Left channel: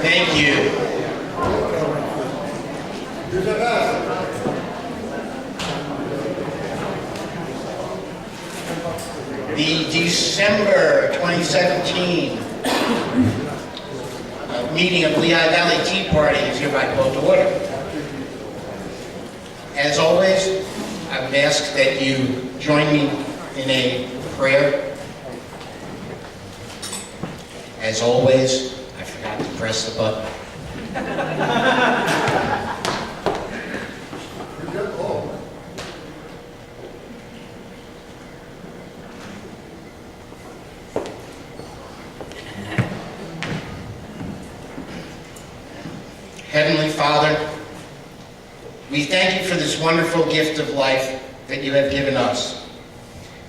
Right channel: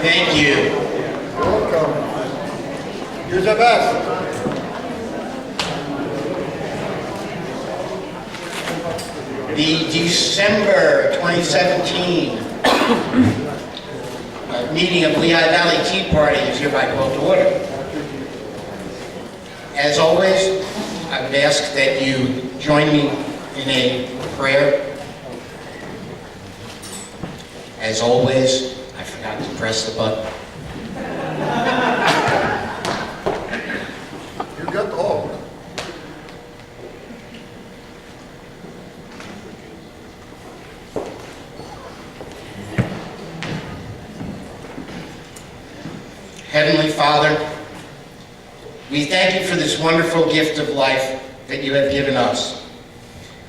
Thank you. You're the best. The December 2017 meeting of Lehigh Valley Tea Party is hereby called to order. As always, I would ask that you join me in a prayer. As always, I forgot to press the button. You got all. Heavenly Father, we thank you for this wonderful gift of life that you have given us,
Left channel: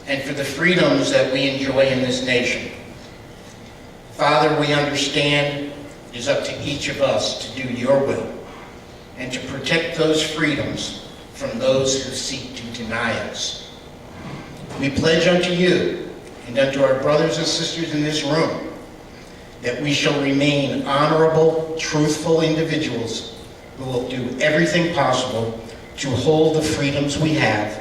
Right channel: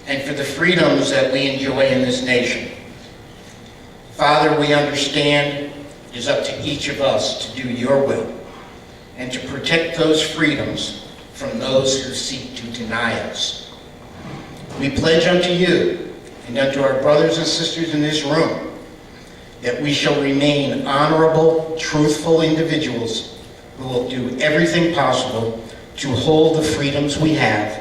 and for the freedoms that we enjoy in this nation. Father, we understand it is up to each of us to do your will, and to protect those freedoms from those who seek to deny us. We pledge unto you, and unto our brothers and sisters in this room, that we shall remain honorable, truthful individuals who will do everything possible to hold the freedoms we have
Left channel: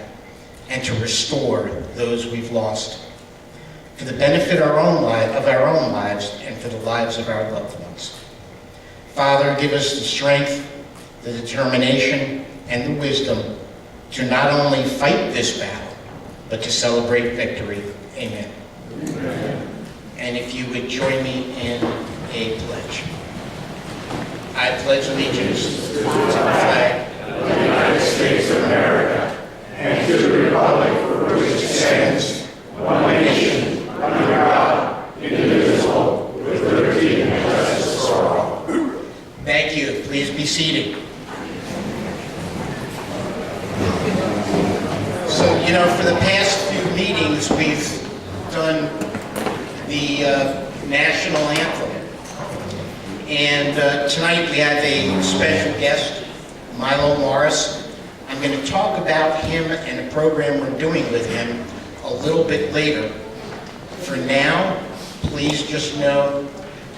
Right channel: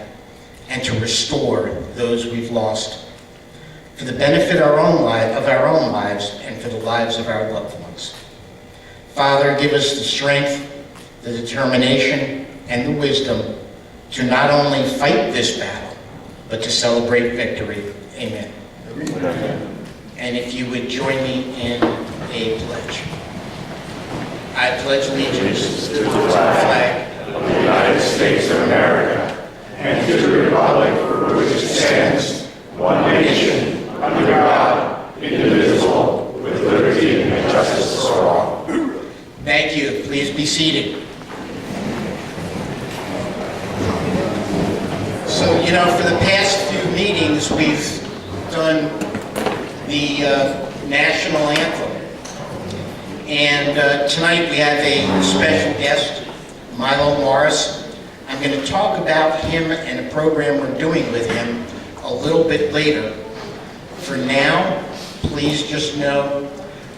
and to restore those we've lost, for the benefit of our own lives and for the lives of our loved ones. Father, give us the strength, the determination, and the wisdom to not only fight this battle, but to celebrate victory. Amen. Amen. And if you would join me in a pledge. I pledge allegiance to the flag of the United States of America and to the republic for which it stands, one nation, under God, indivisible, with liberty and justice for all. Thank you. Please be seated. So, you know, for the past few meetings, we've done the national anthem. And tonight we have a special guest, Milo Morris. I'm going to talk about him and a program we're doing with him a little bit later. For now, please just know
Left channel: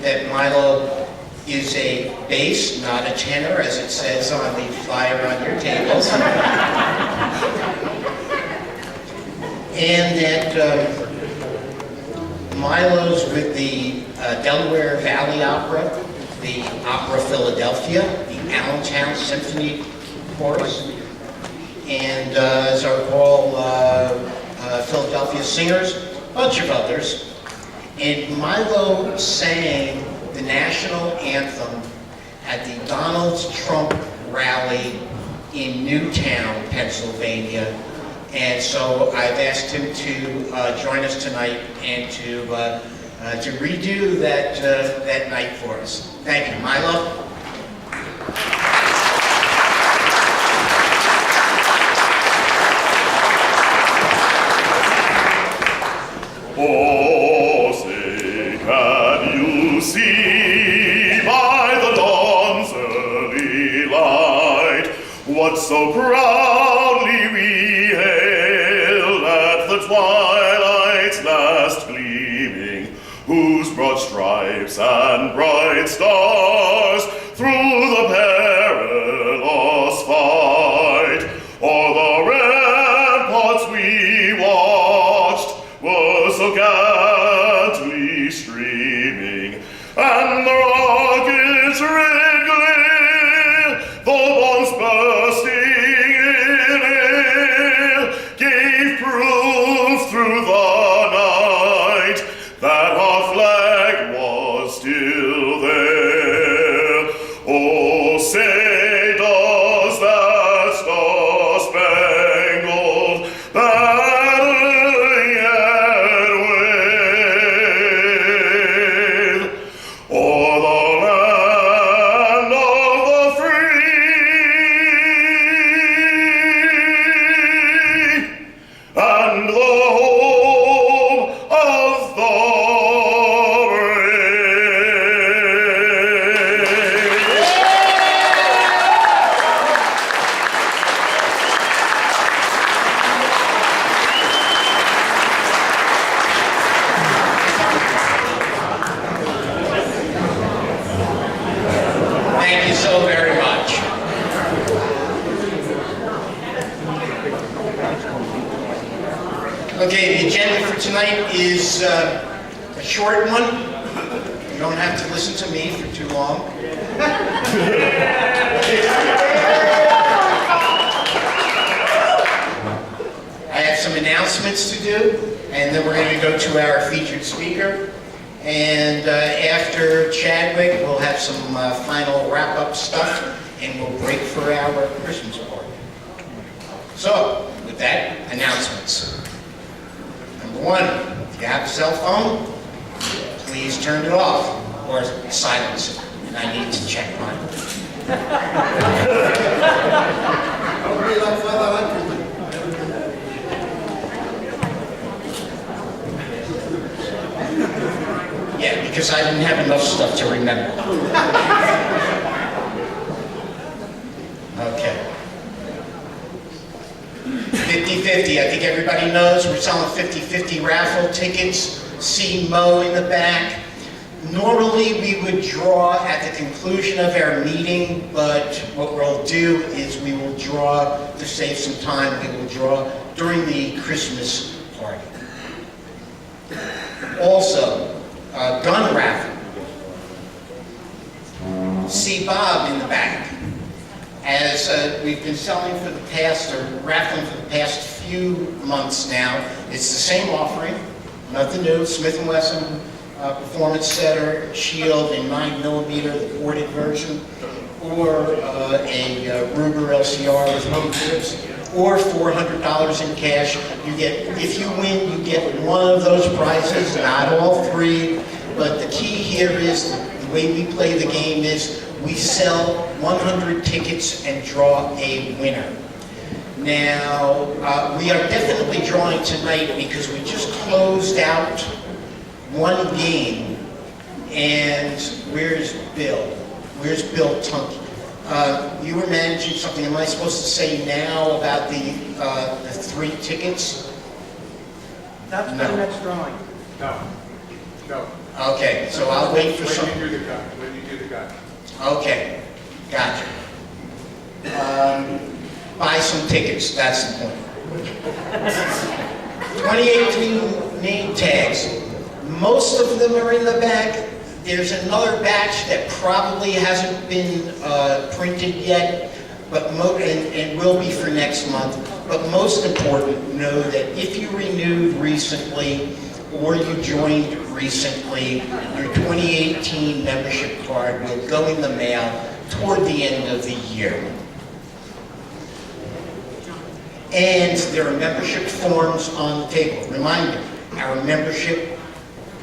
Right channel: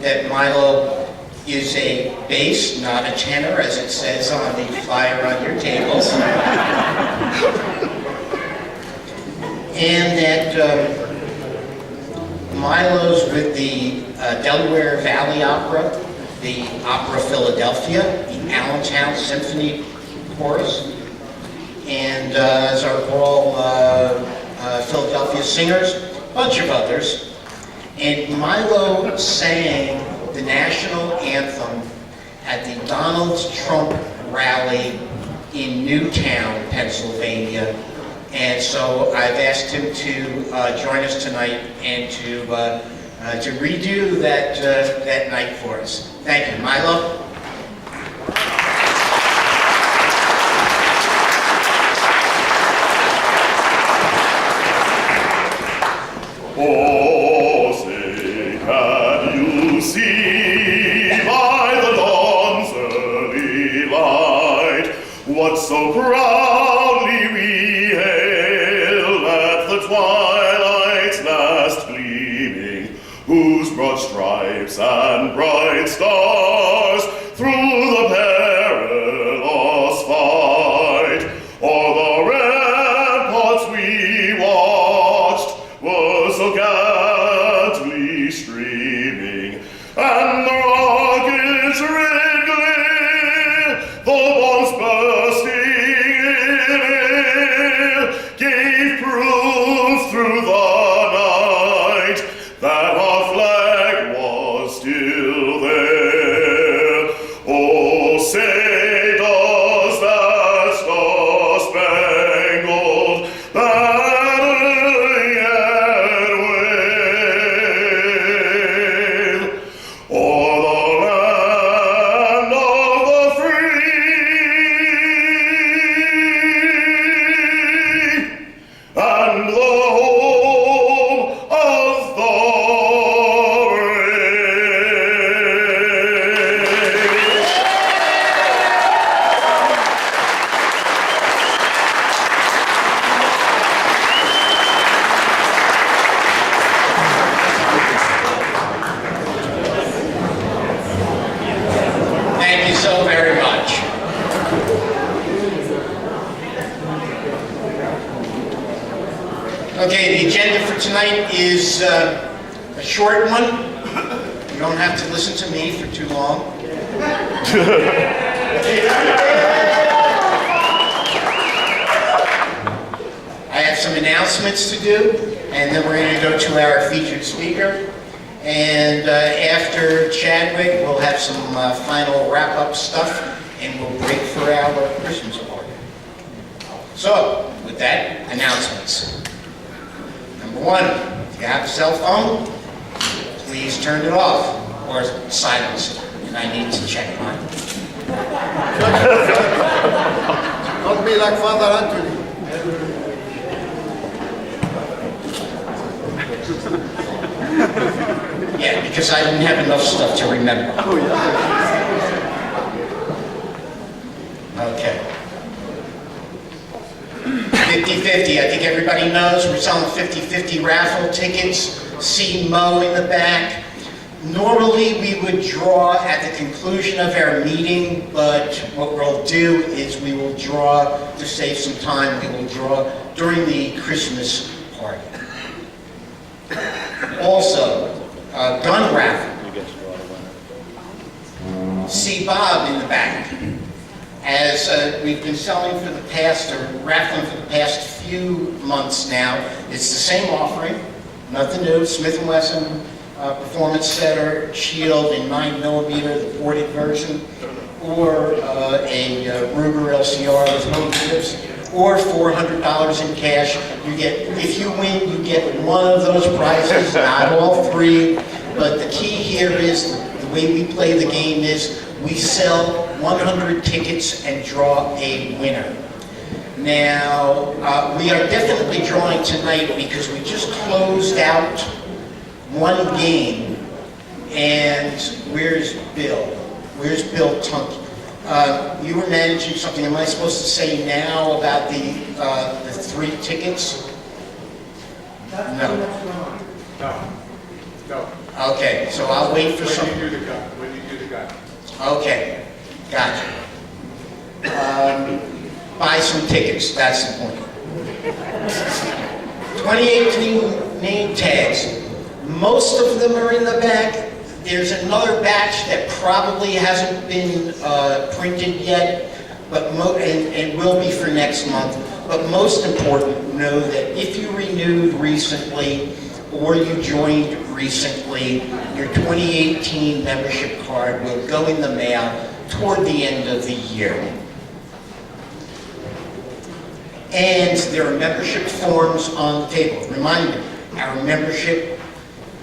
that Milo is a bass, not a tenor, as it says on the flyer on your tables. And that Milo's with the Delaware Valley Opera, the Opera Philadelphia, the Allentown Symphony Chorus, and as I recall, Philadelphia Singers, a bunch of others. And Milo sang the national anthem at the Donald Trump rally in Newtown, Pennsylvania. And so I've asked him to join us tonight and to redo that night for us. Thank you, Milo. Oh, say, can you see by the dawn's early light what so proudly we hailed at the twilight's last gleaming, whose broad stripes and bright stars through the perilous fight o'er the ramparts we watched were so gallantly streaming, and the rockets red glare, the bombs bursting in air, gave proof through the night that our flag was still there. Oh, say does that star-spangled banner yet wave o'er the land of the free and the home of the brave? Okay, the agenda for tonight is a short one. You don't have to listen to me for too long. I have some announcements to do, and then we're going to go to our featured speaker. And after Chadwick, we'll have some final wrap-up stuff, and we'll break for our Christmas party. So, with that, announcements. Number one, if you have a cell phone, please turn it off or silence it, and I need to check mine. Don't be like Father Andrew. Yeah, because I didn't have enough stuff to remember. Okay. 50/50, I think everybody knows we're selling 50/50 raffle tickets. See Mo in the back. Normally we would draw at the conclusion of our meeting, but what we'll do is we will draw, to save some time, we will draw during the Christmas party. Also, gun raffle. See Bob in the back. As we've been selling for the past, or raffling for the past few months now, it's the same offering, nothing new, Smith & Wesson Performance Center, Shield in 9mm, the ported version, or a Ruger LCR with no chips, or $400 in cash. You get, if you win, you get one of those prizes, not all three. But the key here is, the way we play the game is, we sell 100 tickets and draw a winner. Now, we are definitely drawing tonight because we just closed out one game, and where's Bill? Where's Bill Tunky? You were managing something. Am I supposed to say now about the 3 tickets? That's No. the next drawing. No. No. Okay, so I'll wait for some. When you do the gun. When you do the gun. Okay, gotcha. Buy some tickets, that's the point. 2018 name tags. Most of them are in the back. There's another batch that probably hasn't been printed yet, but and will be for next month. But most important, know that if you renewed recently or you joined recently, your 2018 membership card will go in the mail toward the end of the year. And there are membership forms on the table. Reminder, our membership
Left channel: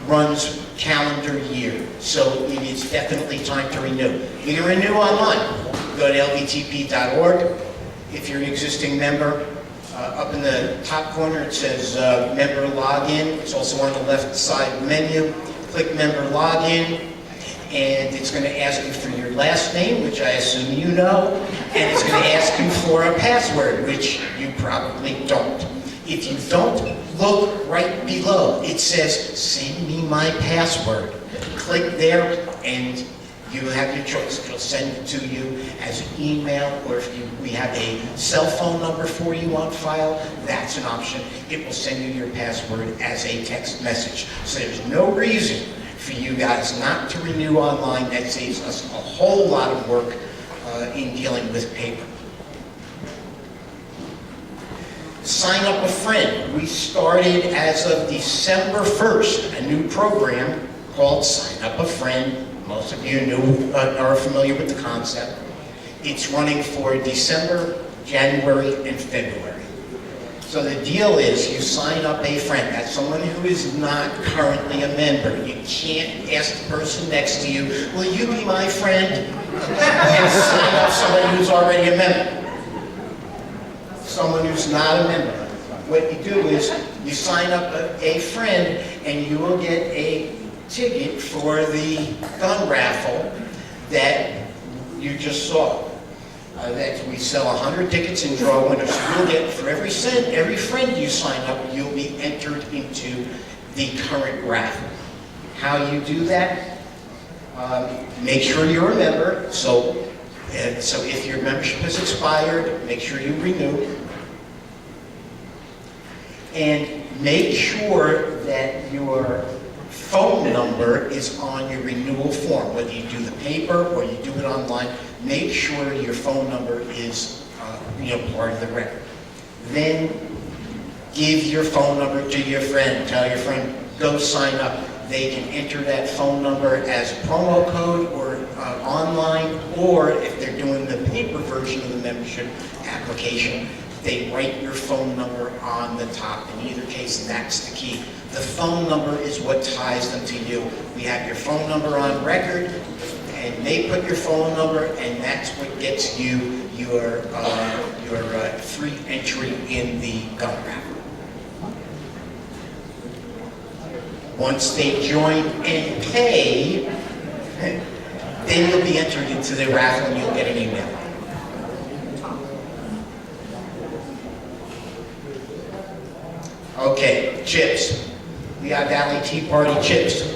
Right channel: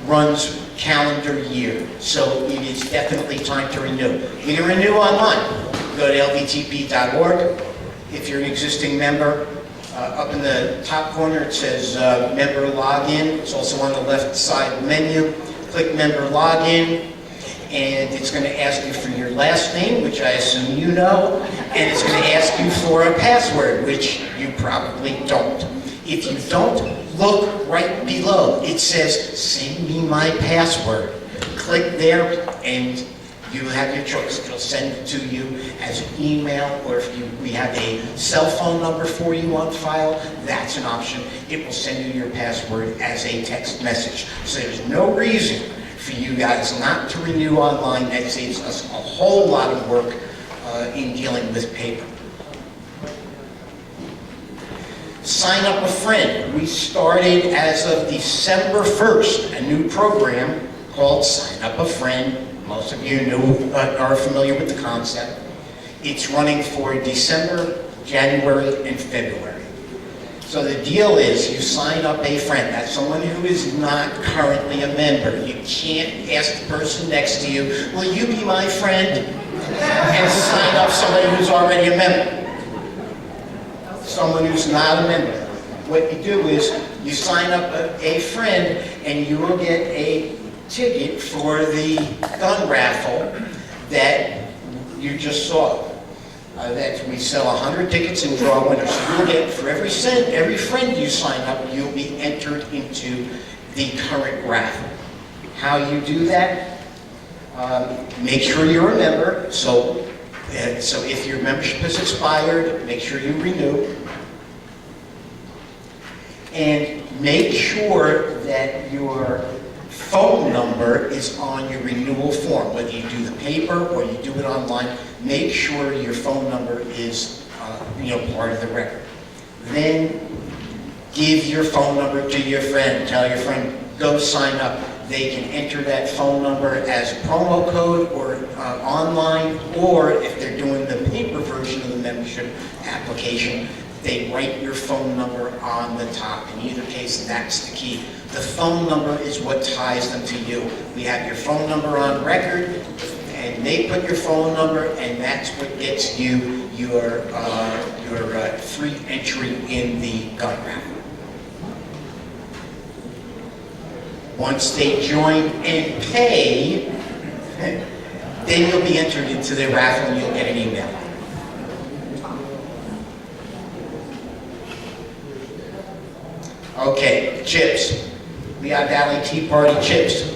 runs calendar year, so it is definitely time to renew. You can renew online. Go to lvtp.org. If you're an existing member, up in the top corner it says member login. It's also on the left side menu. Click member login, and it's going to ask you for your last name, which I assume you know, and it's going to ask you for a password, which you probably don't. If you don't, look right below. It says, send me my password. Click there, and you have your choice. It'll send it to you as an email, or if we have a cell phone number for you on file, that's an option. It will send you your password as a text message. So there's no reason for you guys not to renew online. That saves us a whole lot of work in dealing with paper. Sign up a friend. We started as of December 1st, a new program called Sign Up a Friend. Most of you are familiar with the concept. It's running for December, January, and February. So the deal is you sign up a friend. That's someone who is not currently a member. You can't ask the person next to you, will you be my friend? And sign up somebody who's already a member. Someone who's not a member. What you do is you sign up a friend, and you will get a ticket for the gun raffle that you just saw. That we sell 100 tickets and draw winners. So you'll get, for every friend you sign up, you'll be entered into the current raffle. How you do that? Make sure you're a member. So if your membership has expired, make sure you renew. And make sure that your phone number is on your renewal form, whether you do the paper or you do it online. Make sure your phone number is part of the record. Then give your phone number to your friend. Tell your friend, go sign up. They can enter that phone number as a promo code or online, or if they're doing the paper version of the membership application, they write your phone number on the top. In either case, that's the key. The phone number is what ties them to you. We have your phone number on record, and they put your phone number, and that's what gets you your free entry in the gun raffle. Once they join and pay, then you'll be entered into the raffle and you'll get an email. Okay, chips. Lehigh Valley Tea Party chips.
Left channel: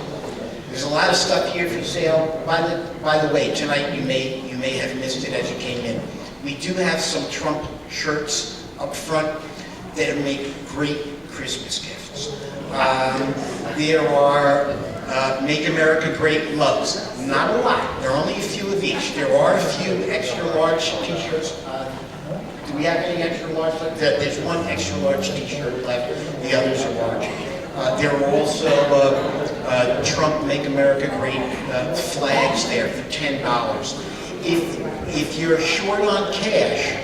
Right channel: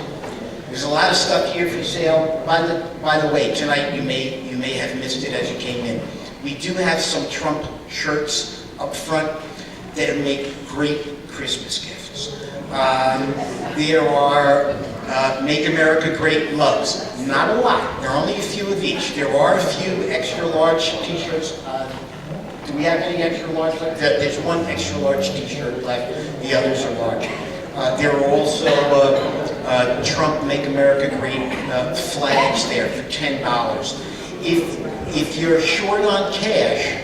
There's a lot of stuff here for sale. By the way, tonight you may have missed it as you came in. We do have some Trump shirts up front that make great Christmas gifts. There are Make America Great mugs. Not a lot. There are only a few of each. There are a few extra large t-shirts. Do we have any extra large left? There's one extra large t-shirt left. The others are large. There are also Trump Make America Great flags there for $10. If you're short on cash,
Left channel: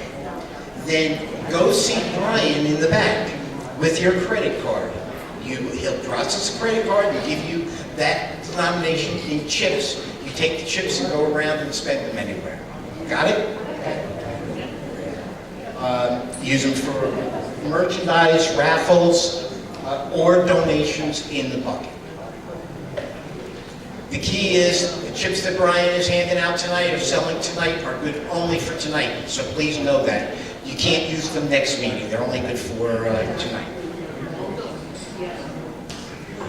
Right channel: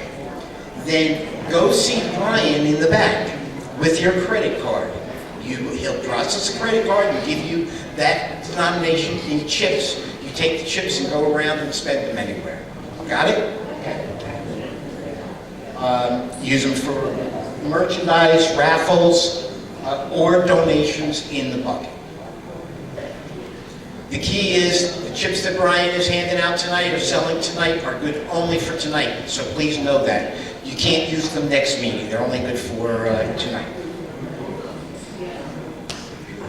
then go see Brian in the back with your credit card. He'll process a credit card and give you that denomination in chips. You take the chips and go around and spend them anywhere. Got it? Use them for merchandise, raffles, or donations in the bucket. The key is the chips that Brian is handing out tonight or selling tonight are good only for tonight. So please know that. You can't use them next meeting. They're only good for tonight.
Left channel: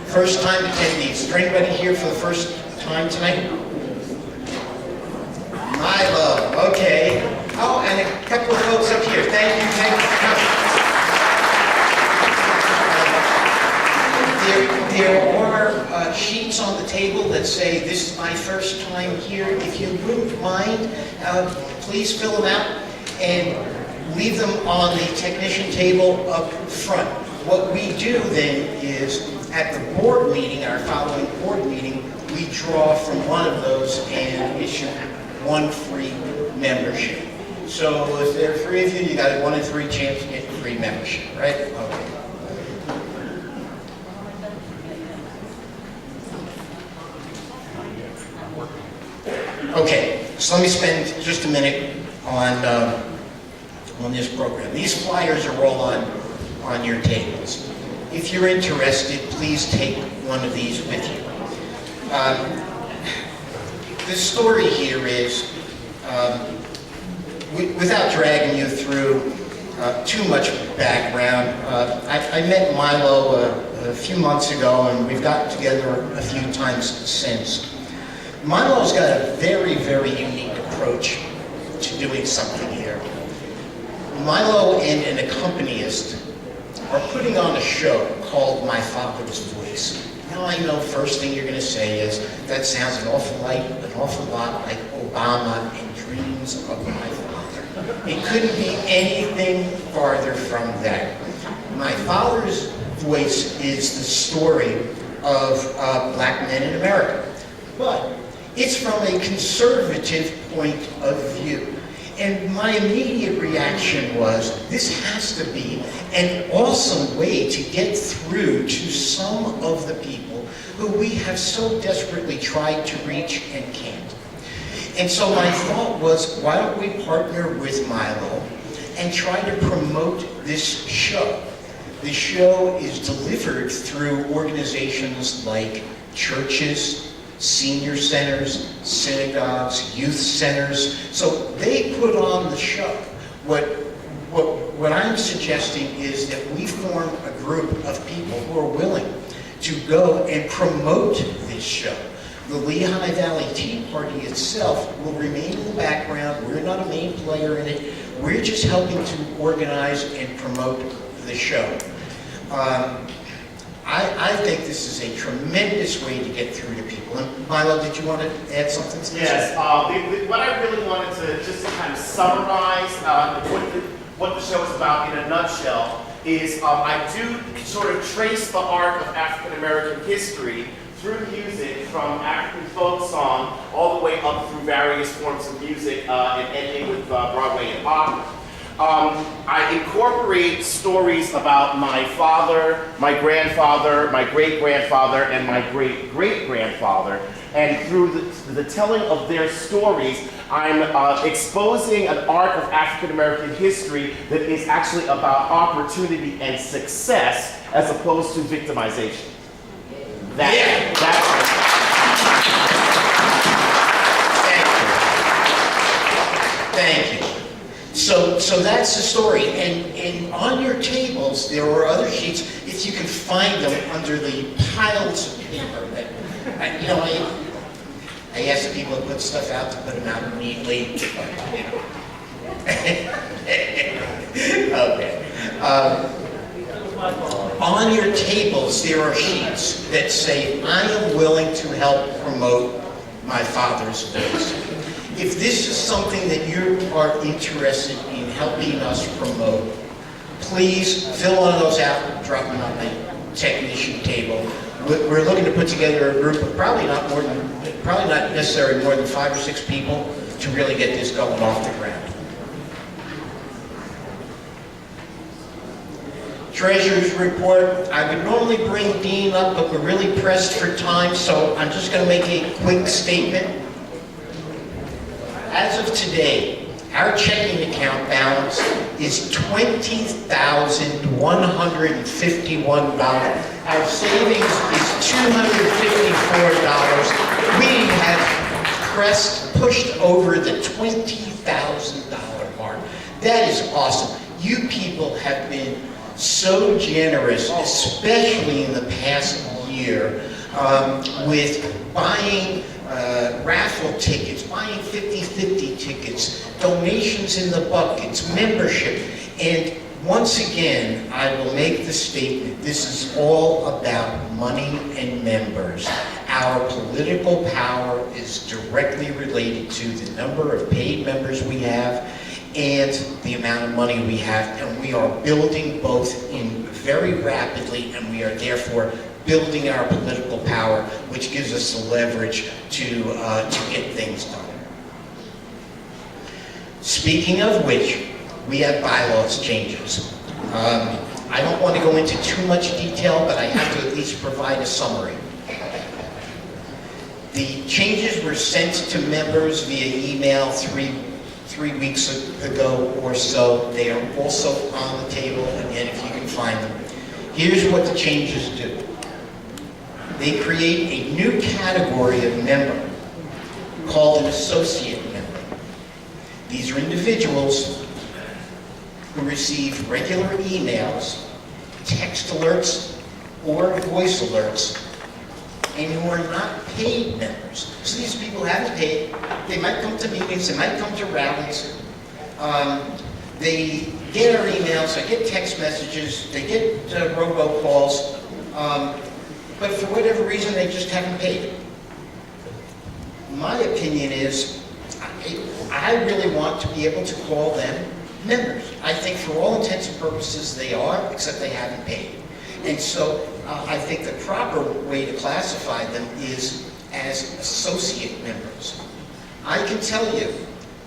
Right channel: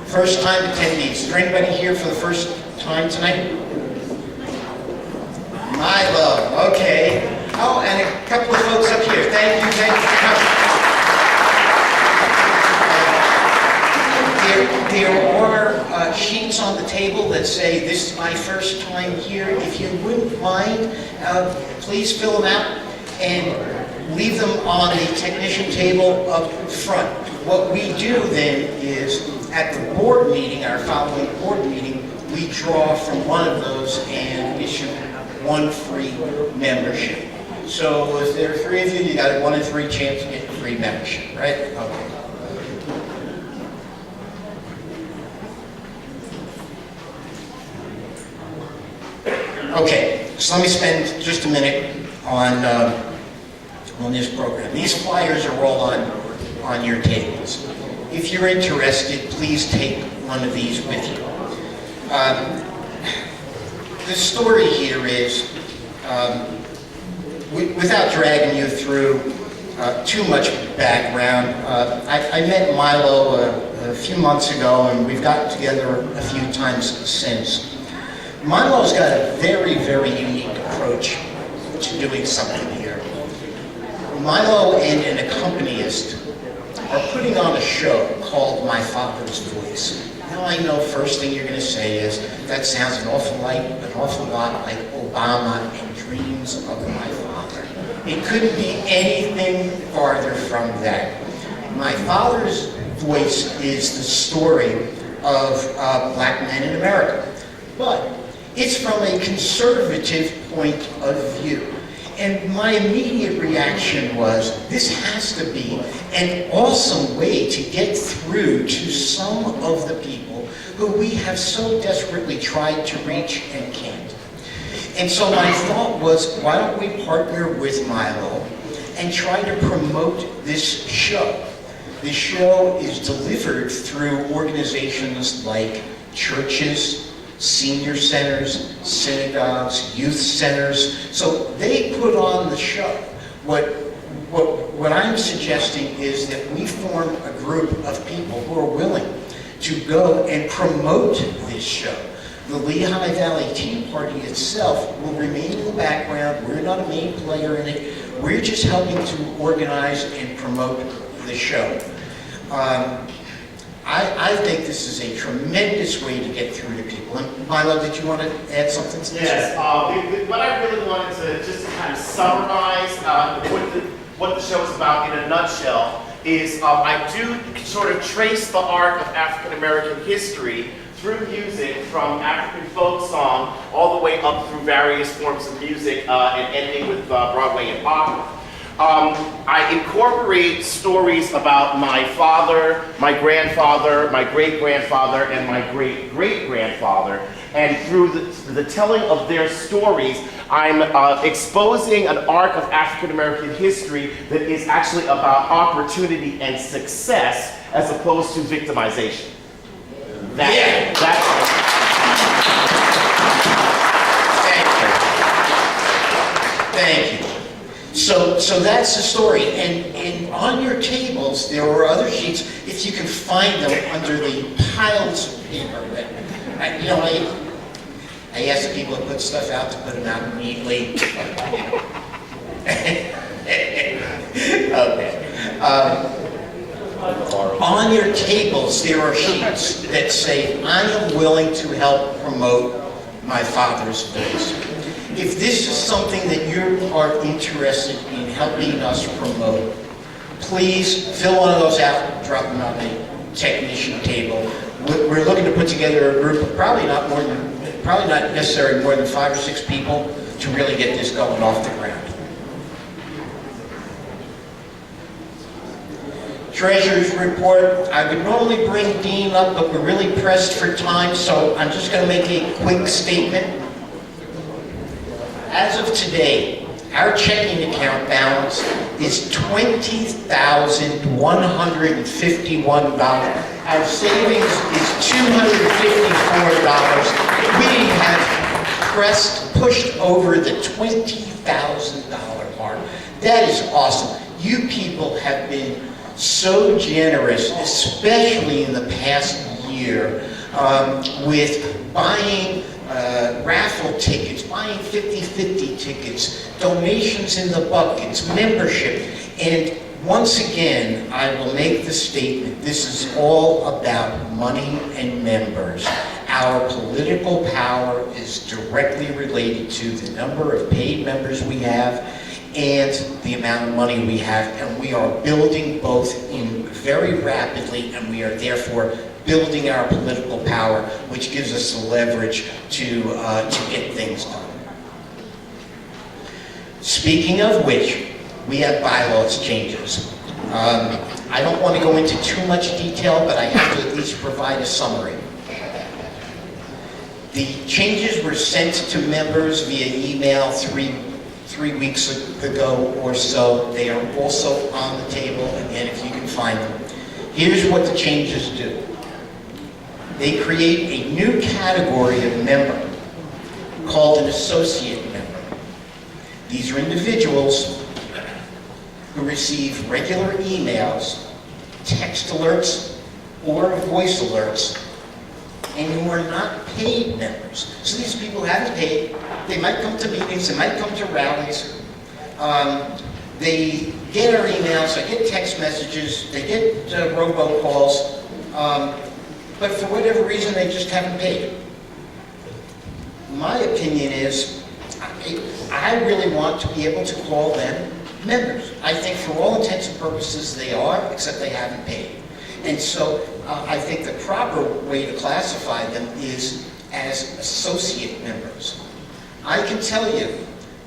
First time attendees. Is there anybody here for the first time tonight? My love. Okay. Oh, and a couple of folks up here. Thank you. Thank you for coming. There are sheets on the table that say, "This is my first time here." If you wouldn't mind, please fill them out and leave them on the technician table up front. What we do then is, at the board meeting, our following board meeting, we draw from one of those and issue one free membership. So if there are 3 of you, you got a 1 in 3 chance to get free membership, right? Okay. Okay, so let me spend just a minute on this program. These flyers are all on your tables. If you're interested, please take one of these with you. The story here is, without dragging you through too much background, I met Milo a few months ago, and we've gotten together a few times since. Milo's got a very, very unique approach to doing something here. Milo and an accompanist are putting on a show called My Father's Voice. Now I know first thing you're going to say is, that sounds an awful lot like Obama and Dreams of My Father. It couldn't be anything farther from that. My Father's Voice is the story of black men in America. But it's from a conservative point of view. And my immediate reaction was, this has to be an awesome way to get through to some of the people who we have so desperately tried to reach and can't. And so my thought was, why don't we partner with Milo and try to promote this show? The show is delivered through organizations like churches, senior centers, synagogues, youth centers. So they put on the show. What I'm suggesting is that we form a group of people who are willing to go and promote this show. The Lehigh Valley Tea Party itself will remain in the background. We're not a main player in it. We're just helping to organize and promote the show. I think this is a tremendous way to get through to people. And Milo, did you want to add something to this? Yes, what I really wanted to just to kind of summarize what the show is about in a nutshell is I do sort of trace the arc of African American history through music, from African folk song all the way up through various forms of music and ending with Broadway and opera. I incorporate stories about my father, my grandfather, my great-grandfather, and my great-great-grandfather. And through the telling of their stories, I'm exposing an arc of African American history that is actually about opportunity and success as opposed to victimization. Thank you. So that's the story. And on your tables, there are other sheets, if you can find them under the piles of paper. I ask the people to put stuff out to put them out neatly. Okay. On your tables, there are sheets that say, I am willing to help promote my father's voice. If this is something that you are interested in helping us promote, please fill one of those out and drop them on the technician table. We're looking to put together a group of probably not necessarily more than 5 or 6 people to really get this going off the ground. Treasurer's report. I would normally bring Dean up, but we're really pressed for time, so I'm just going to make a quick statement. As of today, our checking account balance is $20,151. Our savings is $254. We have pushed over the $20,000 mark. That is awesome. You people have been so generous, especially in the past year, with buying raffle tickets, buying 50-50 tickets, donations in the buckets, membership. And once again, I will make the statement, this is all about money and members. Our political power is directly related to the number of paid members we have and the amount of money we have, and we are building both in very rapidly, and we are therefore building our political power, which gives us the leverage to get things done. Speaking of which, we have bylaws changes. I don't want to go into too much detail, but I have to at least provide a summary. The changes were sent to members via email three weeks ago or so. They are also on the table, and if you can find them. Here's what the changes do. They create a new category of member called an associate member. These are individuals who receive regular emails, text alerts, or voice alerts, and who are not paid members. So these people haven't paid. They might come to meetings, they might come to rallies. They get our emails, they get text messages, they get robocalls, but for whatever reason, they just haven't paid. My opinion is, I really want to be able to call them members. I think for all intents and purposes, they are, except they haven't paid. And so I think the proper way to classify them is as associate members. I can tell you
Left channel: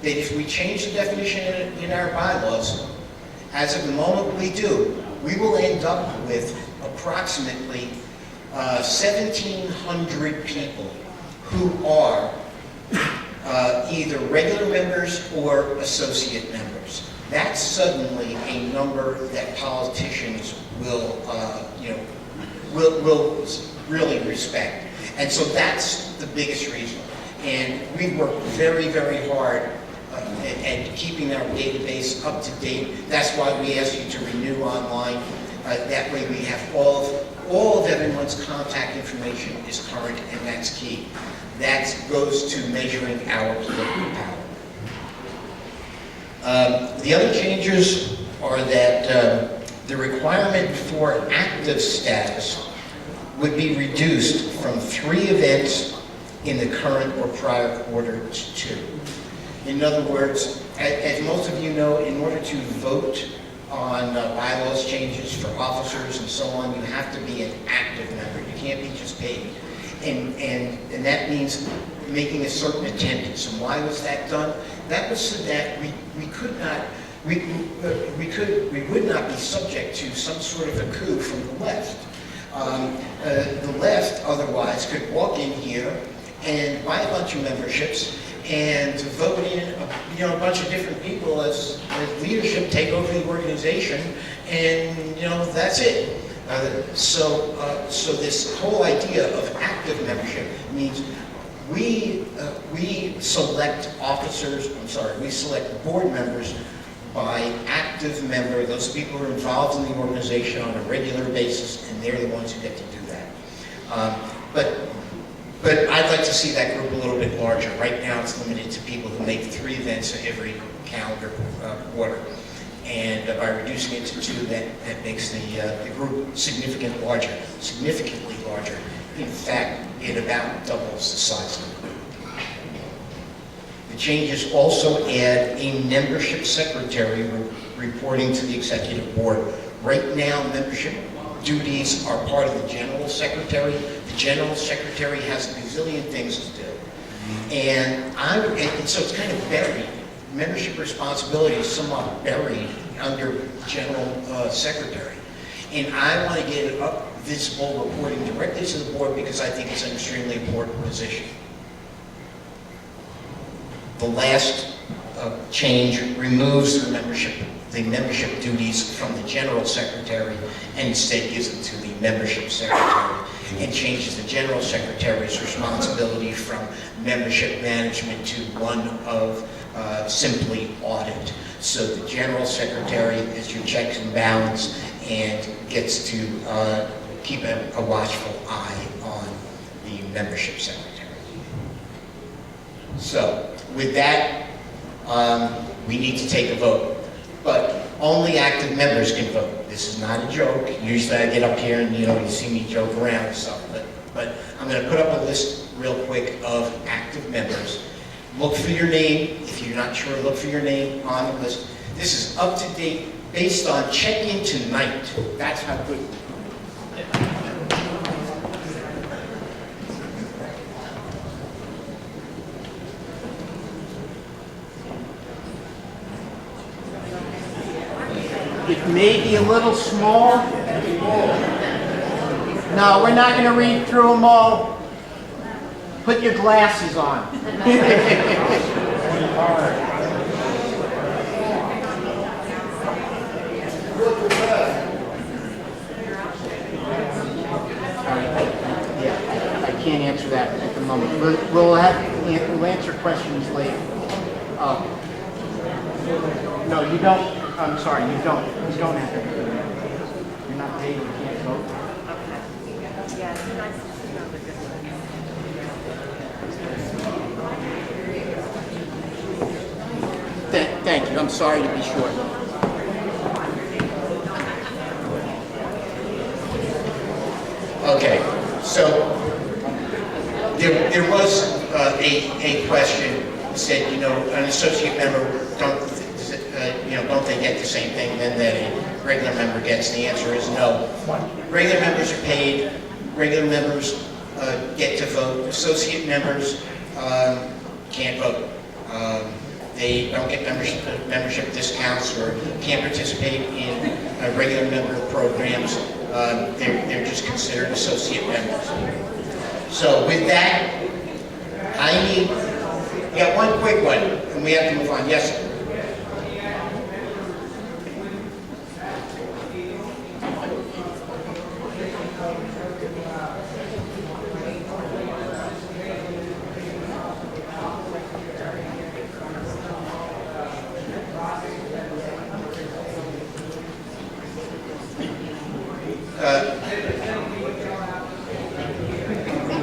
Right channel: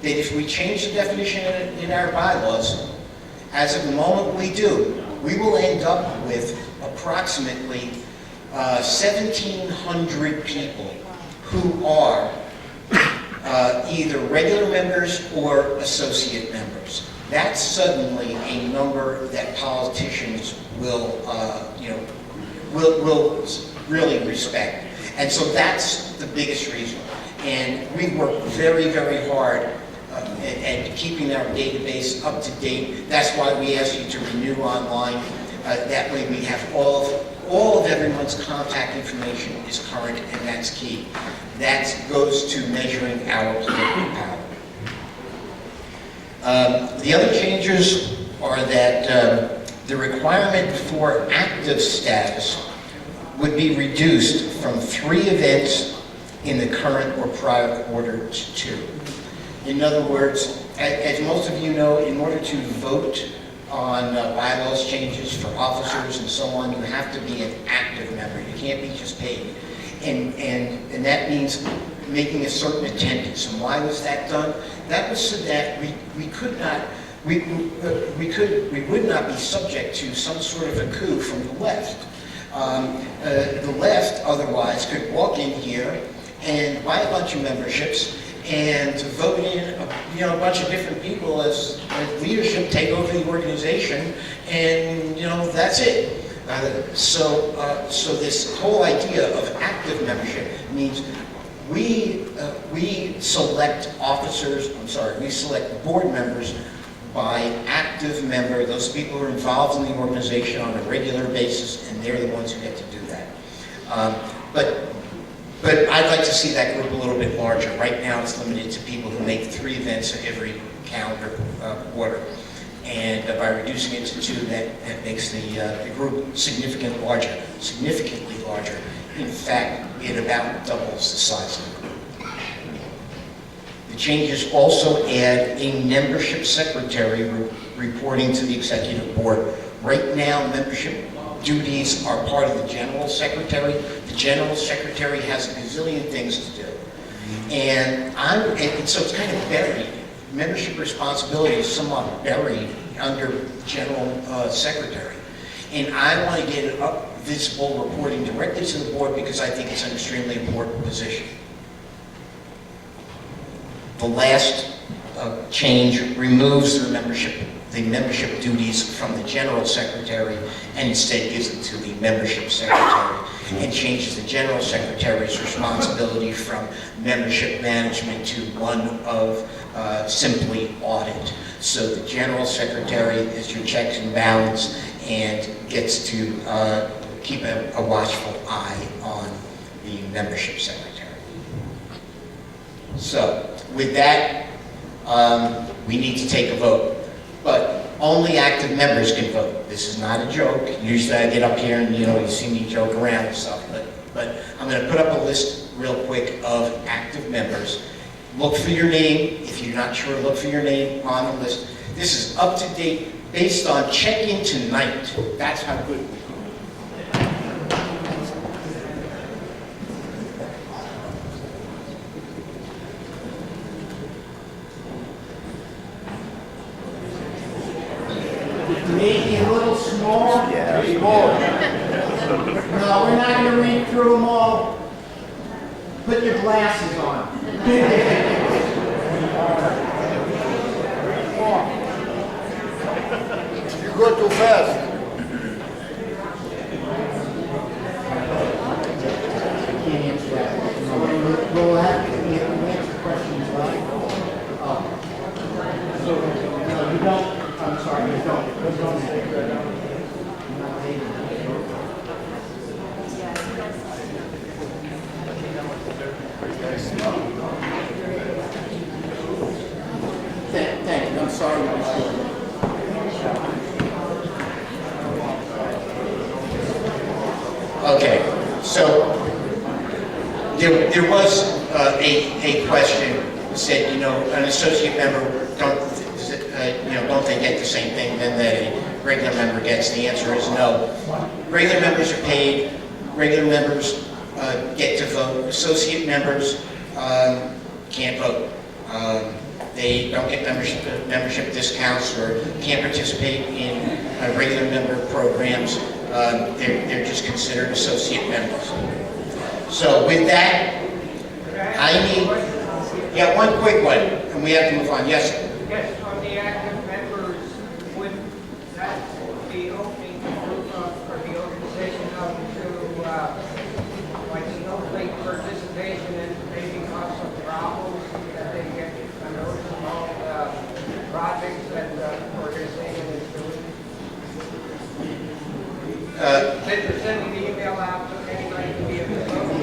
that if we change the definition in our bylaws, as of the moment we do, we will end up with approximately 1,700 people who are either regular members or associate members. That's suddenly a number that politicians will really respect. And so that's the biggest reason. And we've worked very, very hard at keeping our database up to date. That's why we ask you to renew online. That way we have all of everyone's contact information is current, and that's key. That goes to measuring our political power. The other changes are that The requirement for active status would be reduced from 3 events in the current or prior quarter to 2. In other words, as most of you know, in order to vote on bylaws changes for officers and so on, you have to be an active member. You can't be just paid. And that means making a certain attendance. And why was that done? That was so that we would not be subject to some sort of a coup from the left. The left otherwise could walk in here and buy a bunch of memberships and vote in a bunch of different people as leadership, take over the organization, and that's it. So this whole idea of active membership means we select we select board members by active member, those people who are involved in the organization on a regular basis, and they're the ones who get to do that. But I'd like to see that group a little bit larger. Right now it's limited to people who make 3 events every calendar quarter. And by reducing it to 2, that makes the group significantly larger. In fact, it about doubles the size of the group. The changes also add a membership secretary reporting to the executive board. Right now, membership duties are part of the general secretary. The general secretary has a gazillion things to do. And so it's kind of buried. Membership responsibility is somewhat buried under general secretary. And I want to get it up visible reporting directly to the board because I think it's an extremely important position. The last change removes the membership duties from the general secretary and instead gives it to the membership secretary and changes the general secretary's responsibility from membership management to one of simply audit. So the general secretary is your checks and balance and gets to keep a watchful eye on the membership secretary. So with that, we need to take a vote. But only active members can vote. This is not a joke. Usually I get up here and you see me joke around and stuff. But I'm going to put up a list real quick of active members. Look for your name. If you're not sure, look for your name on the list. This is up to date based on check-in tonight. That's how good we are. It may be a little small. No, we're not going to read through them all. Put your glasses on. You go too fast. I can't answer that at the moment. We'll answer questions later. No, you don't. I'm sorry, you don't. You don't have it. You're not paid. Thank you. I'm sorry to be short. Okay, so there was a question that said, an associate member, don't they get the same thing then that a regular member gets? The answer is no. Regular members are paid. Regular members get to vote. Associate members can't vote. They don't get membership discounts or can't participate in regular member programs. They're just considered associate members. So with that, one quick one, and we have to move on. Yes, sir.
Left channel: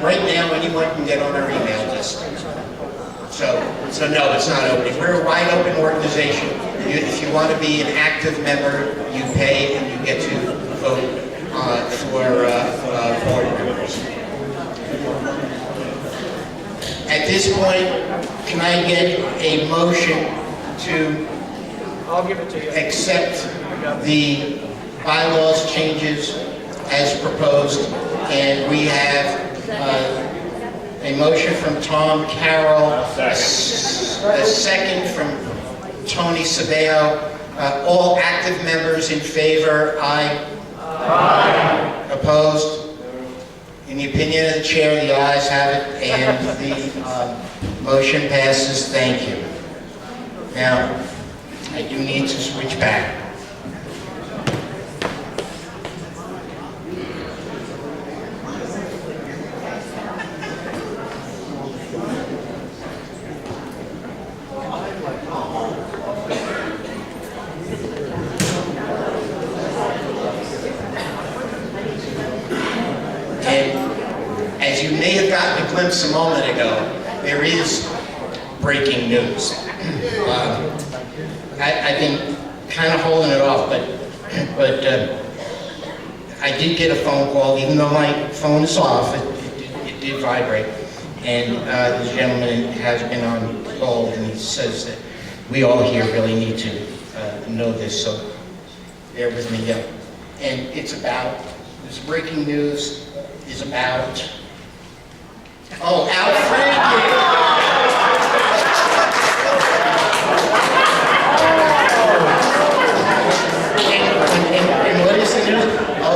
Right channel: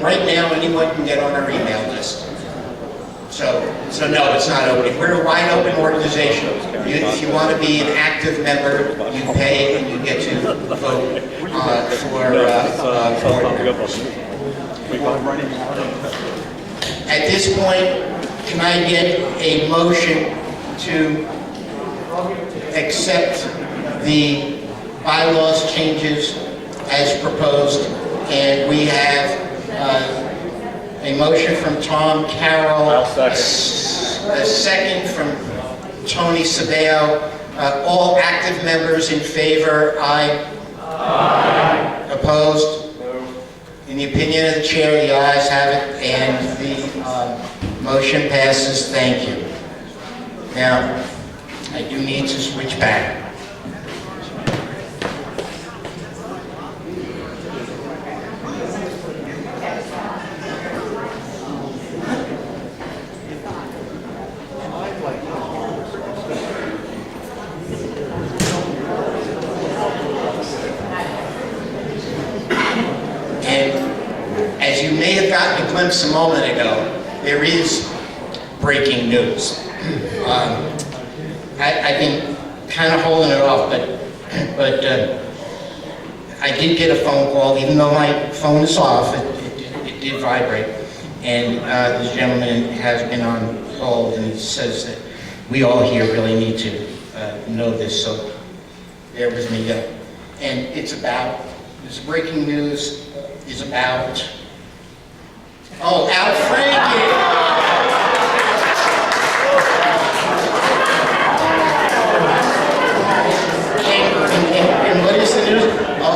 Right now, anyone can get on our email list. So no, it's not open. We're a wide open organization. If you want to be an active member, you pay and you get to vote for board members. At this point, can I get a motion to accept the bylaws changes as proposed? And we have a motion from Tom Carroll, a second from Tony Sabeo. All active members in favor, aye. Aye. Opposed? In the opinion of the chair, the ayes have it, and the motion passes. Thank you. Now, I do need to switch back. As you may have gotten a glimpse a moment ago, there is breaking news. I've been kind of holding it off, but I did get a phone call, even though my phone is off, it did vibrate. And this gentleman has been on hold, and he says that we all here really need to know this, so bear with me. And it's about, this breaking news is about, oh, Al Franken! And what is the news?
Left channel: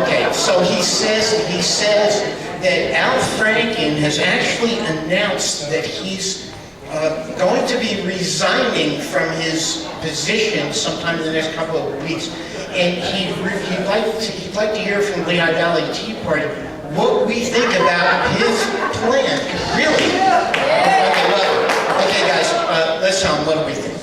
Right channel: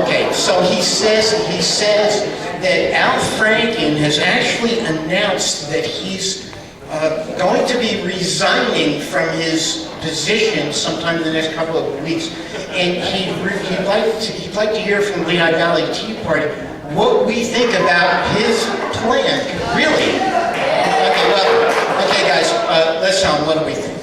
Okay, so he says that Al Franken has actually announced that he's going to be resigning from his position sometime in the next couple of weeks. And he'd like to hear from Lehigh Valley Tea Party what we think about his plan. Really? Okay, guys, let's tell him what do we think.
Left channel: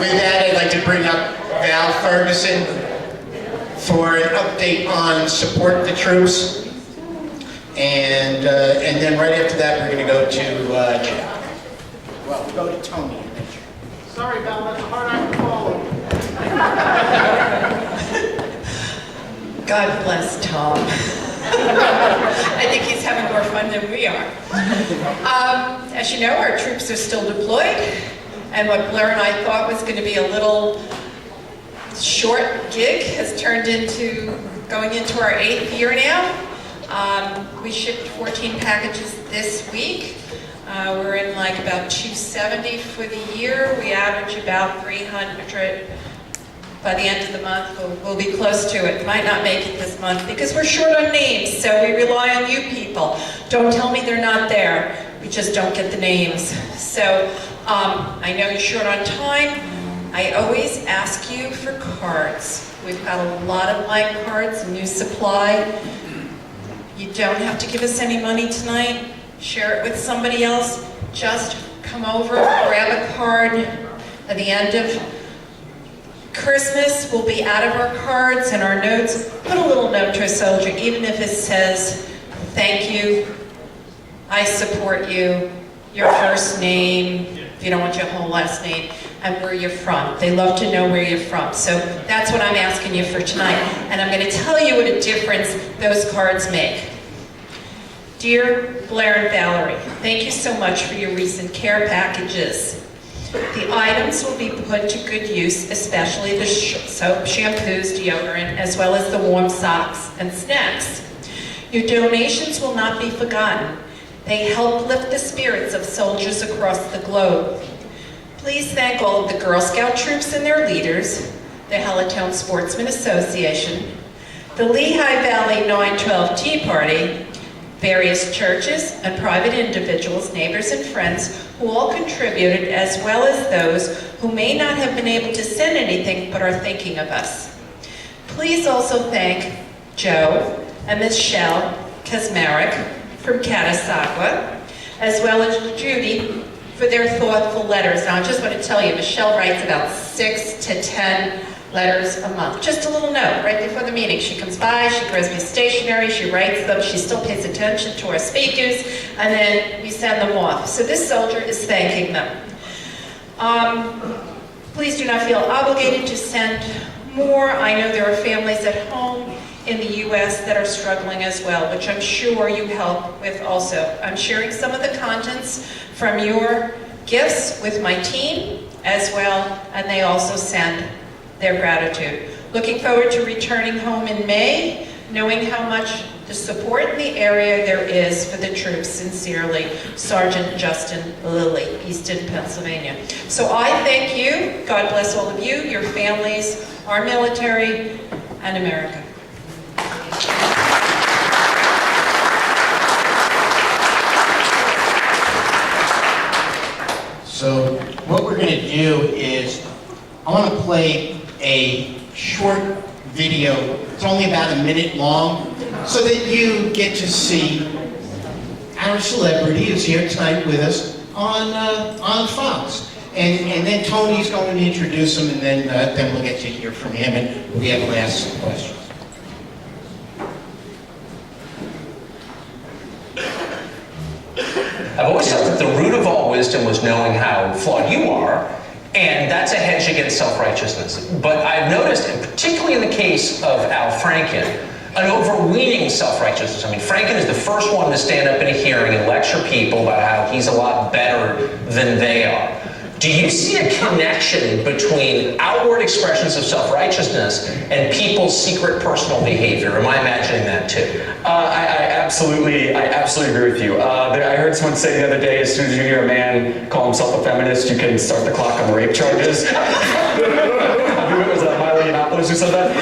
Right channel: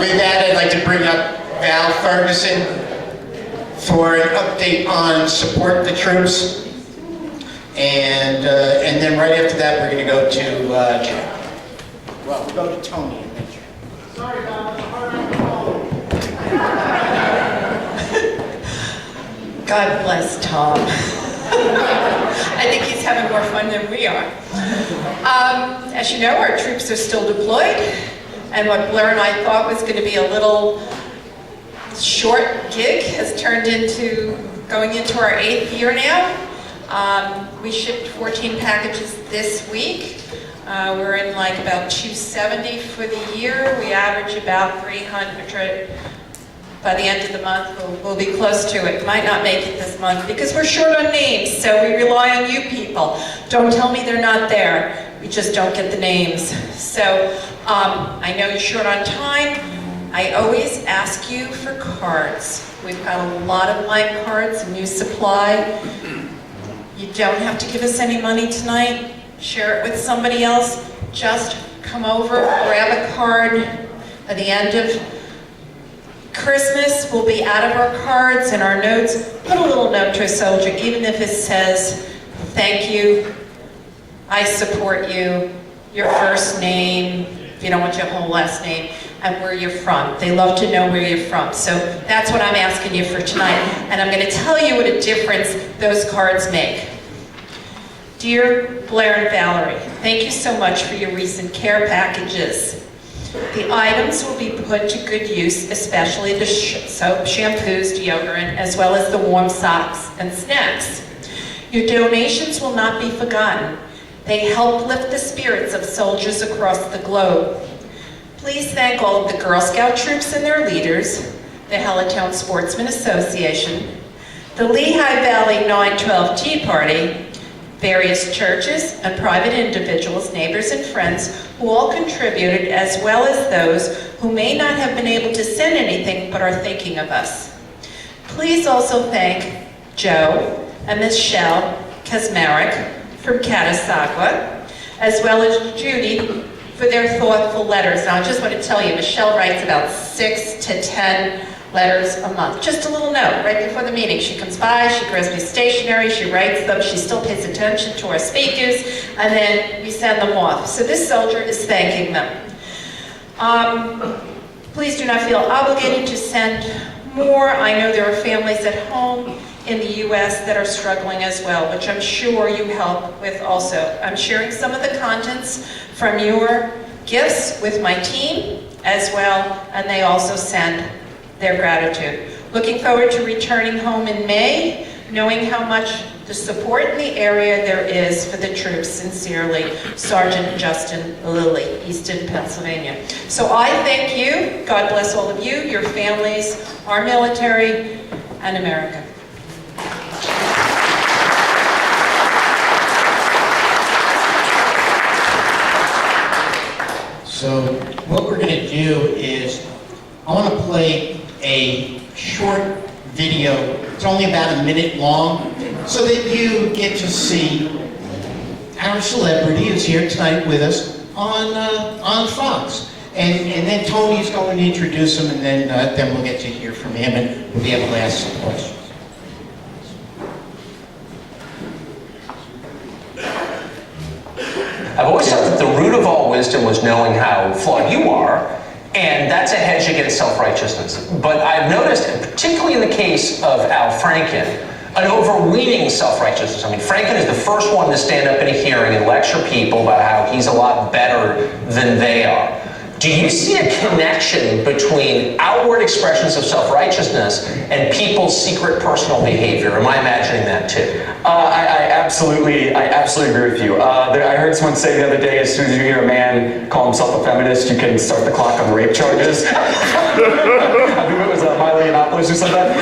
With that, I'd like to bring up Val Ferguson for an update on support the troops. And then right after that, we're going to go to Chad. Well, we'll go to Tony and then Chad. Sorry, Val, that's a hard act to follow. God bless Tom. I think he's having more fun than we are. As you know, our troops are still deployed, and what Blair and I thought was going to be a little short gig has turned into going into our 8th year now. We shipped 14 packages this week. We're in like about 270 for the year. We average about 300 by the end of the month. We'll be close to it. Might not make it this month because we're short on names, so we rely on you people. Don't tell me they're not there. We just don't get the names. So I know you're short on time. I always ask you for cards. We've got a lot of blank cards, new supply. You don't have to give us any money tonight. Share it with somebody else. Just come over, grab a card. At the end of Christmas, we'll be out of our cards and our notes. Put a little note to a soldier, even if it says, thank you, I support you, your first name, if you don't want your whole last name, and where you're from. They love to know where you're from. So that's what I'm asking you for tonight. And I'm going to tell you what a difference those cards make. Dear Blair and Valerie, thank you so much for your recent care packages. The items will be put to good use, especially the soap, shampoos, deodorant, as well as the warm socks and snacks. Your donations will not be forgotten. They help lift the spirits of soldiers across the globe. Please thank all of the Girl Scout troops and their leaders, the Helitown Sportsman Association, the Lehigh Valley 912 Tea Party, various churches and private individuals, neighbors and friends who all contributed, as well as those who may not have been able to send anything but are thinking of us. Please also thank Joe and Michelle Kazmarek from Catasauqua, as well as Judy for their thoughtful letters. Now, I just want to tell you, Michelle writes about 6 to 10 letters a month. Just a little note right before the meeting. She comes by, she throws me stationery, she writes them, she still pays attention to our speakers, and then we send them off. So this soldier is thanking them. Please do not feel obligated to send more. I know there are families at home in the U.S. that are struggling as well, which I'm sure you help with also. I'm sharing some of the contents from your gifts with my team as well, and they also send their gratitude. Looking forward to returning home in May, knowing how much the support in the area there is for the troops. Sincerely, Sergeant Justin Lilly, Easton, Pennsylvania. So I thank you. God bless all of you, your families, our military, and America. So what we're going to do is, I want to play a short video. It's only about a minute long, so that you get to see our celebrity who's here tonight with us on Fox. And then Tony's going to introduce him, and then we'll get to hear from him, and we'll be able to ask some questions. I've always thought that the root of all wisdom was knowing how flawed you are, and that's a hedge against self-righteousness. But I've noticed, and particularly in the case of Al Franken, an overweening self-righteousness. I mean, Franken is the first one to stand up in a hearing and lecture people about how he's a lot better than they are. Do you see a connection between outward expressions of self-righteousness and people's secret personal behavior? Am I imagining that too? I absolutely agree with you. I heard someone say the other day, as soon as you hear a man call himself a feminist, you can start the clock on rape charges. I believe it was Miley Yiannopoulos who said that.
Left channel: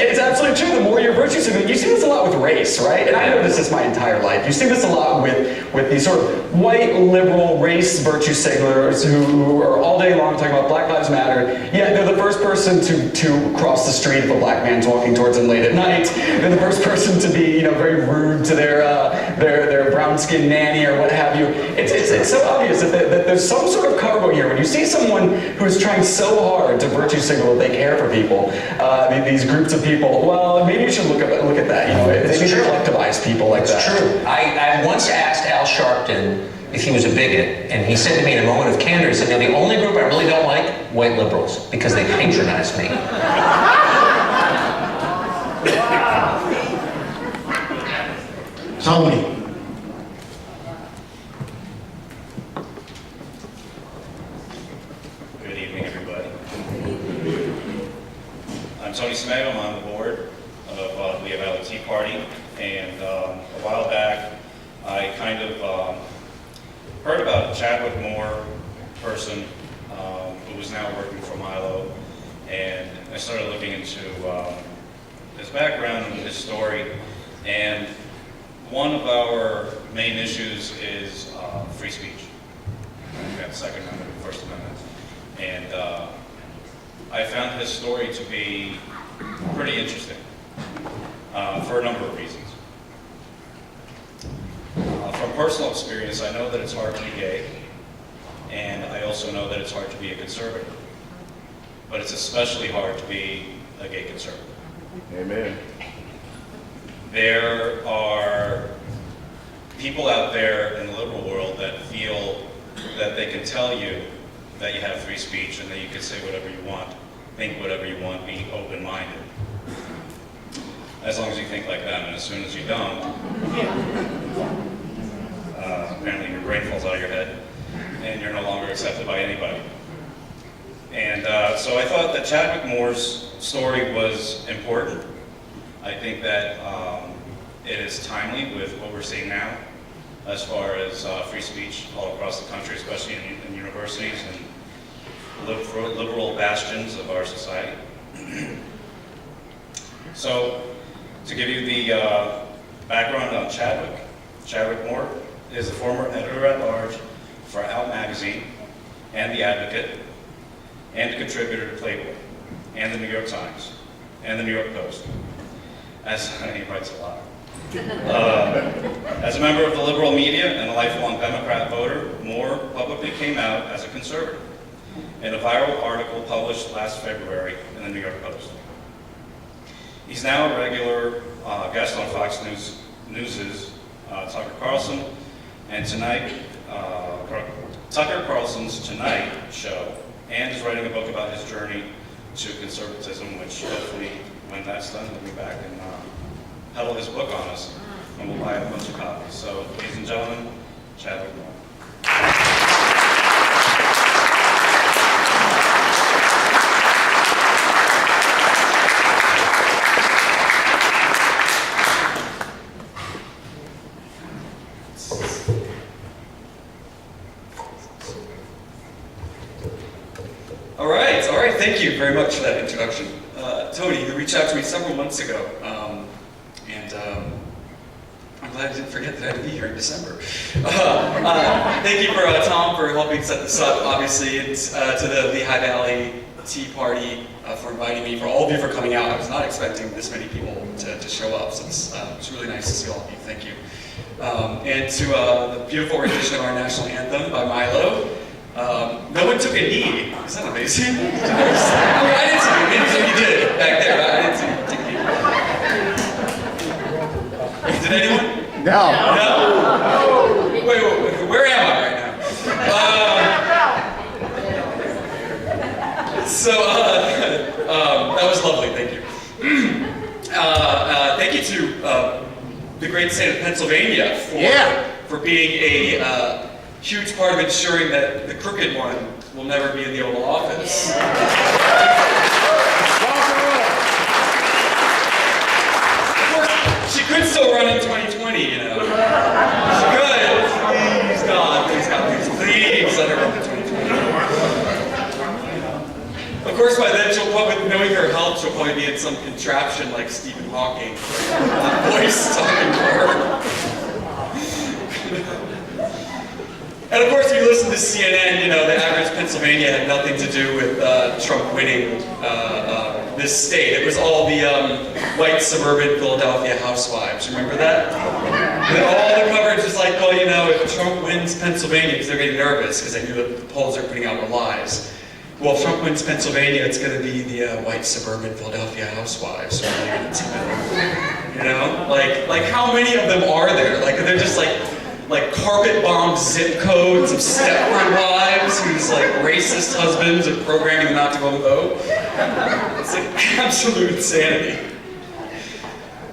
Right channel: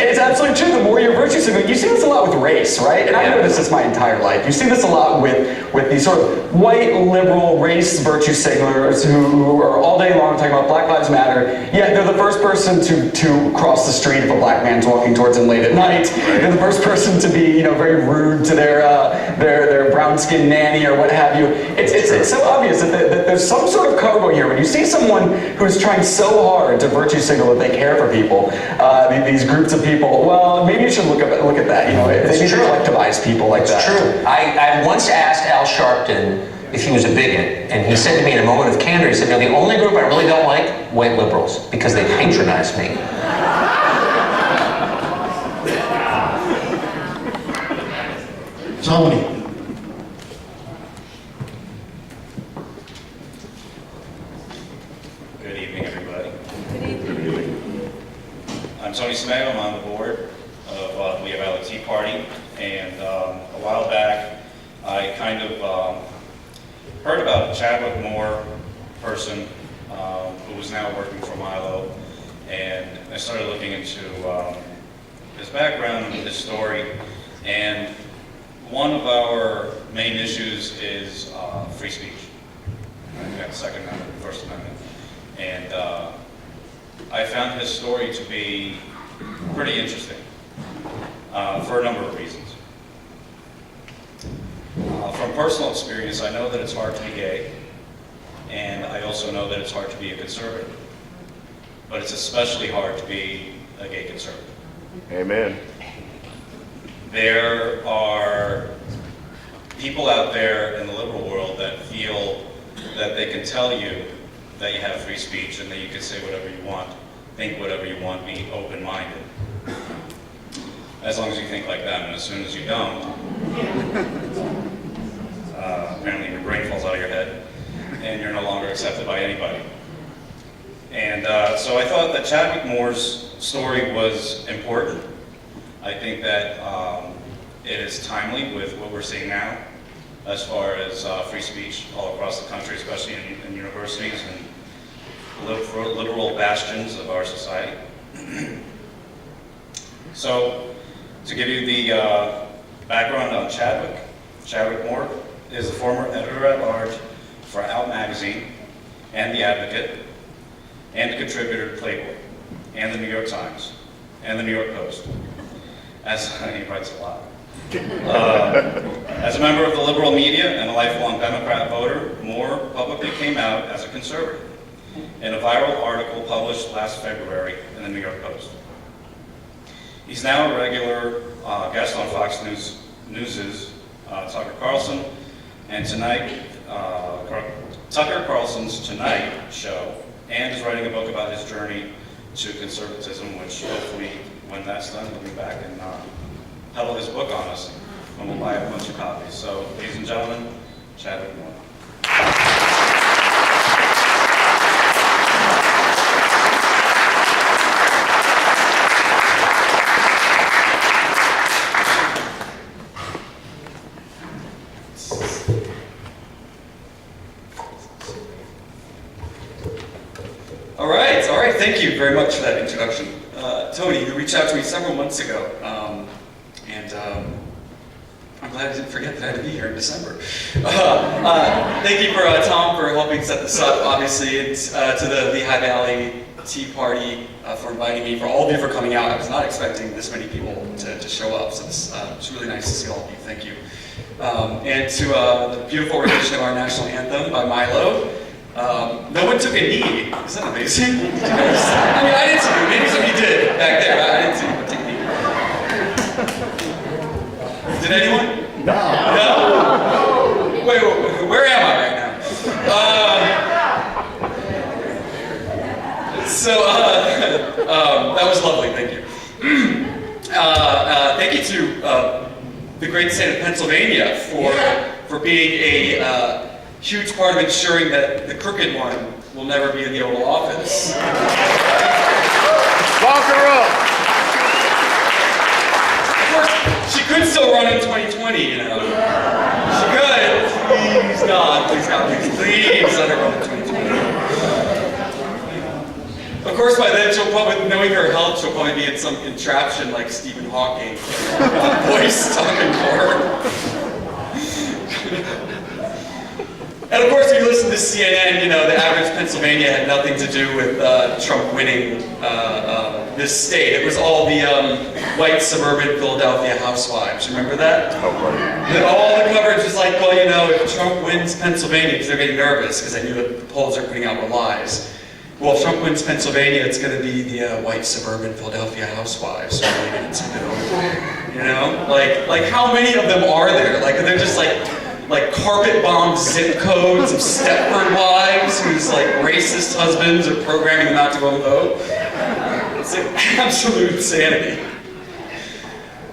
It's absolutely true. The more you're virtue signaling, you see this a lot with race, right? And I noticed this my entire life. You see this a lot with these sort of white liberal race virtue signalers who are all day long talking about Black Lives Matter. Yet they're the first person to cross the street if a black man's walking towards them late at night. They're the first person to be, very rude to their brown-skinned nanny or what have you. It's so obvious that there's some sort of cargo here. When you see someone who's trying so hard to virtue signal that they care for people, these groups of people, well, maybe you should look at that. They need to collectivize people like that. It's true. I once asked Al Sharpton if he was a bigot, and he said to me in a moment of candor, he said, the only group I really don't like, white liberals, because they patronize me. Tony. Good evening, everybody. I'm Tony Smegel. I'm on the board of the LVTP party, and a while back I kind of heard about a Chadwick Moore person who was now working for Milo, and I started looking into his background and his story, and one of our main issues is free speech. We've got the Second Amendment, First Amendment, and I found his story to be pretty interesting for a number of reasons. From personal experience, I know that it's hard to be gay, and I also know that it's hard to be a conservative. But it's especially hard to be a gay conservative. Amen. There are people out there in the liberal world that feel that they can tell you that you have free speech and that you can say whatever you want, think whatever you want, be open-minded. As long as you think like them, and as soon as you don't, apparently your brain falls out of your head and you're no longer accepted by anybody. And so I thought that Chadwick Moore's story was important. I think that it is timely with what we're seeing now as far as free speech all across the country, especially in universities and liberal bastions of our society. So, to give you the background on Chadwick, Chadwick Moore is a former editor-at-large for Out Magazine and The Advocate, and a contributor to Playboy, and the New York Times, and the New York Post. He writes a lot. As a member of the liberal media and a lifelong Democrat voter, Moore publicly came out as a conservative in a viral article published last February in the New York Post. He's now a regular guest on Fox News's Tucker Carlson, and tonight, Tucker Carlson's Tonight show, and is writing a book about his journey to conservatism, which hopefully, when that's done, he'll be back and peddle his book on us, and we'll buy a bunch of copies. So, ladies and gentlemen, Chadwick Moore. All right, thank you very much for that introduction. Tony, you reached out to me several months ago, and I'm glad I didn't forget that I had to be here in December. Thank you for Tom for helping set this up, obviously, and to the Lehigh Valley Tea Party for inviting me, for all of you for coming out. I was not expecting this many people to show up, so it's really nice to see all of you. Thank you. And to the beautiful rendition of our national anthem by Milo. No one took a knee. Isn't that amazing? I mean, I didn't see it. Maybe somebody did back there. I didn't see anyone take a knee. Did anyone? No. No? Wait, where am I right now? That was lovely. Thank you. Thank you to the great state of Pennsylvania for being a huge part of ensuring that the crooked one will never be in the Oval Office. Of course, she could still run in 2020, you know. She could. Please, God, please let her run in 2020. Of course, by then, she'll probably, knowing her health, she'll probably be in some contraption like Stephen Hawking, voice talking for her. And of course, if you listen to CNN, you know, the average Pennsylvania had nothing to do with Trump winning this state. It was all the white suburban Philadelphia housewives. Remember that? And all the coverage was like, well, you know, if Trump wins Pennsylvania, because they're getting nervous because they knew that the polls are putting out were lies. Well, if Trump wins Pennsylvania, it's going to be the white suburban Philadelphia housewives. You know, like how many of them are there? Like they're just like carpet bomb zip codes of Stepford wives whose like racist husbands are programming them not to go and vote. It's like absolute insanity.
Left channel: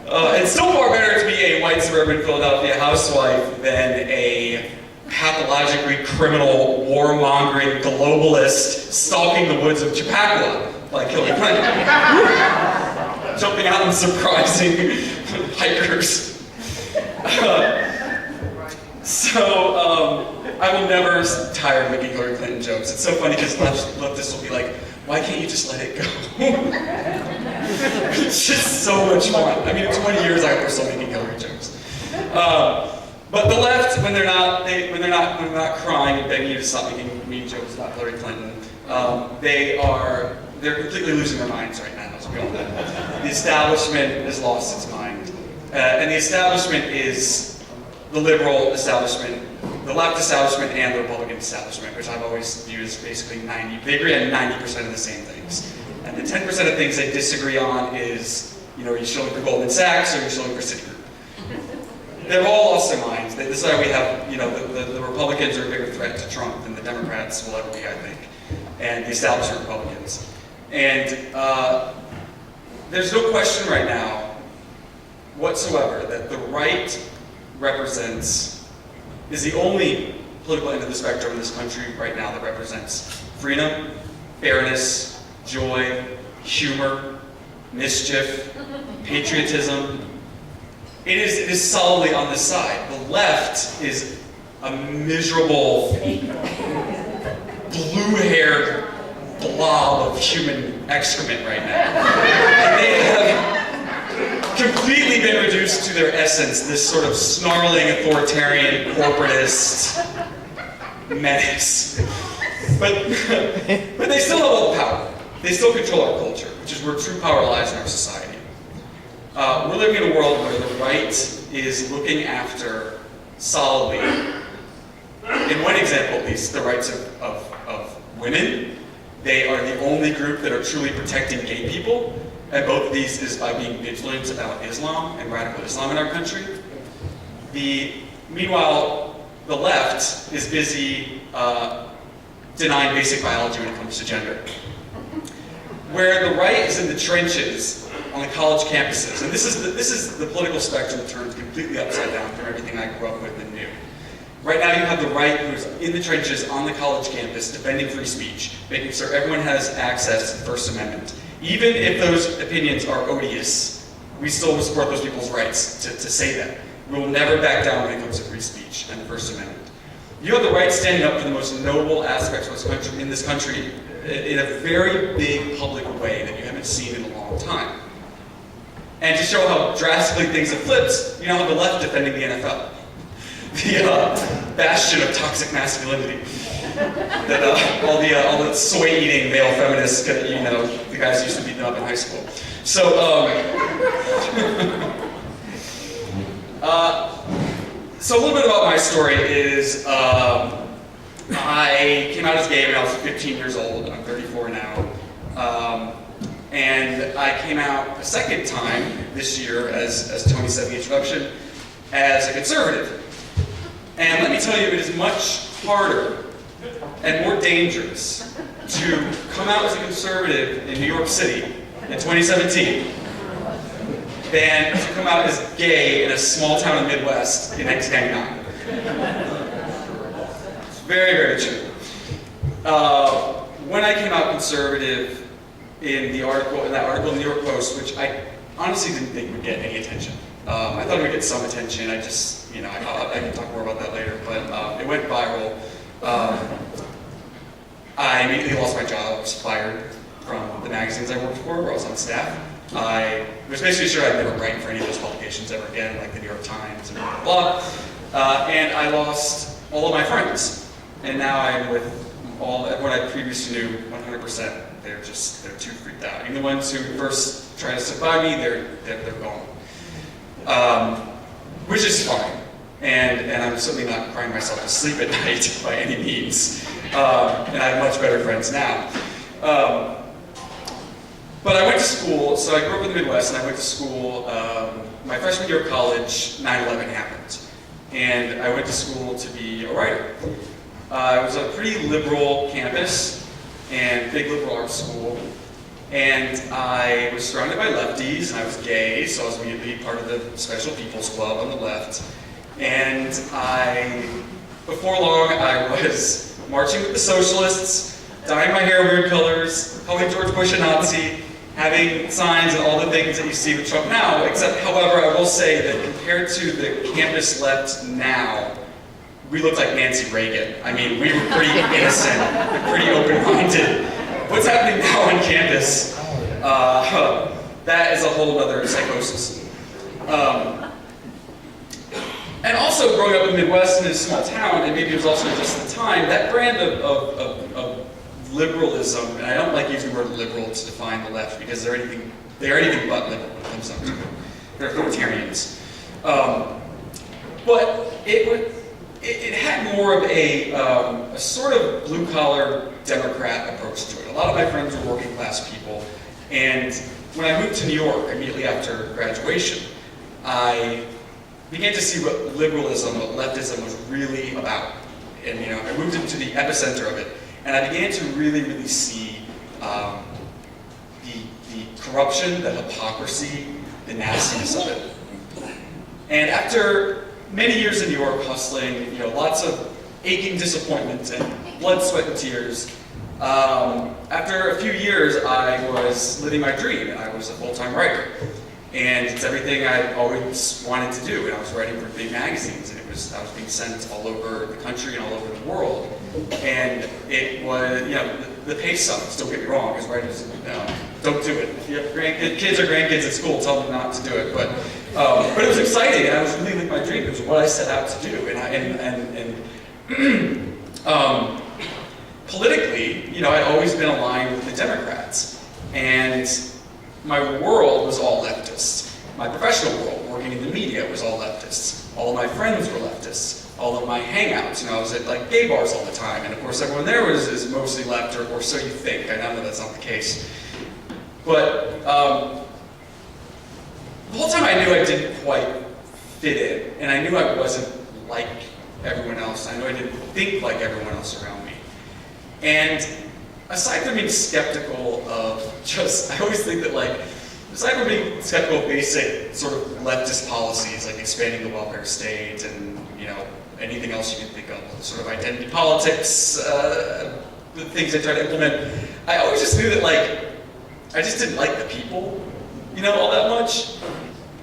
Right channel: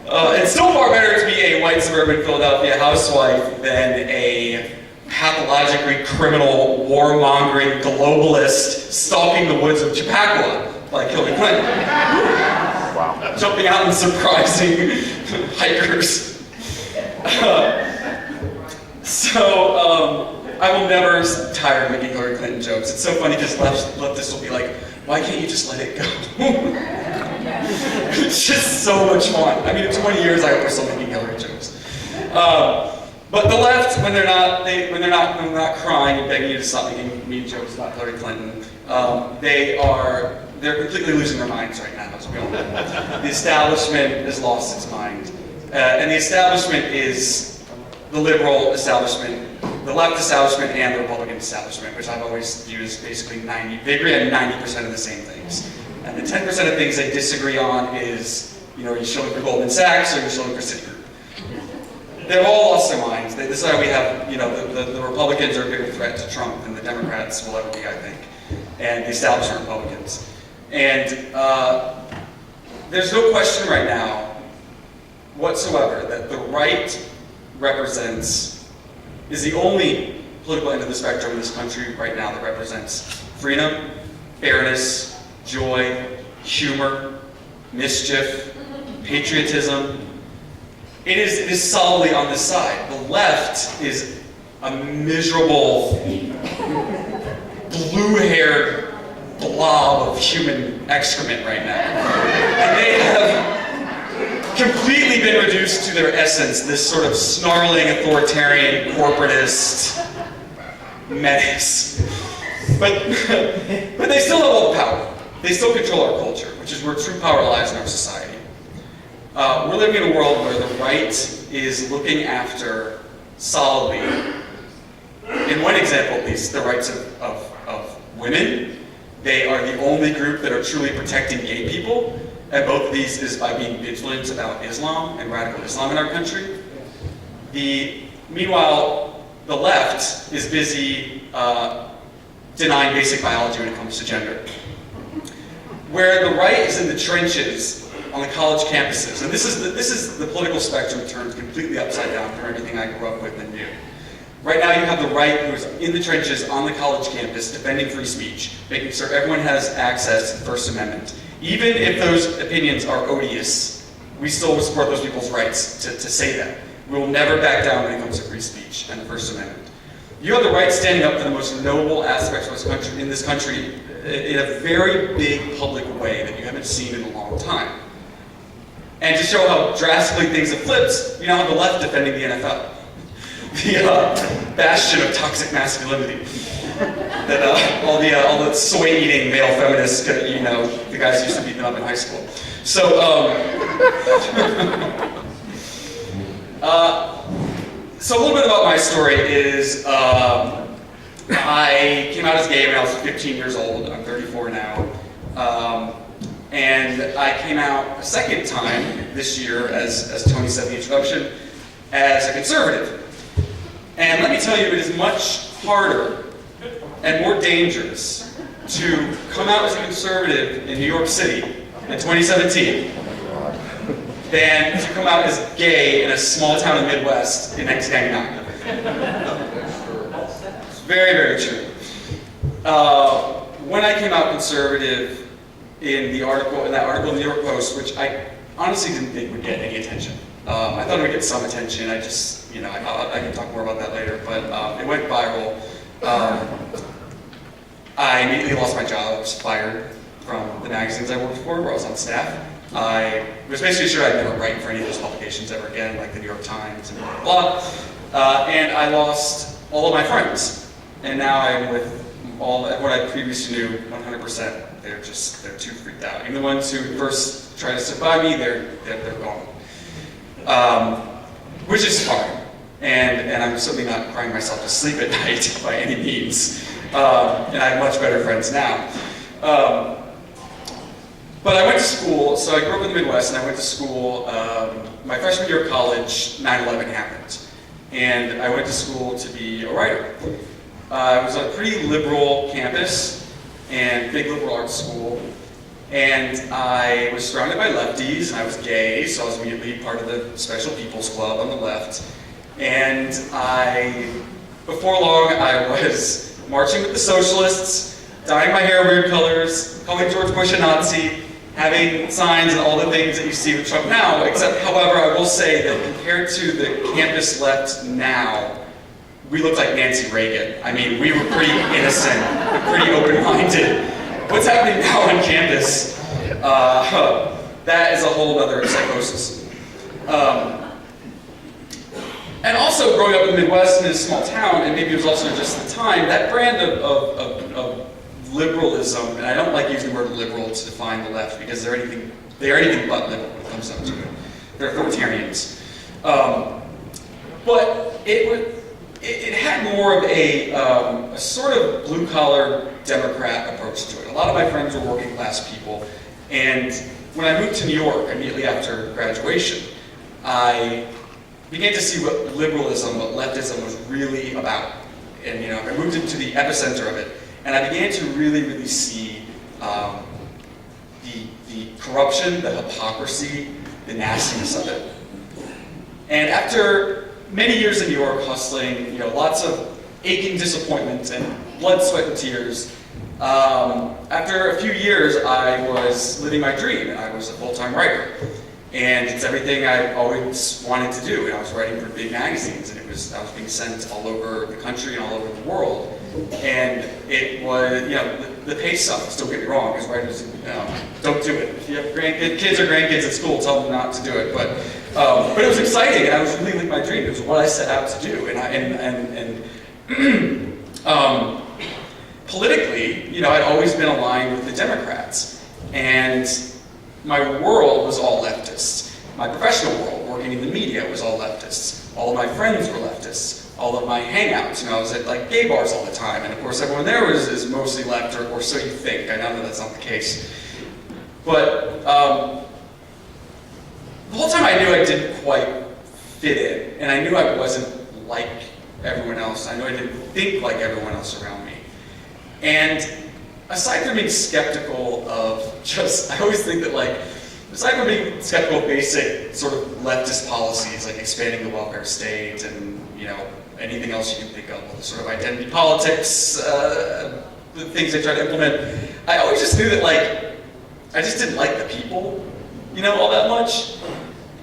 It's still far better to be a white suburban Philadelphia housewife than a pathologically criminal, warmongering globalist stalking the woods of Chappaqua like Hillary Clinton. Jumping out and surprising hikers. I will never tire of making Hillary Clinton jokes. It's so funny because leftists will be like, why can't you just let it go? It's just so much fun. I mean, in 20 years, I hope we're still making Hillary jokes. But the left, when they're not crying and begging you to stop making mean jokes about Hillary Clinton, they're completely losing their minds right now. As we all know. The establishment has lost its mind, and the establishment is the liberal establishment, the left establishment, and the Republican establishment, which I've always viewed as basically they agree on 90% of the same things. And the 10% of things they disagree on is, you know, are you shilling for Goldman Sachs or are you shilling for Citigroup? They've all lost their minds. This is why we have, you know, the Republicans are a bigger threat to Trump than the Democrats will ever be, I think, and the establishment Republicans. And there's no question right now whatsoever that the right is the only political end of the spectrum in this country right now that represents freedom, fairness, joy, humor, mischief, patriotism. It is solidly on this side. The left is a miserable, blue-haired blob of human excrement right now. And they have completely basically been reduced to their essence, this sort of snarling, authoritarian, corporatist menace. But they still have all the power. They still control our culture, which is where true power lies in our society. We're living in a world where the right is looking after solidly, in one example at least, the rights of women. They are the only group that are truly protecting gay people, and both of these is by being vigilant about Islam and radical Islam in our country. Meanwhile, the left is busy denying basic biology when it comes to gender. Where the right is in the trenches on the college campuses, and this is the political spectrum turned completely upside down from everything I grew up with and knew. Right now you have the right who's in the trenches on the college campus defending free speech, making sure everyone has access to the First Amendment. Even if those opinions are odious, we still will support those people's rights to say that. We will never back down when it comes to free speech and the First Amendment. You have the right standing up for the most noble aspects of this country in a very big public way that you haven't seen in a long time. And to show how drastically things have flipped, you now have the left defending the NFL. The bastion of toxic masculinity. That all the soy-eating male feminists, you know, the guys used to beat them up in high school. So, so a little bit about my story is I came out as gay when I was 15 years old. I'm 34 now. And I came out a second time this year, as Tony said in the introduction, as a conservative. And let me tell you, it is much harder and more dangerous to come out as a conservative in New York City in 2017 than to come out as gay in a small town in the Midwest in 1999. It's very, very true. When I came out conservative in that article in the New York Post, which I honestly didn't think would get any attention. I thought it would get some attention. I just, you know, I can talk more about that later, but it went viral. I immediately lost my job. I was fired from the magazines I worked for, where I was on staff. I was basically sure I'd never write for any of those publications ever again, like the New York Times and blah, blah. And I lost all of my friends. And now I'm with everyone I previously knew 100%. They're too freaked out. Even the ones who first tried to stick by me, they're gone. Which is fine. And I'm certainly not crying myself to sleep at night by any means. And I have much better friends now. But I went to school, so I grew up in the Midwest, and I went to school, my freshman year of college, 9/11 happened. And I went to school to be a writer. It was a pretty liberal campus, and big liberal arts school. And I was surrounded by lefties, and I was gay, so I was immediately part of the Special People's Club on the left. And before long, I was marching with the socialists, dyeing my hair weird colors, calling George Bush a Nazi, having signs and all the things that you see with Trump now, except, however, I will say that compared to the campus left now, we looked like Nancy Reagan. I mean, we were pretty innocent, pretty open-minded. What's happening now on campus, that is a whole other psychosis. And also growing up in the Midwest in a small town, and maybe it was also just the time, that brand of liberalism, and I don't like using the word liberal to define the left because they are anything but liberal when it comes down to it. They're authoritarians. But it had more of a sort of blue-collar Democrat approach to it. A lot of my friends were working-class people, and when I moved to New York immediately after graduation, I began to see what liberalism, what leftism was really about. And you know, I moved into the epicenter of it, and I began to really see the corruption, the hypocrisy, the nastiness of it. And after many years in New York hustling, you know, lots of aching disappointments and blood, sweat, and tears, after a few years, I was living my dream, and I was a full-time writer. And it's everything I always wanted to do. And I was writing for big magazines, and I was being sent all over the country and all over the world. And it was, you know, the pay sucks, don't get me wrong, because writers, don't do it. If you have kids or grandkids at school, tell them not to do it. But it was exciting, and I was really living my dream. It was what I set out to do. Politically, I'd always been aligned with the Democrats, and my world was all leftists. My professional world, working in the media, was all leftists. All of my friends were leftists. All of my hangouts, I was at like gay bars all the time, and of course everyone there is mostly left, or so you think. I know that's not the case. But the whole time I knew I didn't quite fit in, and I knew I wasn't like everyone else. I knew I didn't think like everyone else around me. And aside from being skeptical of I always think that aside from being skeptical of basic sort of leftist policies, like expanding the welfare state and, anything else you can think of, sort of identity politics, the things they try to implement, I always just knew that, I just didn't like the people, all that much.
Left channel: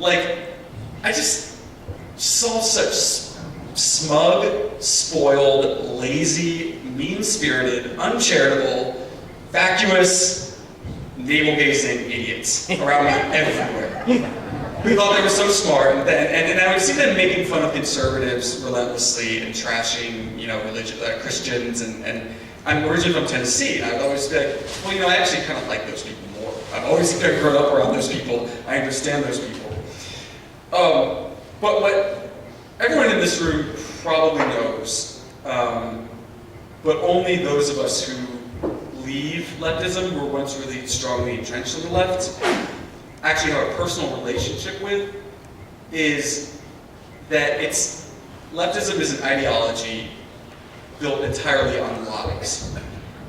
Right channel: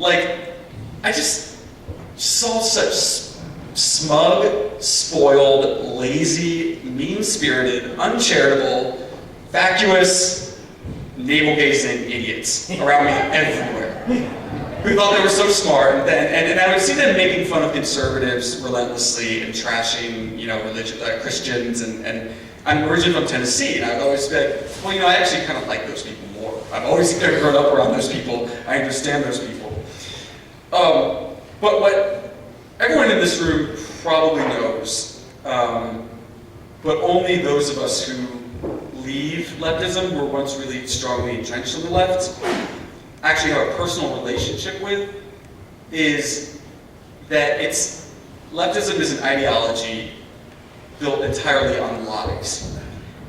I just saw such smug, spoiled, lazy, mean-spirited, uncharitable, vacuous, navel-gazing idiots around me everywhere, who thought they were so smart, and I would see them making fun of conservatives relentlessly and trashing, Christians, and I'm originally from Tennessee, and I would always say, well, I actually kind of like those people more. I've always grown up around those people. I understand those people. But what everyone in this room probably knows, but only those of us who leave leftism, were once really strongly entrenched on the left, actually have a personal relationship with, is that leftism is an ideology built entirely on lies.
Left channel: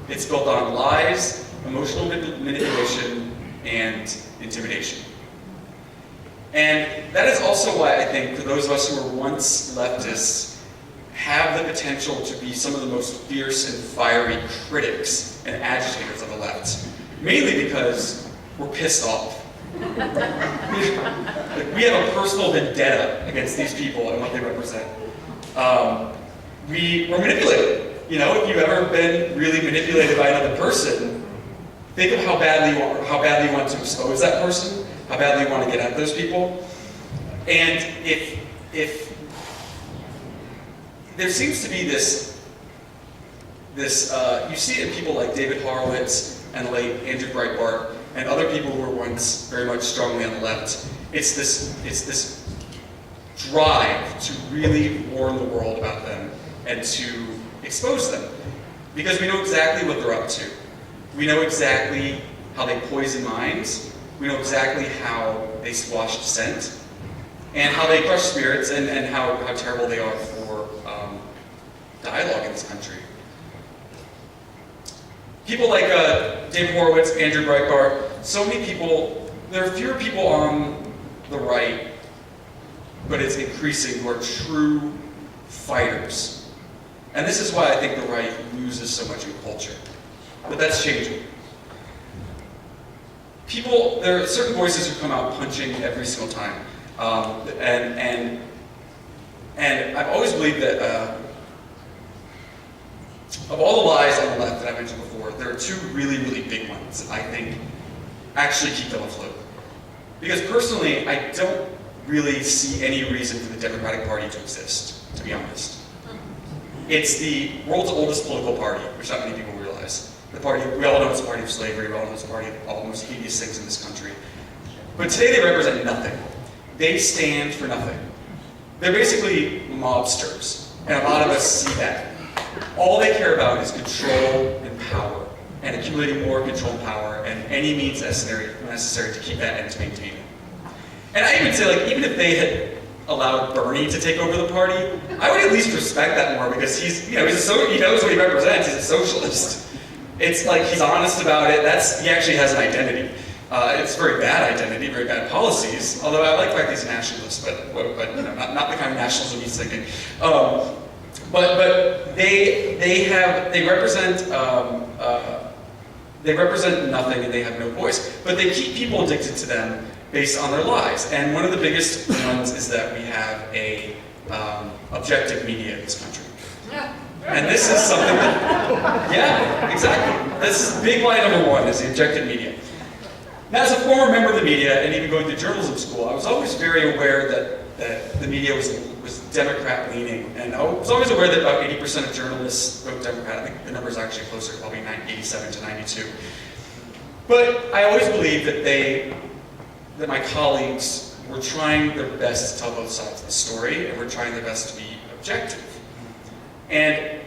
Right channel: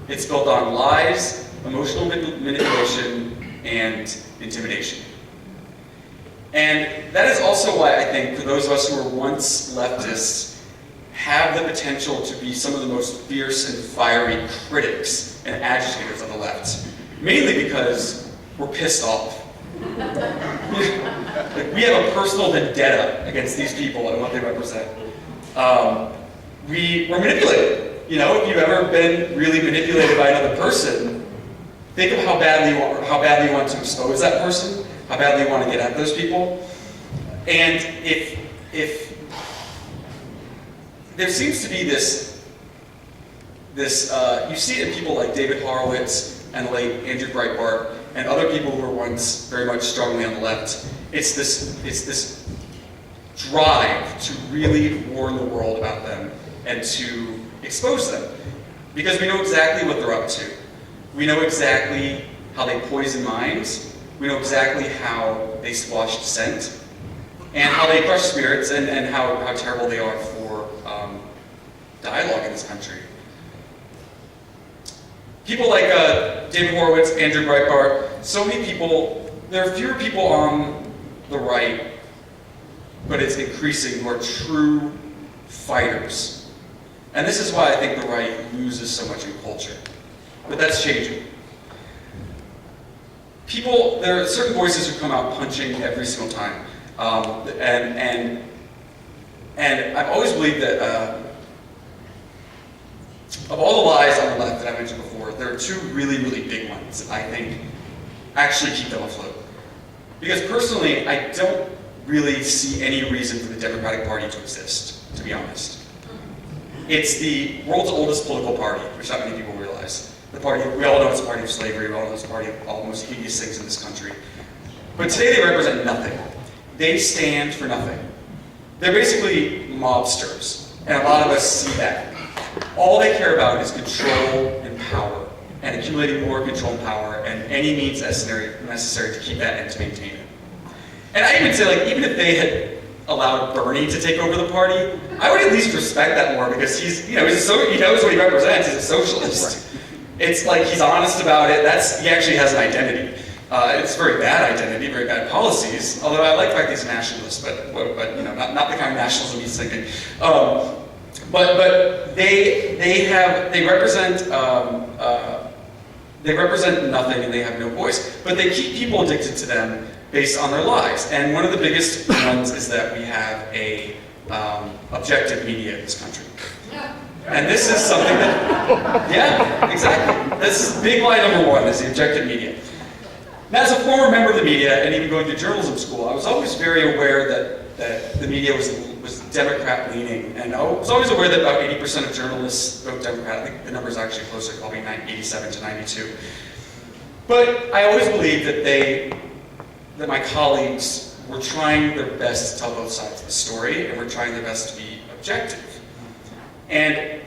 It's built on lies, emotional manipulation, and intimidation. And that is also why I think for those of us who were once leftists have the potential to be some of the most fierce and fiery critics and agitators of the left. Mainly because we're pissed off. We have a personal vendetta against these people and what they represent. We're manipulated. If you've ever been really manipulated by another person, think of how badly you want to expose that person, how badly you want to get at those people. And if there seems to be this, you see it in people like David Horowitz and late Andrew Breitbart and other people who were once very much strongly on the left. It's this drive to really warn the world about them and to expose them, because we know exactly what they're up to. We know exactly how they poison minds. We know exactly how they squash dissent, and how they crush spirits, and how terrible they are for dialogue in this country. People like David Horowitz, Andrew Breitbart, so many people, there are fewer people on the right, but it's increasing, who are true fighters. And this is why I think the right loses so much in culture. But that's changing. There are certain voices who come out punching every single time. And I've always believed that of all the lies on the left that I mentioned before, there are two really, really big ones that I think actually keep them afloat. Because personally, I don't really see any reason for the Democratic Party to exist, to be honest. It's the world's oldest political party, which not many people realize. The party, we all know it's a party of slavery, we all know it's a party of all the most hideous things in this country. But today they represent nothing. They stand for nothing. They're basically mobsters, and a lot of us see that. All they care about is control and power, and accumulating more control and power, and any means necessary to keep that and to maintain it. And I even say, even if they had allowed Bernie to take over the party, I would at least respect that more, because he knows what he represents. He's a socialist. It's like he's honest about it. He actually has an identity. It's a very bad identity, very bad policies. Although I like the fact he's a nationalist, but not the kind of nationalism he's thinking. But they represent nothing, and they have no voice. But they keep people addicted to them based on their lies. And one of the biggest ones is that we have a objective media in this country. And this is something that, yeah, exactly. This is big lie number one, is the objective media. Now, as a former member of the media, and even going to journalism school, I was always very aware that the media was Democrat-leaning, and I was always aware that about 80% of journalists vote Democrat. I think the number is actually closer, probably 87 to 92. But I always believed that my colleagues were trying their best to tell both sides of the story, and were trying their best to be objective. And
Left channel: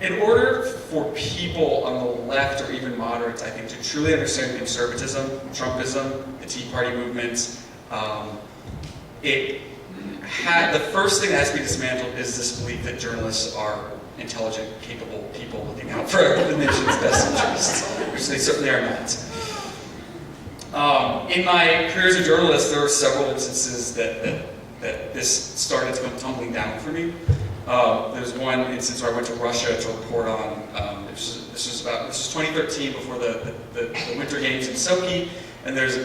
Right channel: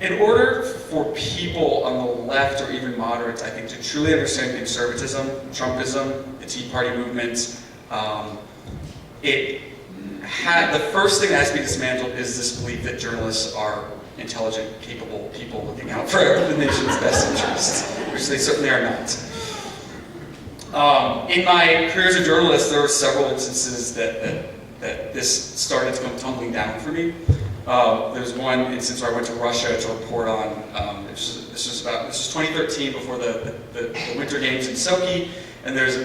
in order for people on the left or even moderates, I think, to truly understand conservatism, Trumpism, the Tea Party movement, the first thing that has to be dismantled is this belief that journalists are intelligent, capable people looking out for the nation's best interests, which they certainly are not. In my career as a journalist, there were several instances that this started to come tumbling down for me. There's one instance where I went to Russia to report on, this was 2013, before the Winter Games in Sochi, and there's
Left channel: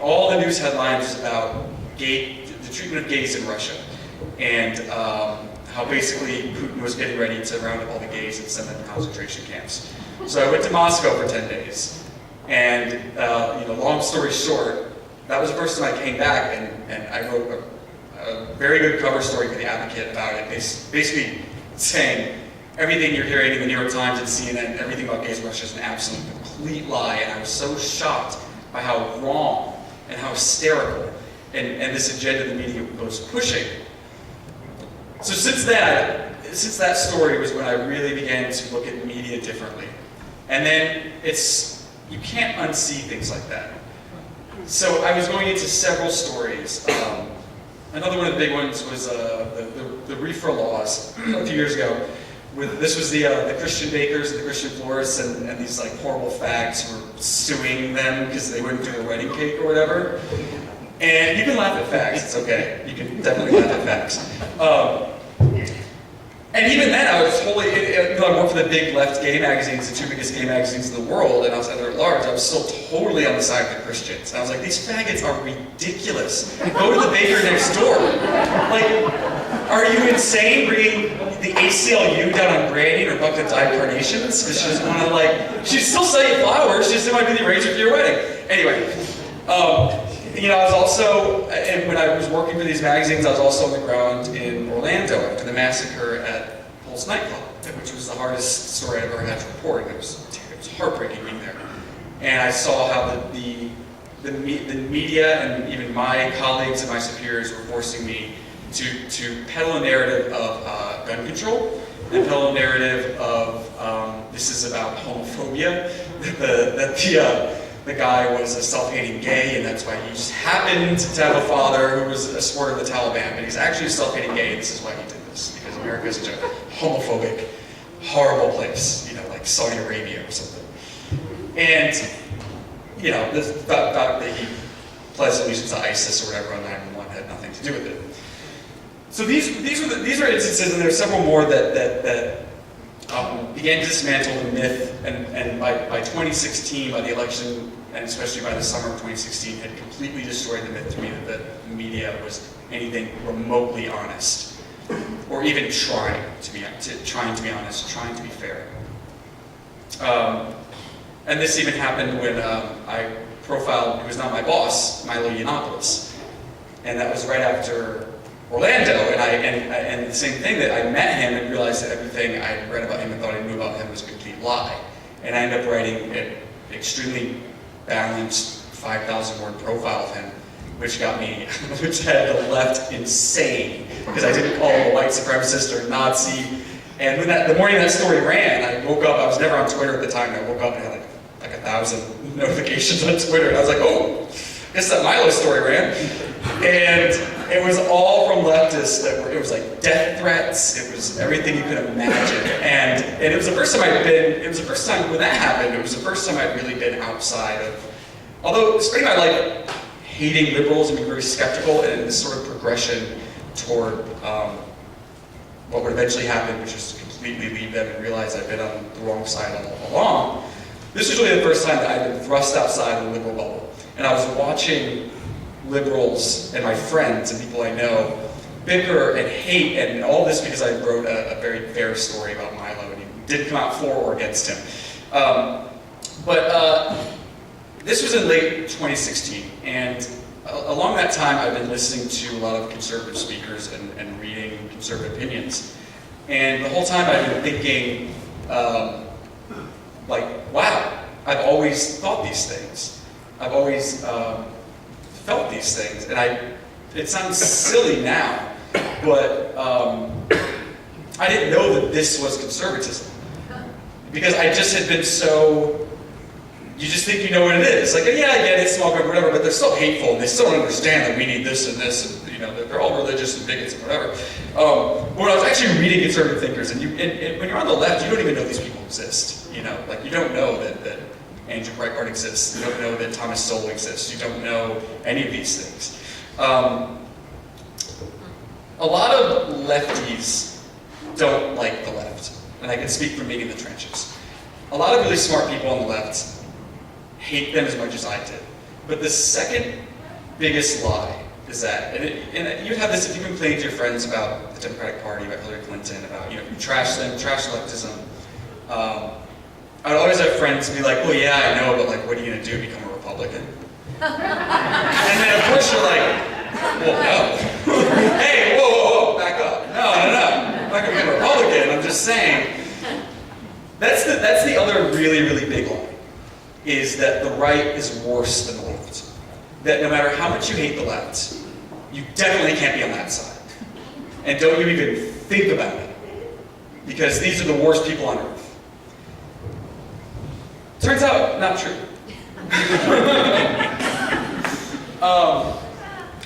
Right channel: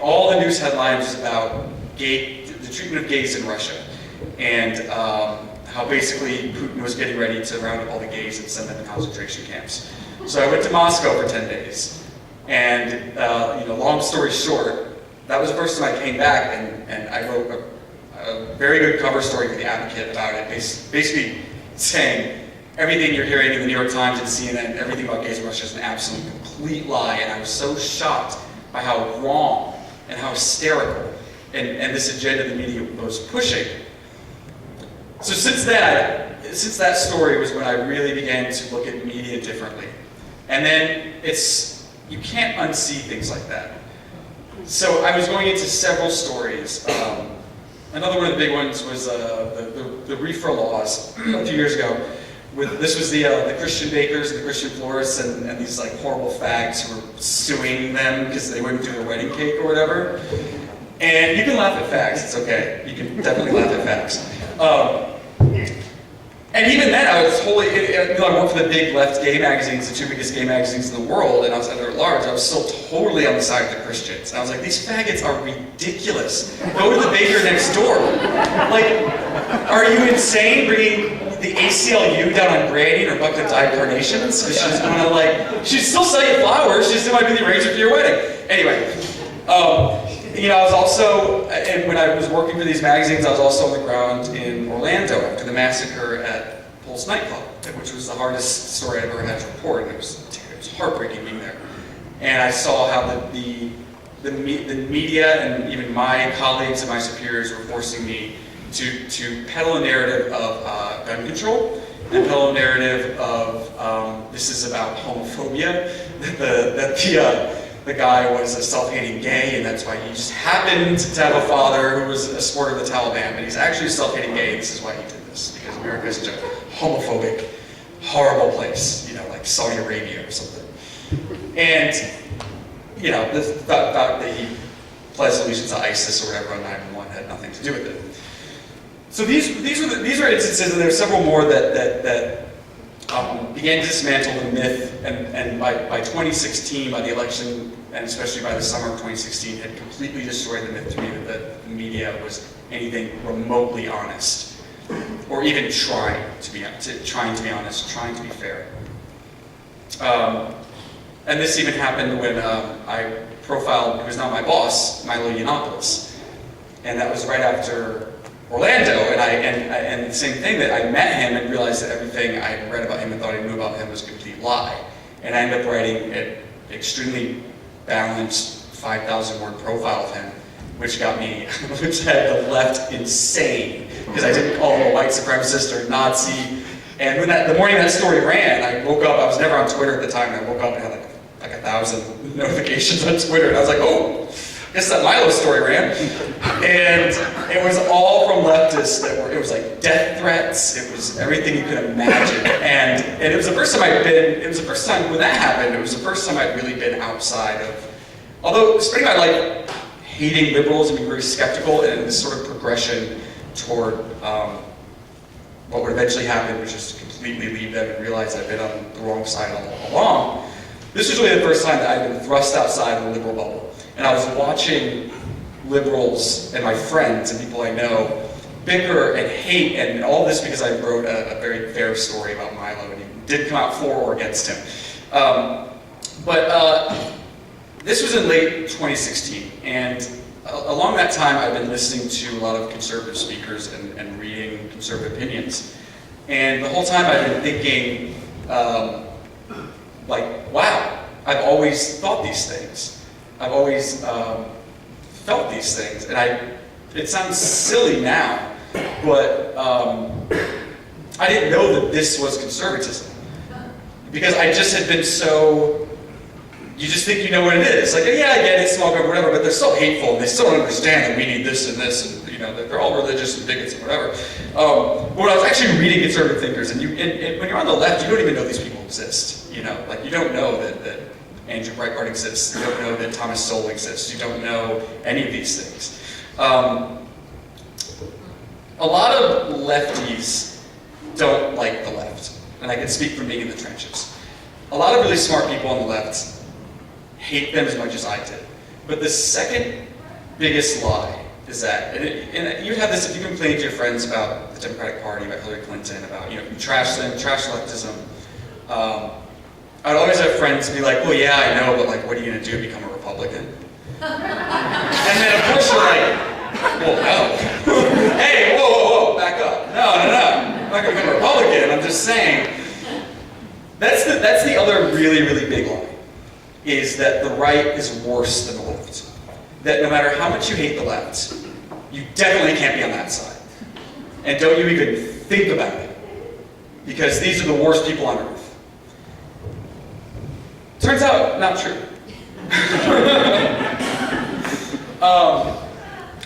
all the news headlines about the treatment of gays in Russia, and how basically Putin was getting ready to round up all the gays and send them to concentration camps. So I went to Moscow for 10 days, and long story short, that was the first time I came back, and I wrote a very good cover story for The Advocate about it, basically saying everything you're hearing in the New York Times and CNN, everything about gays in Russia is an absolute complete lie, and I was so shocked by how wrong and how hysterical and this agenda the media was pushing. So since that story was when I really began to look at media differently. And then you can't unsee things like that. So I was going into several stories. Another one of the big ones was the reefer laws a few years ago. This was the Christian bakers and the Christian florists and these like horrible fags who were suing them because they wouldn't do their wedding cake or whatever. And you can laugh at fags, it's okay. You can definitely laugh at fags. And even then, I was totally, I worked for the big left gay magazines, the two biggest gay magazines in the world, and I was editor at large. I was still totally on the side of the Christians. And I was like, these faggots are ridiculous. Go to the baker next door. Like, are you insane bringing the ACLU down on Granny or bucket of dyed carnations? Because she's gonna she'd still sell you flowers, she still might be the arranger for your wedding. Anyway, I was also, and when I was working for these magazines, I was also on the ground in Orlando after the massacre at Pulse nightclub, which was the hardest story I ever had to report. It was heartbreaking being there. And I saw how the media and even my colleagues and my superiors were forcing me to peddle a narrative of gun control, and peddle a narrative of this is about homophobia, that the guy was a self-hating gay, and that's why he just happened to have a father who was a supporter of the Taliban, but he's actually a self-hating gay, and this is why he did this, because America is such a homophobic, horrible place, like Saudi Arabia or something. And, the fact that he pledged allegiance to ISIS or whatever on 9/11 had nothing to do with it. So these are instances, and there are several more that began to dismantle the myth, and by 2016, by the election, and especially by the summer of 2016, had completely destroyed the myth to me that the media was anything remotely honest, or even trying to be honest, trying to be fair. And this even happened when I profiled, who was now my boss, Milo Yiannopoulos, and that was right after Orlando, and the same thing, that I met him and realized that everything I read about him and thought I knew about him was a complete lie. And I ended up writing an extremely balanced 5,000-word profile of him, which had the left insane, because I didn't call him a white supremacist or Nazi. And when the morning that story ran, I woke up, I was never on Twitter at the time, and I woke up and had like 1,000 notifications on Twitter, and I was like, oh, guess that Milo story ran. And it was all from leftists it was like death threats, it was everything you could imagine. And it was the first time when that happened, it was the first time I'd really been outside of, although spending my life hating liberals and being very skeptical, and this sort of progression toward what would eventually happen, which is to completely leave them and realize I've been on the wrong side all along. This was really the first time that I'd been thrust outside the liberal bubble. And I was watching liberals and my friends and people I know bicker and hate, and all this because I wrote a very fair story about Milo, and he did come out for or against him. This was in late 2016, and along that time I've been listening to a lot of conservative speakers and reading conservative opinions. And the whole time I've been thinking, wow, I've always thought these things. I've always felt these things, and it sounds silly now, but I didn't know that this was conservatism. Because I just had been so, you just think you know what it is. Like, yeah, I get it, small government, whatever, but they're so hateful, and they still don't understand that we need this and this, and they're all religious and bigots and whatever. But when I was actually reading conservative thinkers, and when you're on the left, you don't even know these people exist. You don't know that Andrew Breitbart exists. You don't know that Thomas Sowell exists. You don't know any of these things. A lot of lefties don't like the left, and I can speak from being in the trenches. A lot of really smart people on the left hate them as much as I did. But the second biggest lie is that, and you have this if you've been complaining to your friends about the Democratic Party, about Hillary Clinton, about, you trash them, trash leftism. I'd always have friends be like, well, yeah, I know, but what are you going to do, become a Republican? And then of course you're like, well, no. Hey, whoa, back up. No. I'm not going to become a Republican, I'm just saying. That's the other really, really big lie, is that the right is worse than the left. That no matter how much you hate the left, you definitely can't be on that side. And don't you even think about it, because these are the worst people on earth. Turns out, not true.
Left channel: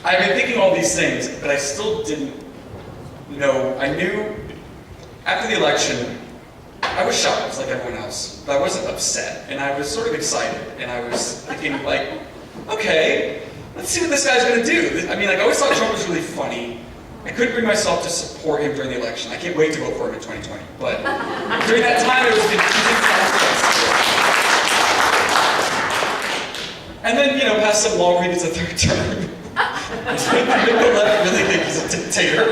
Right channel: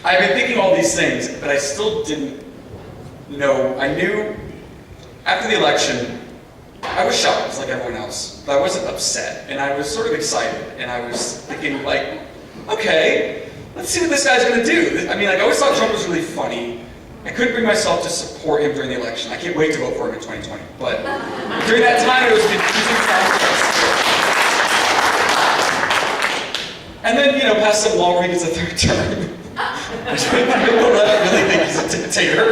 I've been thinking all these things, but I still didn't know. I knew after the election, I was shocked like everyone else, but I wasn't upset, and I was sort of excited, and I was thinking okay, let's see what this guy's gonna do. I always thought Trump was really funny. I couldn't bring myself to support him during the election. I can't wait to vote for him in 2020, but during that time it was confusing process. And then, pass some law read as a third term. People really think he's a dictator.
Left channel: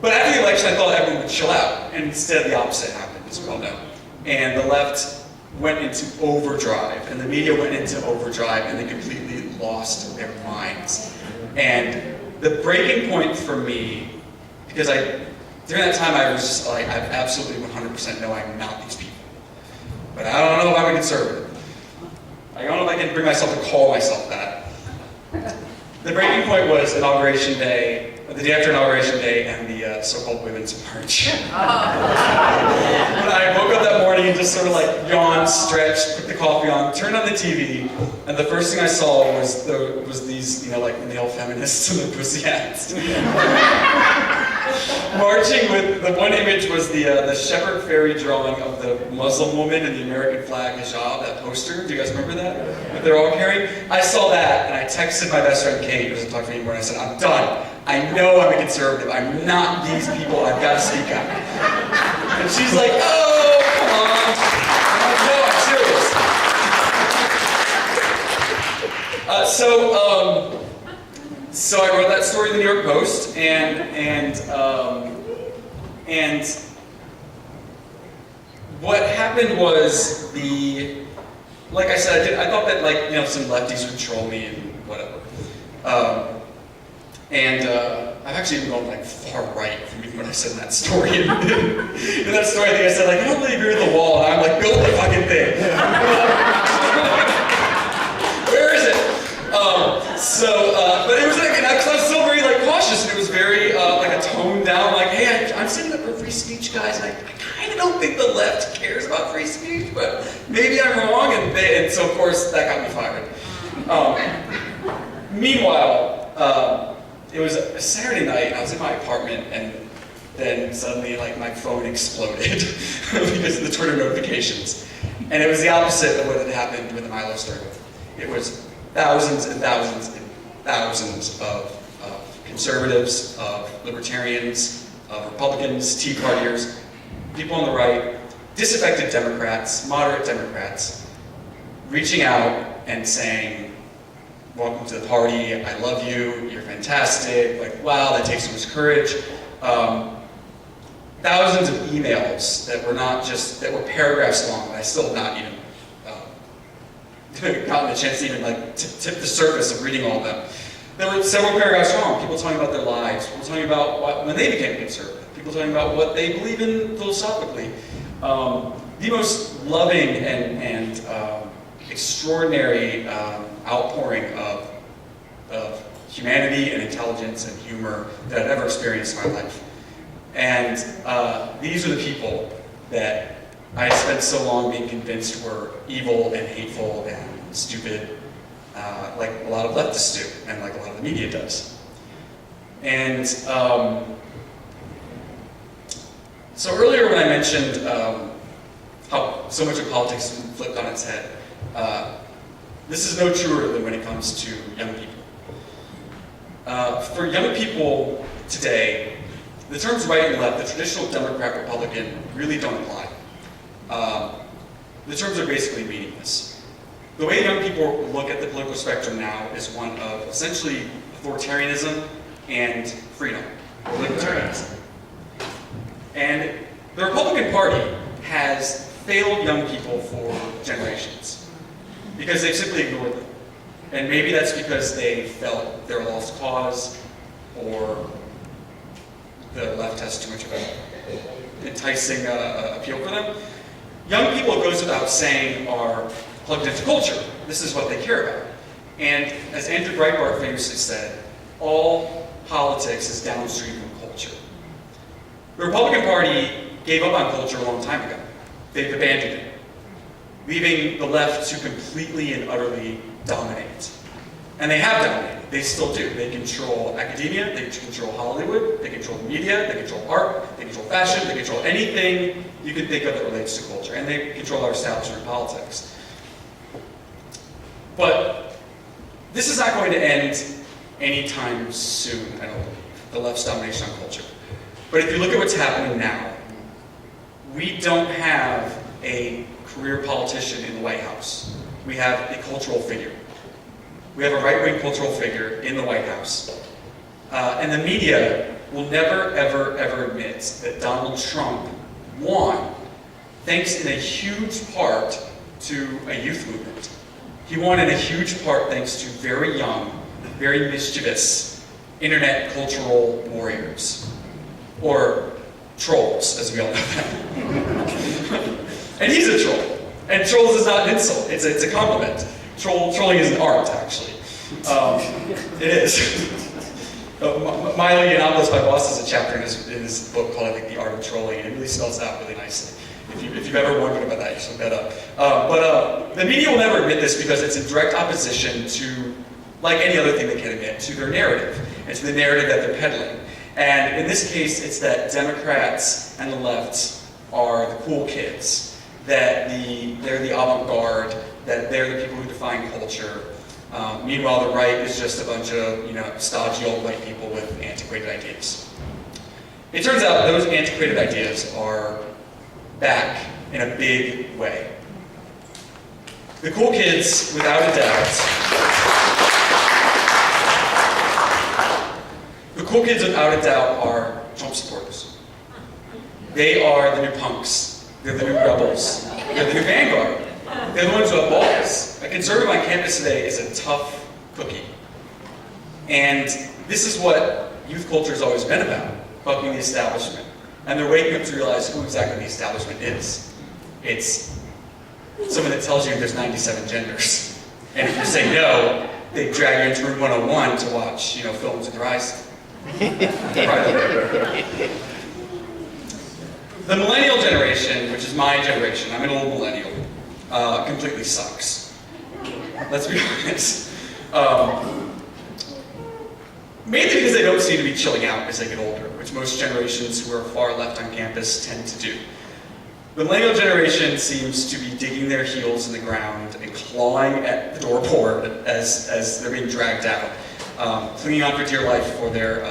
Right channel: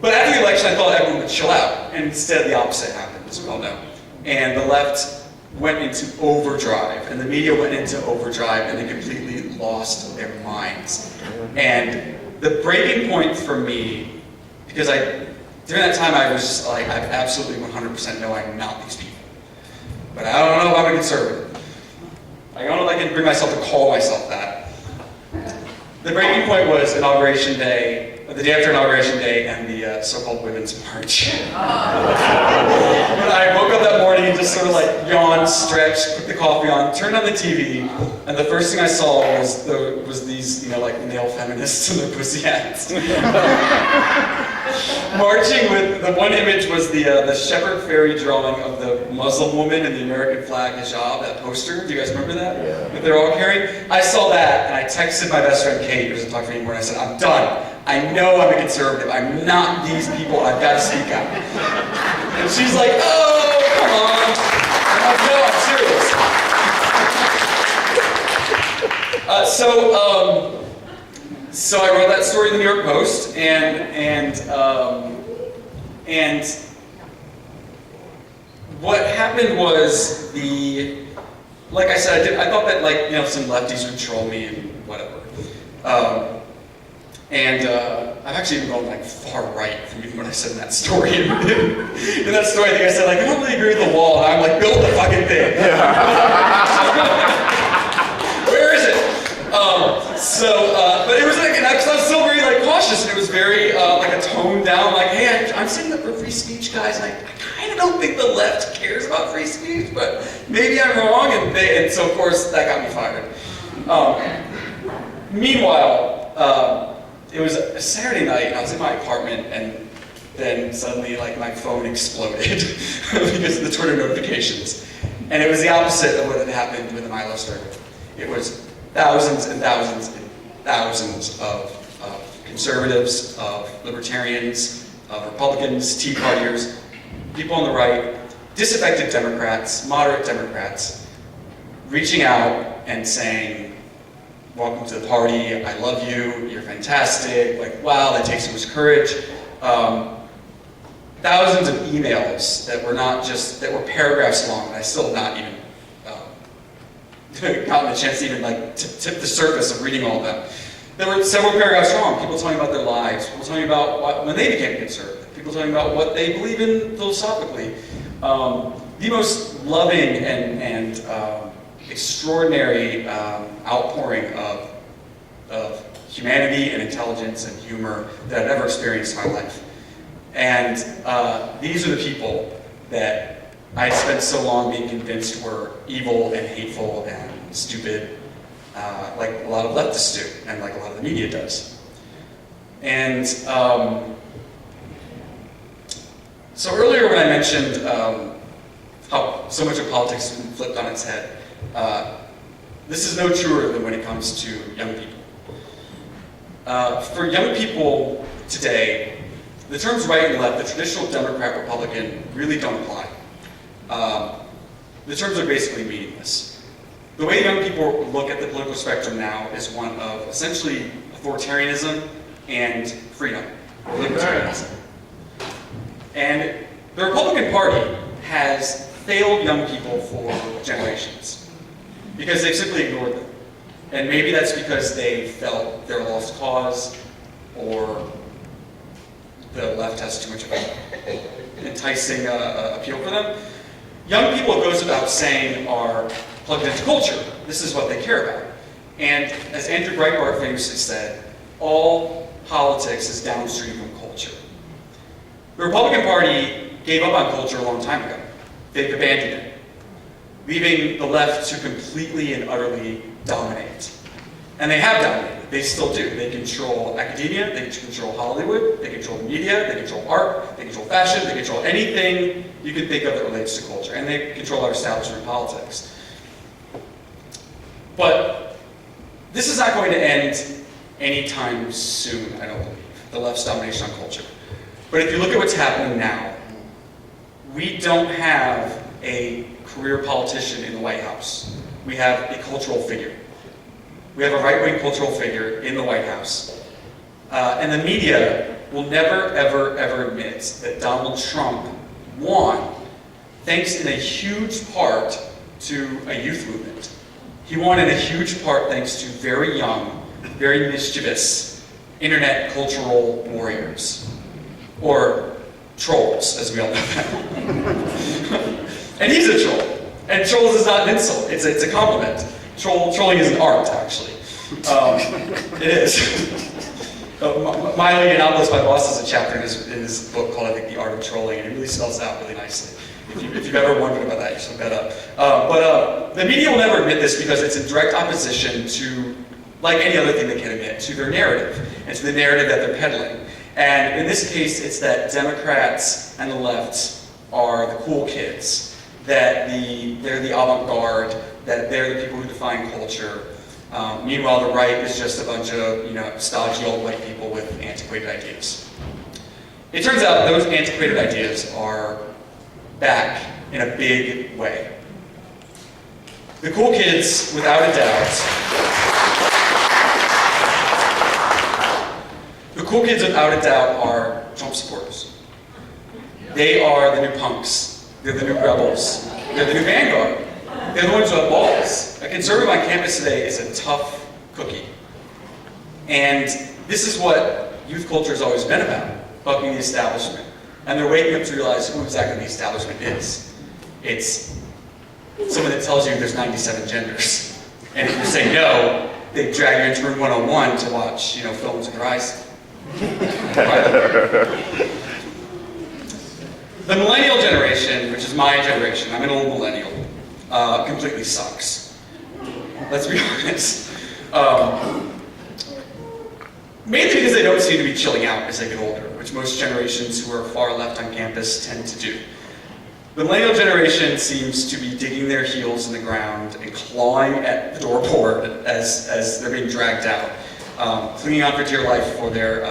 But after the election, I thought everyone would chill out, and instead the opposite happened, as we all know. And the left went into overdrive, and the media went into overdrive, and they completely lost their minds. And the breaking point for me, because during that time I was just I absolutely 100% know I'm not these people. But I don't know if I'm a conservative. I don't know if I can bring myself to call myself that. The breaking point was Inauguration Day, the day after Inauguration Day, and the so-called Women's March. When I woke up that morning and just sort of yawned, stretched, put the coffee on, turned on the TV, and the first thing I saw was these, male feminists in their pussy hats. Marching with, the one image was the shepherd fairy drawing of the Muslim woman in the American flag hijab, that poster. Do you guys remember that? That they're all carrying? I saw that, and I texted my best friend Kate, who doesn't talk to me anymore, and I said, I'm done. I know I'm a conservative. I'm not these people. I've got to speak out. And she's like, oh, come on. I'm like, no, I'm serious. So I wrote that story in the New York Post, and what happened was like I said, I thought that some lefties would troll me and whatever. I've actually even gone far right from even what I said in that story. In that story, I think I said I don't really agree with the wall, and I'm build the fucking thing. Where is it? But it was because I was still very cautious, and it was very a toned down, hey, I'm sitting up for free speech, guys, and I kind of don't think the left cares about free speech, but maybe I'm wrong, and so of course that got me fired. Meanwhile, it was a Saturday night, and I was in my apartment, and then suddenly my phone exploded because of the Twitter notifications, and it was the opposite of what had happened when the Milo started. It was thousands and thousands and thousands of conservatives, of libertarians, of Republicans, Tea Partiers, people on the right, disaffected Democrats, moderate Democrats, reaching out and saying, welcome to the party, I love you, you're fantastic, like, wow, that takes so much courage. Thousands of emails that were paragraphs long, and I still have not even gotten a chance to even like tip the surface of reading all of them. There were several paragraphs long, people telling about their lives, people telling about when they became conservative, people telling about what they believe in philosophically. The most loving and extraordinary outpouring of humanity and intelligence and humor that I've ever experienced in my life. And these are the people that I spent so long being convinced were evil and hateful and stupid, like a lot of leftists do, and like a lot of the media does. And so earlier when I mentioned how so much of politics has been flipped on its head, this is no truer than when it comes to young people. For young people today, the terms right and left, the traditional Democrat-Republican, really don't apply. The terms are basically meaningless. The way young people look at the political spectrum now is one of essentially authoritarianism and freedom, libertarianism. And the Republican Party has failed young people for generations because they've simply ignored them. And maybe that's because they felt they're a lost cause, or the left has too much of an enticing appeal for them. Young people, it goes without saying, are plugged into culture. This is what they care about. And as Andrew Breitbart famously said, all politics is downstream from culture. The Republican Party gave up on culture a long time ago. They've abandoned it, leaving the left to completely and utterly dominate. And they have dominated. They still do. They control academia, they control Hollywood, they control the media, they control art, they control fashion, they control anything you can think of that relates to culture. And they control our establishment politics. But this is not going to end anytime soon, I don't believe, the left's domination on culture. But if you look at what's happening now, we don't have a career politician in the White House. We have a cultural figure. We have a right-wing cultural figure in the White House. And the media will never, ever, ever admit that Donald Trump won thanks in a huge part to a youth movement. He won in a huge part thanks to very young, very mischievous internet cultural warriors, or trolls, as we all know them. And he's a troll. And trolls is not an insult, it's a compliment. Trolling is an art, actually. It is. Miley Yiannopoulos, my boss, has a chapter in his book called, I think, The Art of Trolling, and it really spells it out really nicely. If you've ever wondered about that, you should look that up. But the media will never admit this because it's in direct opposition to, like any other thing they can admit, to their narrative, and to the narrative that they're peddling. And in this case, it's that Democrats and the left are the cool kids, that they're the avant-garde, that they're the people who define culture. Meanwhile, the right is just a bunch of stodgy old white people with antiquated ideas. It turns out those antiquated ideas are back in a big way. The cool kids, without a doubt, are Trump supporters. They are the new punks. They're the new rebels. They're the new vanguard. They're the ones who have balls. A conservative on campus today is a tough cookie. And this is what youth culture has always been about, bucking the establishment. And they're waking up to realize who exactly the establishment is. It's someone that tells you there's 97 genders. And if you say no, they drag you into room 101 to watch, films in your eyes. The millennial generation, which is my generation, I'm an old millennial, completely sucks. Let's be honest. Mainly because they don't seem to be chilling out as they get older, which most generations who are far left on campus tend to do. The millennial generation seems to be digging their heels in the ground and clawing at the doorboard as they're being dragged out, clinging on for dear life for their,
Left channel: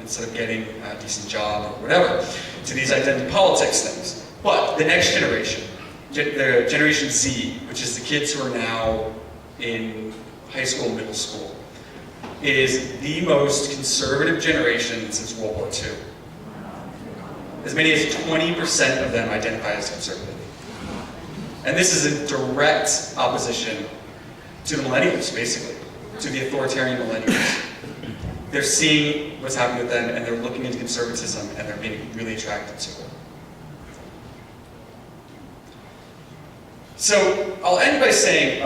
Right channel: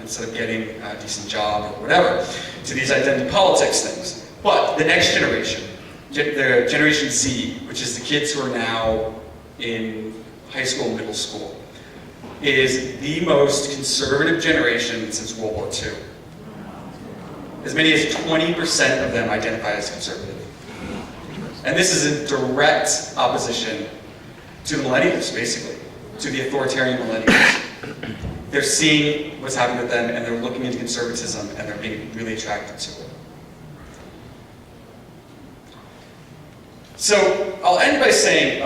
instead of getting a decent job or whatever, to these identity politics things. But the next generation, Generation Z, which is the kids who are now in high school and middle school is the most conservative generation since World War II. As many as 20% of them identify as conservative. And this is in direct opposition to the millennials, basically, to the authoritarian millennials. They're seeing what's happening with them, and they're looking into conservatism, and they're being really attracted to it. So I'll end by saying,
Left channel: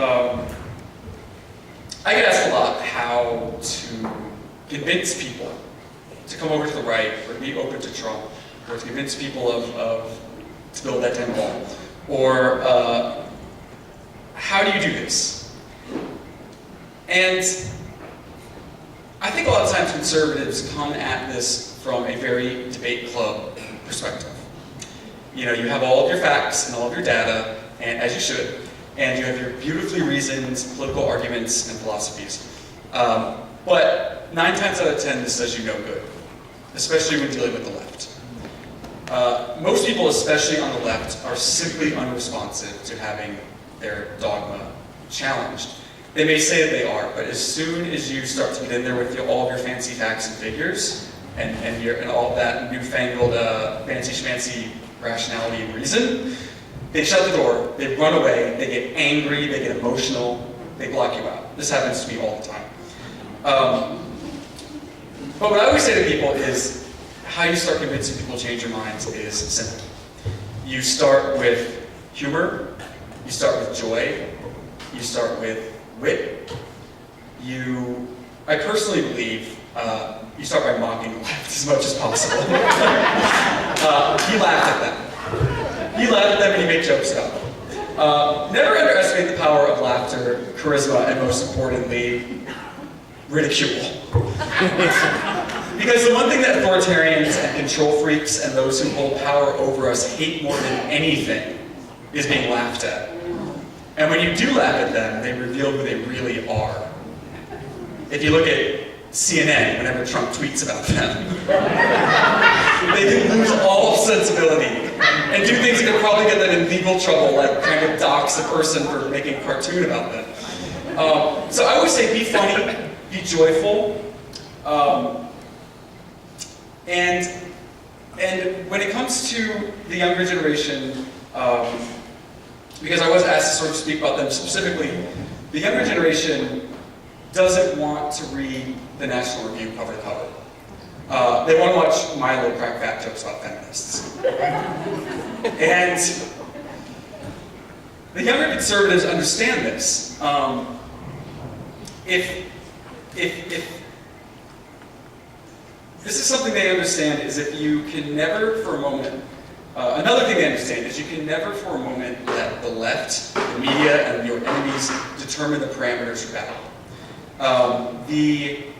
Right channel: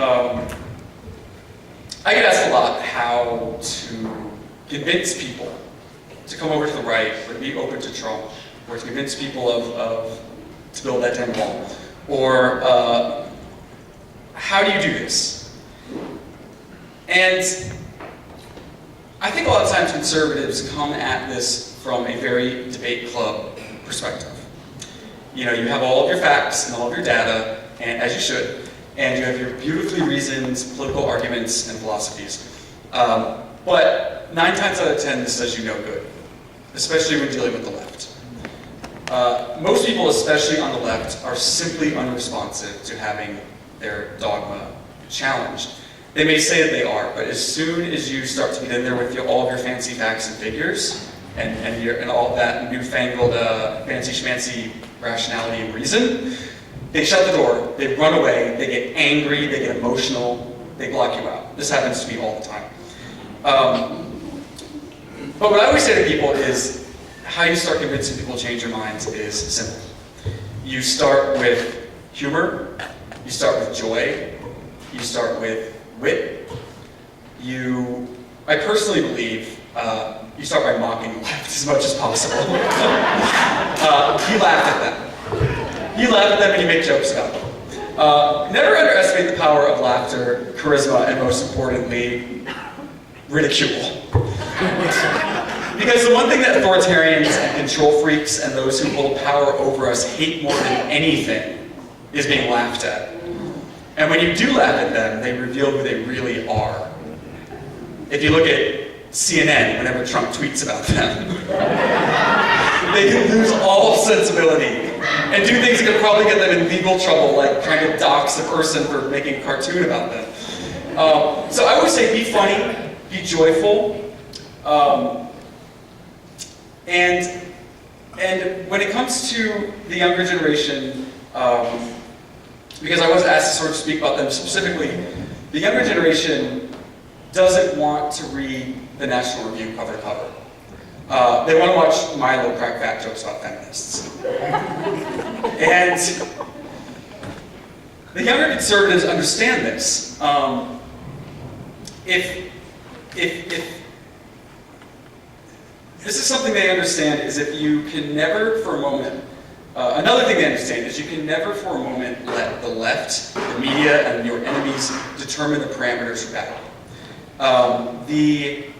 I get asked a lot how to convince people to come over to the right, or to be open to Trump, or to convince people to build that damn wall, or how do you do this? And I think a lot of times conservatives come at this from a very debate club perspective. You know, you have all of your facts and all of your data, and as you should, and you have your beautifully reasoned political arguments and philosophies. But 9 times out of 10, this does you no good, especially when dealing with the left. Most people, especially on the left, are simply unresponsive to having their dogma challenged. They may say that they are, but as soon as you start to get in there with all of your fancy facts and figures, and all that newfangled fancy schmancy rationality and reason, they shut the door, they run away, they get angry, they get emotional, they block you out. This happens to me all the time. But what I always say to people is, how you start convincing people to change their minds is simple. You start with humor, you start with joy, you start with wit. I personally believe, you start by mocking the left as much as possible. You laugh at them. You laugh at them and you make jokes about them. Never underestimate the power of laughter, charisma, and most importantly, ridicule. Because the one thing that authoritarians and control freaks and those who hold power over us hate more than anything is being laughed at. And when you do laugh at them, they reveal who they really are. If you look at CNN, whenever Trump tweets about them, they lose all sensibility and do things that could probably get them in legal trouble, like trying to dox a person for making a cartoon about them. So I always say be funny, be joyful, and when it comes to the younger generation, because I was asked to sort of speak about them specifically, the younger generation doesn't want to read the National Review cover to cover. They want to watch Milo crack fat jokes about feminists. And the younger conservatives understand this. If this is something they understand, is if you can never for a moment, another thing they understand is you can never for a moment let the left, the media, and your enemies determine the parameters for battle. They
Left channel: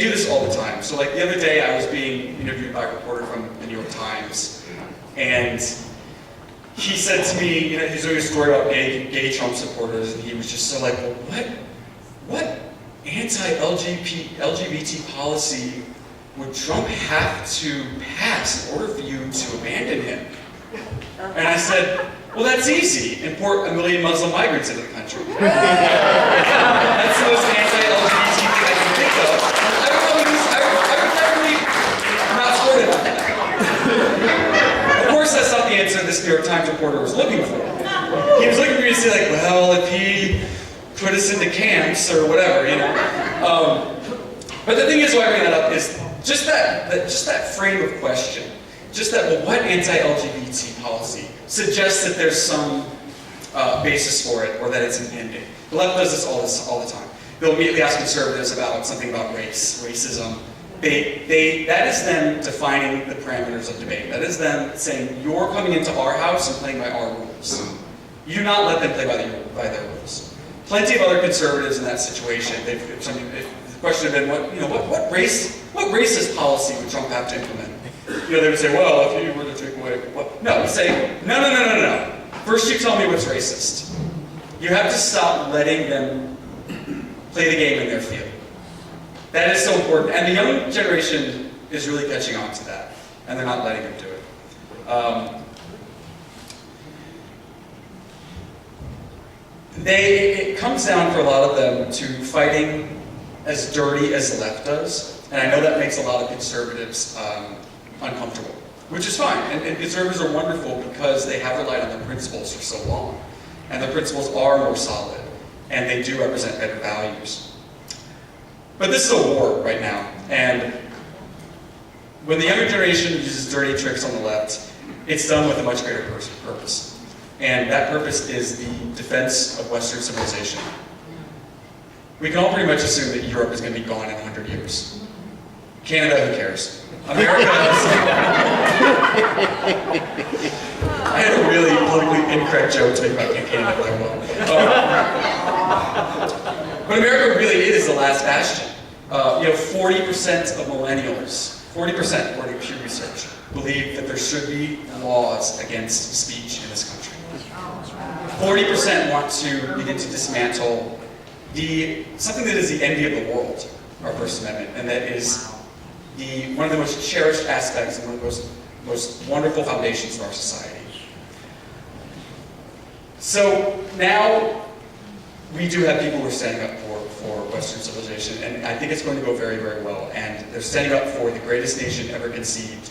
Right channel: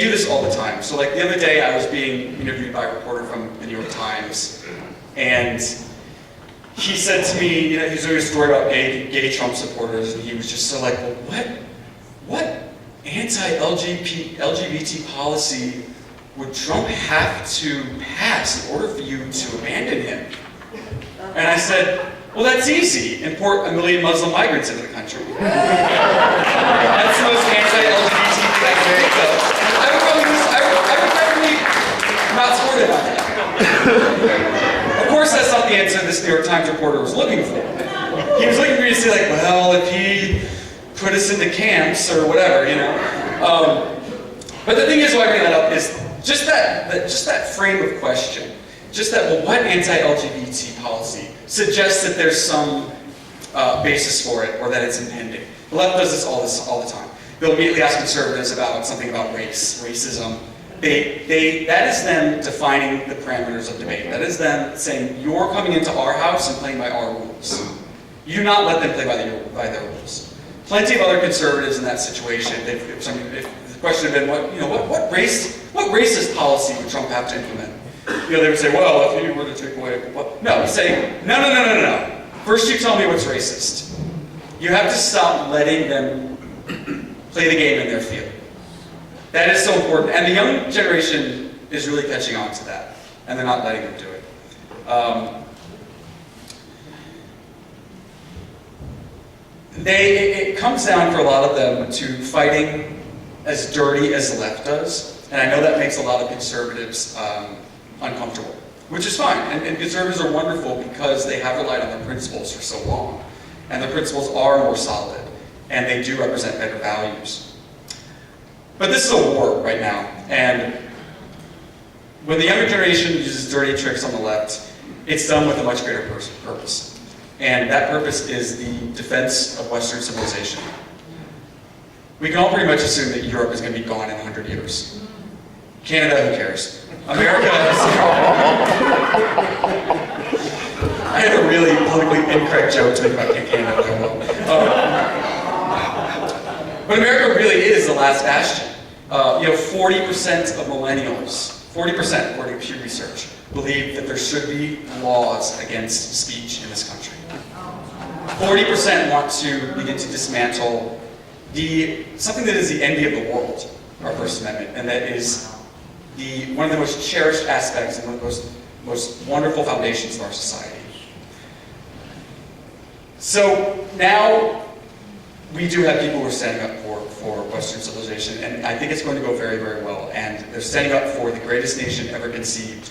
do this all the time. So like the other day I was being interviewed by a reporter from the New York Times, and he said to me, you know, he's doing a story about gay Trump supporters, and he was just so like, well, what anti-LGBT policy would Trump have to pass in order for you to abandon him? And I said, well, that's easy. Import 1 million Muslim migrants into the country. That's the most anti-LGBT thing I can think of. I'm not supportive of that. Of course, that's not the answer this New York Times reporter was looking for. He was looking for me to say, like, well, if he put us into camps or whatever, you know. But the thing is, why I bring that up is just that frame of question. Just that, well, what anti-LGBT policy suggests that there's some basis for it or that it's impending. The left does this all the time. They'll immediately ask conservatives about something about racism. That is them defining the parameters of debate. That is them saying, you're coming into our house and playing by our rules. You do not let them play by their rules. Plenty of other conservatives in that situation, if the question had been, what racist policy would Trump have to implement? You know, they would say, well, if you were to take away, what? No, you say, no. First you tell me what's racist. You have to stop letting them play the game in their field. That is so important. And the young generation is really catching on to that. And they're not letting them do it. it comes down for a lot of them to fighting as dirty as the left does, and I know that makes a lot of conservatives uncomfortable, which is fine, and conservatives are wonderful because they have relied on their principles for so long, and their principles are more solid, and they do represent better values. But this is a war right now, and when the younger generation uses dirty tricks on the left, it's done with a much greater purpose. And that purpose is the defense of Western civilization. We can all pretty much assume that Europe is going to be gone in 100 years. Canada, who cares? America I had a really politically incorrect joke to make about Canada, but I won't. But America really is the last bastion. 40% of millennials, 40% according to Pew Research, believe that there should be laws against speech in this country. 40% want to begin to dismantle something that is the envy of the world, our First Amendment, and that is one of the most cherished aspects and one of the most wonderful foundations of our society. So now we do have people who are standing up for Western civilization, and I think it's going to go very, very well. And they're standing up for the greatest nation ever conceived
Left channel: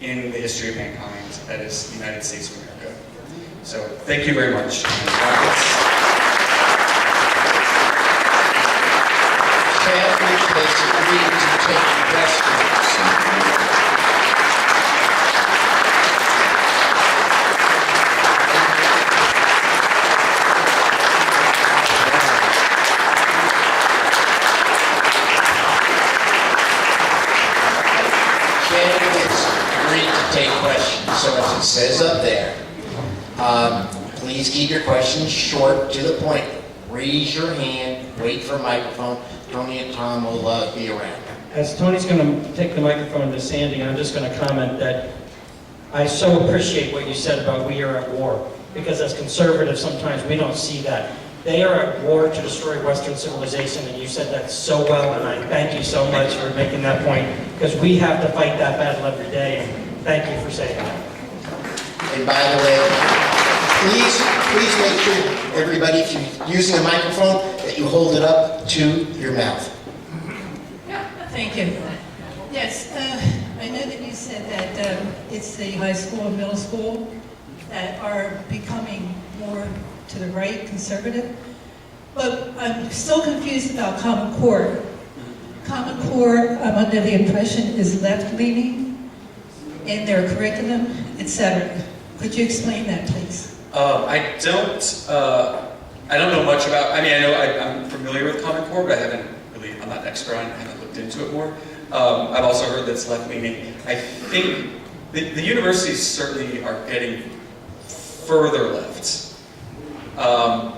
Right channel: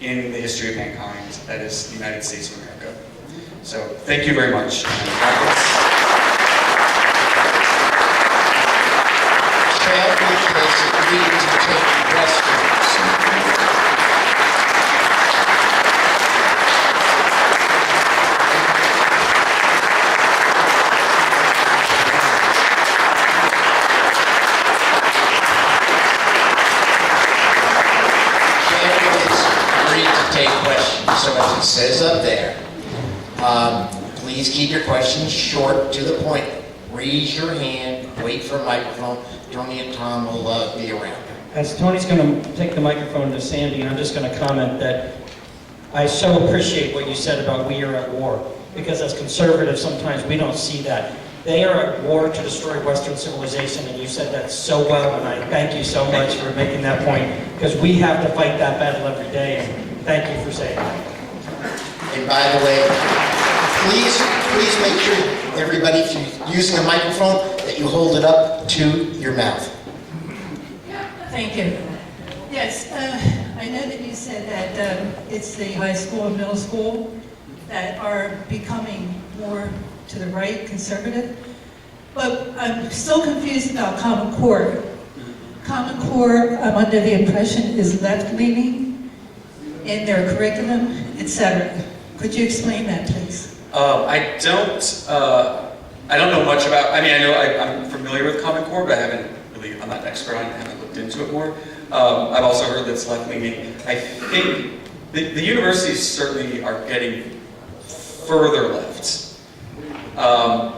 in the history of mankind, that is the United States of America. So thank you very much. Chadwick has agreed to take questions. Chadwick has agreed to take questions, so as it says up there, please keep your questions short, to the point. Raise your hand, wait for a microphone. Tony and Tom will be around. As Tony's going to take the microphone to Sandy, I'm just going to comment that I so appreciate what you said about we are at war, because as conservatives, sometimes we don't see that. They are at war to destroy Western civilization, and you said that so well, and I thank you so much for making that point, because we have to fight that battle every day, and thank you for saying that. And by the way, please make sure, everybody, if you're using a microphone, that you hold it up to your mouth. Thank you. Yes, I know that you said that it's the high school and middle school that are becoming more to the right, conservative, but I'm still confused about Common Core. Common Core, I'm under the impression, is left-leaning in their curriculum, etc. Could you explain that, please? I don't know much about, I know I'm familiar with Common Core, but I'm not an expert on it, I haven't looked into it more. I've also heard that it's left-leaning. I think the universities certainly are getting further left.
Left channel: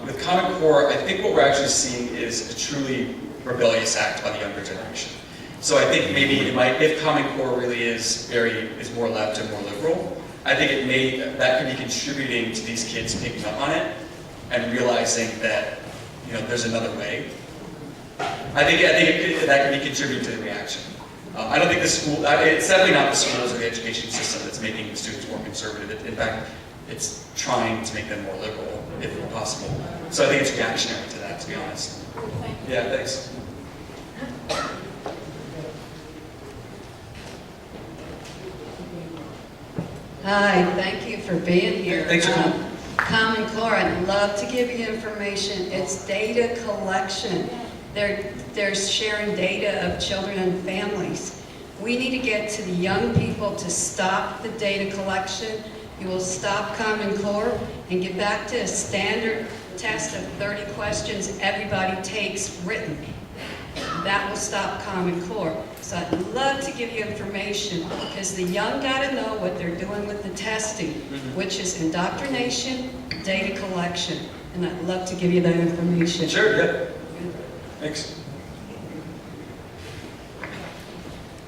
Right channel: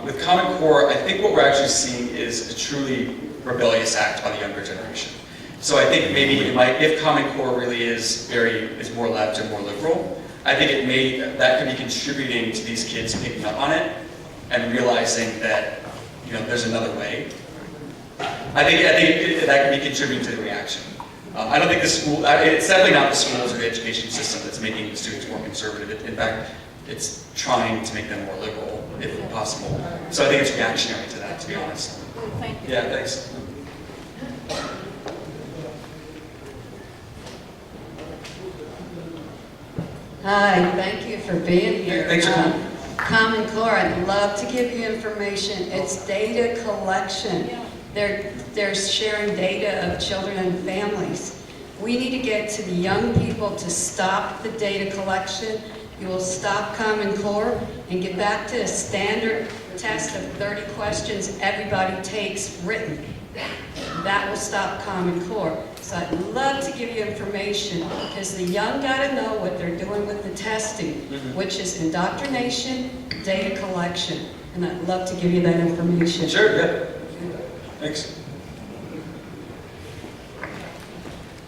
With Common Core, I think what we're actually seeing is a truly rebellious act by the younger generation. So I think maybe if Common Core really is more left and more liberal, I think that could be contributing to these kids picking up on it and realizing that there's another way. I think that could be contributing to the reaction. I don't think it's definitely not the schools or the education system that's making the students more conservative. In fact, it's trying to make them more liberal, if possible. So I think it's reactionary to that, to be honest. Thank you. Yeah, thanks. Hi, thank you for being here. Thanks for coming. Common Core, I'd love to give you information. It's data collection. They're sharing data of children and families. We need to get to the young people to stop the data collection. You will stop Common Core and get back to a standard test of 30 questions everybody takes written. That will stop Common Core. So I'd love to give you information because the young got to know what they're doing with the testing, which is indoctrination, data collection. And I'd love to give you that information. Sure, yeah. Thanks.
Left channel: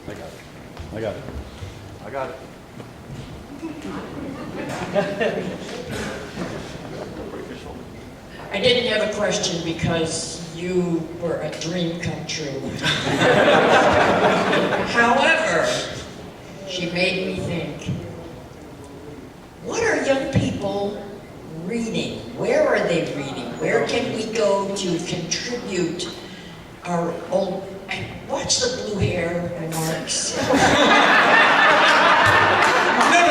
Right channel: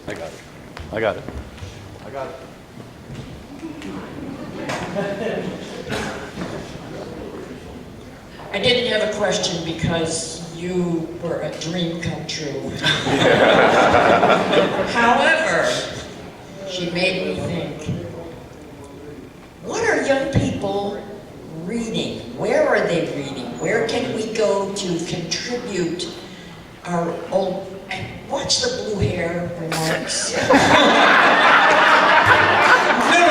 I got it. I didn't have a question because you were a dream come true. However, she made me think, what are young people reading? Where are they reading? Where can our old, watch the blue hair remarks. No,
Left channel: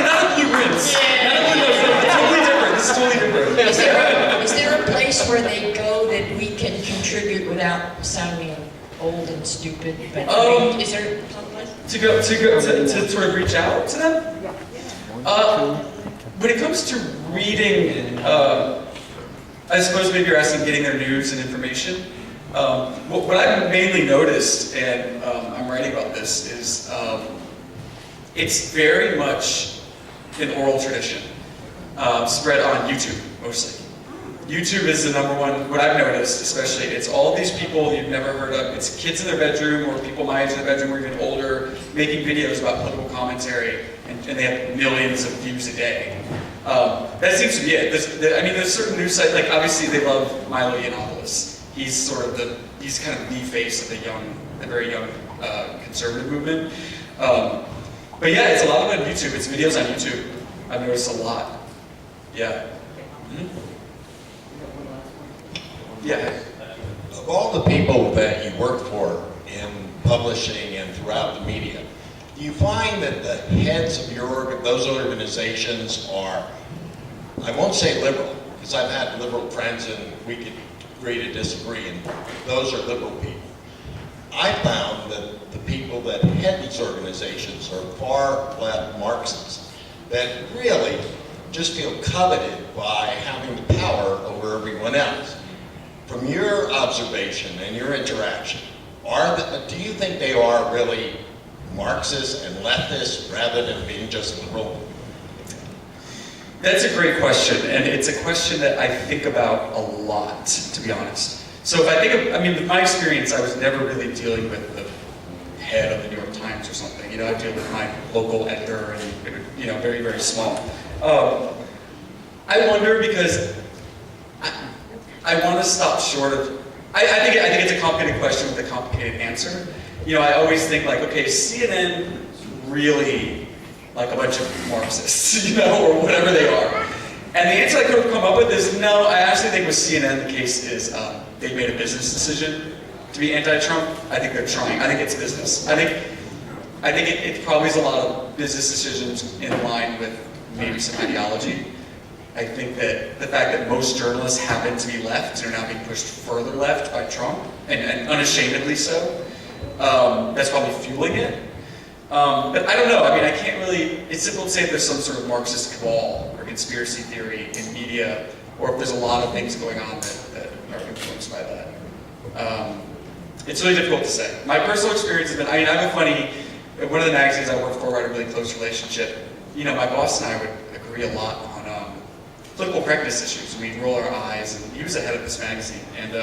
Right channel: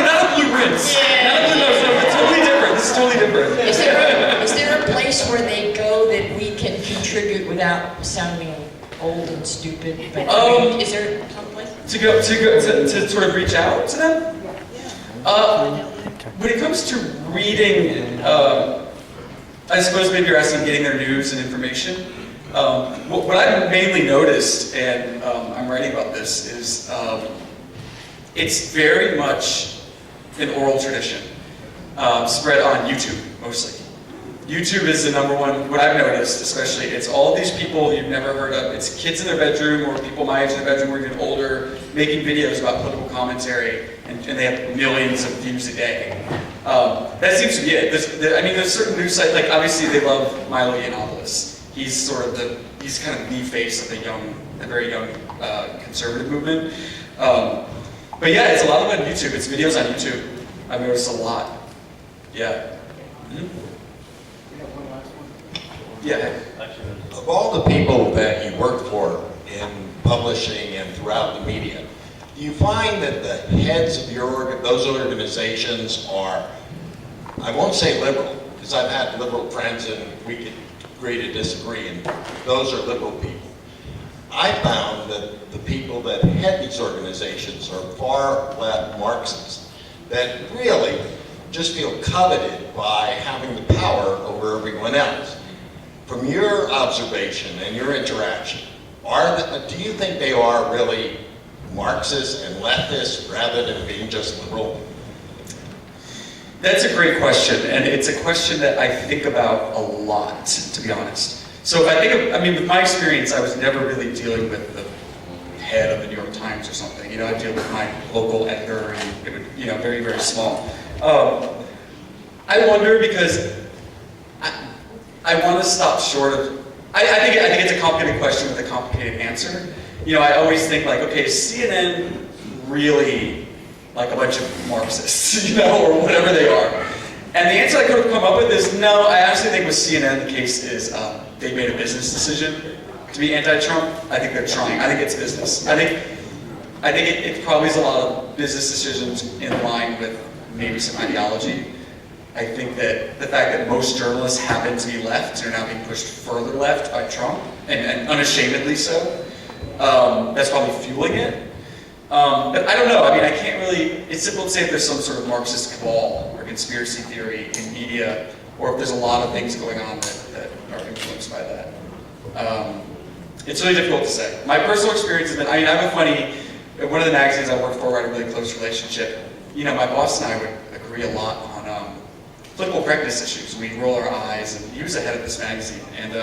not a blue rinse. Not a blue nose. No, it's totally different. This is totally different. Is there a place where they go that we can contribute without sounding old and stupid? But is there someplace? To sort of reach out to them? When it comes to reading, I suppose maybe you're asking getting their news and information. What I've mainly noticed, and I'm writing about this, is it's very much an oral tradition, spread on YouTube mostly. YouTube is the number one, what I've noticed especially, it's all these people you've never heard of. It's kids in their bedroom or people my age in their bedroom or even older making videos about political commentary, and they have millions of views a day. That seems to be it. There's certain news sites, like obviously they love Milo Yiannopoulos. He's kind of the face of the very young conservative movement. But yeah, it's a lot of it on YouTube. It's videos on YouTube. I've noticed a lot. Yeah. Mm-hmm. Yeah. Of all the people that you work for in publishing and throughout the media, do you find that the heads of those organizations are, I won't say liberal, because I've had liberal friends and we could agree to disagree, and those are liberal people. I found that the people that head these organizations are far left Marxists that really just feel coveted by having the power over everyone else. From your observation and your interaction, do you think they are really Marxists and leftists rather than being just liberal? That's a great question, and it's a question that I think about a lot, to be honest. So if I think of, with my experience, I was never really dealing with the head of the New York Times or something. I deal with my local editor and, very, very small. I wonder because I want to stop short of, I think it's a complicated question with a complicated answer. I always think like, okay, is CNN really like a bunch of Marxists, or whatever they are? And the answer I could have come up with is no, I actually think with CNN the case is they made a business decision to be anti-Trump. I think they're trying. I think it's business. I think it probably is a lot of business decisions in line with maybe some ideology. I think that the fact that most journalists happen to be left and are now being pushed further left by Trump, and unashamedly so, that's probably fueling it. But I don't know, I can't really, it's difficult to say if there's some sort of Marxist cabal or conspiracy theory in media, or if there's a lot of things going on that are influenced by that. It's really difficult to say. My personal experience has been, I have a funny, one of the magazines I work for, I had a really close relationship. My boss and I would agree a lot on political correctness issues. We'd roll our eyes, and he was the head of this magazine, and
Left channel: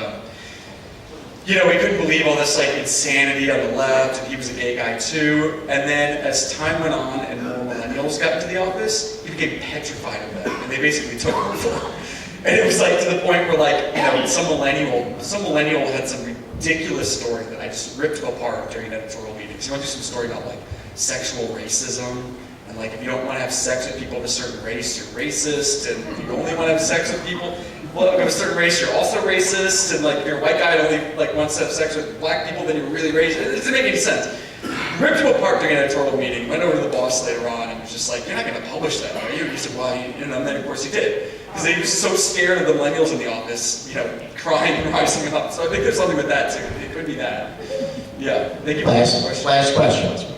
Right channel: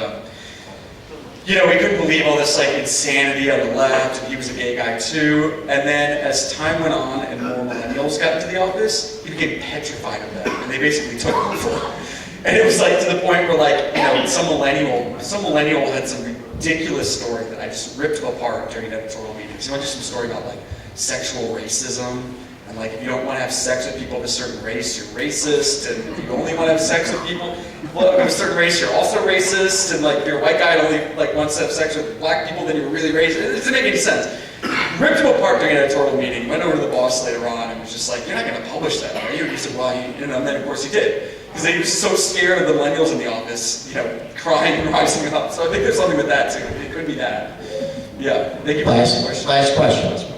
we couldn't believe all this insanity on the left, and he was a gay guy too. And then as time went on and more millennials got into the office, he became petrified of them, and they basically took over. And it was to the point where some millennial had some ridiculous story that I just ripped apart during editorial meetings. He went to some story about sexual racism. And if you don't want to have sex with people of a certain race, you're racist. And if you only want to have sex with people of a certain race, you're also racist. And if you're a white guy and only wants to have sex with black people, then you're really racist. It doesn't make any sense. Ripped him apart during an editorial meeting. Went over to the boss later on and was just like, "You're not going to publish that, are you?" And he said, "Well, and then of course he did, because he was so scared of the millennials in the office, crying and rising up. So I think there's something with that too. It could be that. Yeah. Thank you for asking the question. Last question.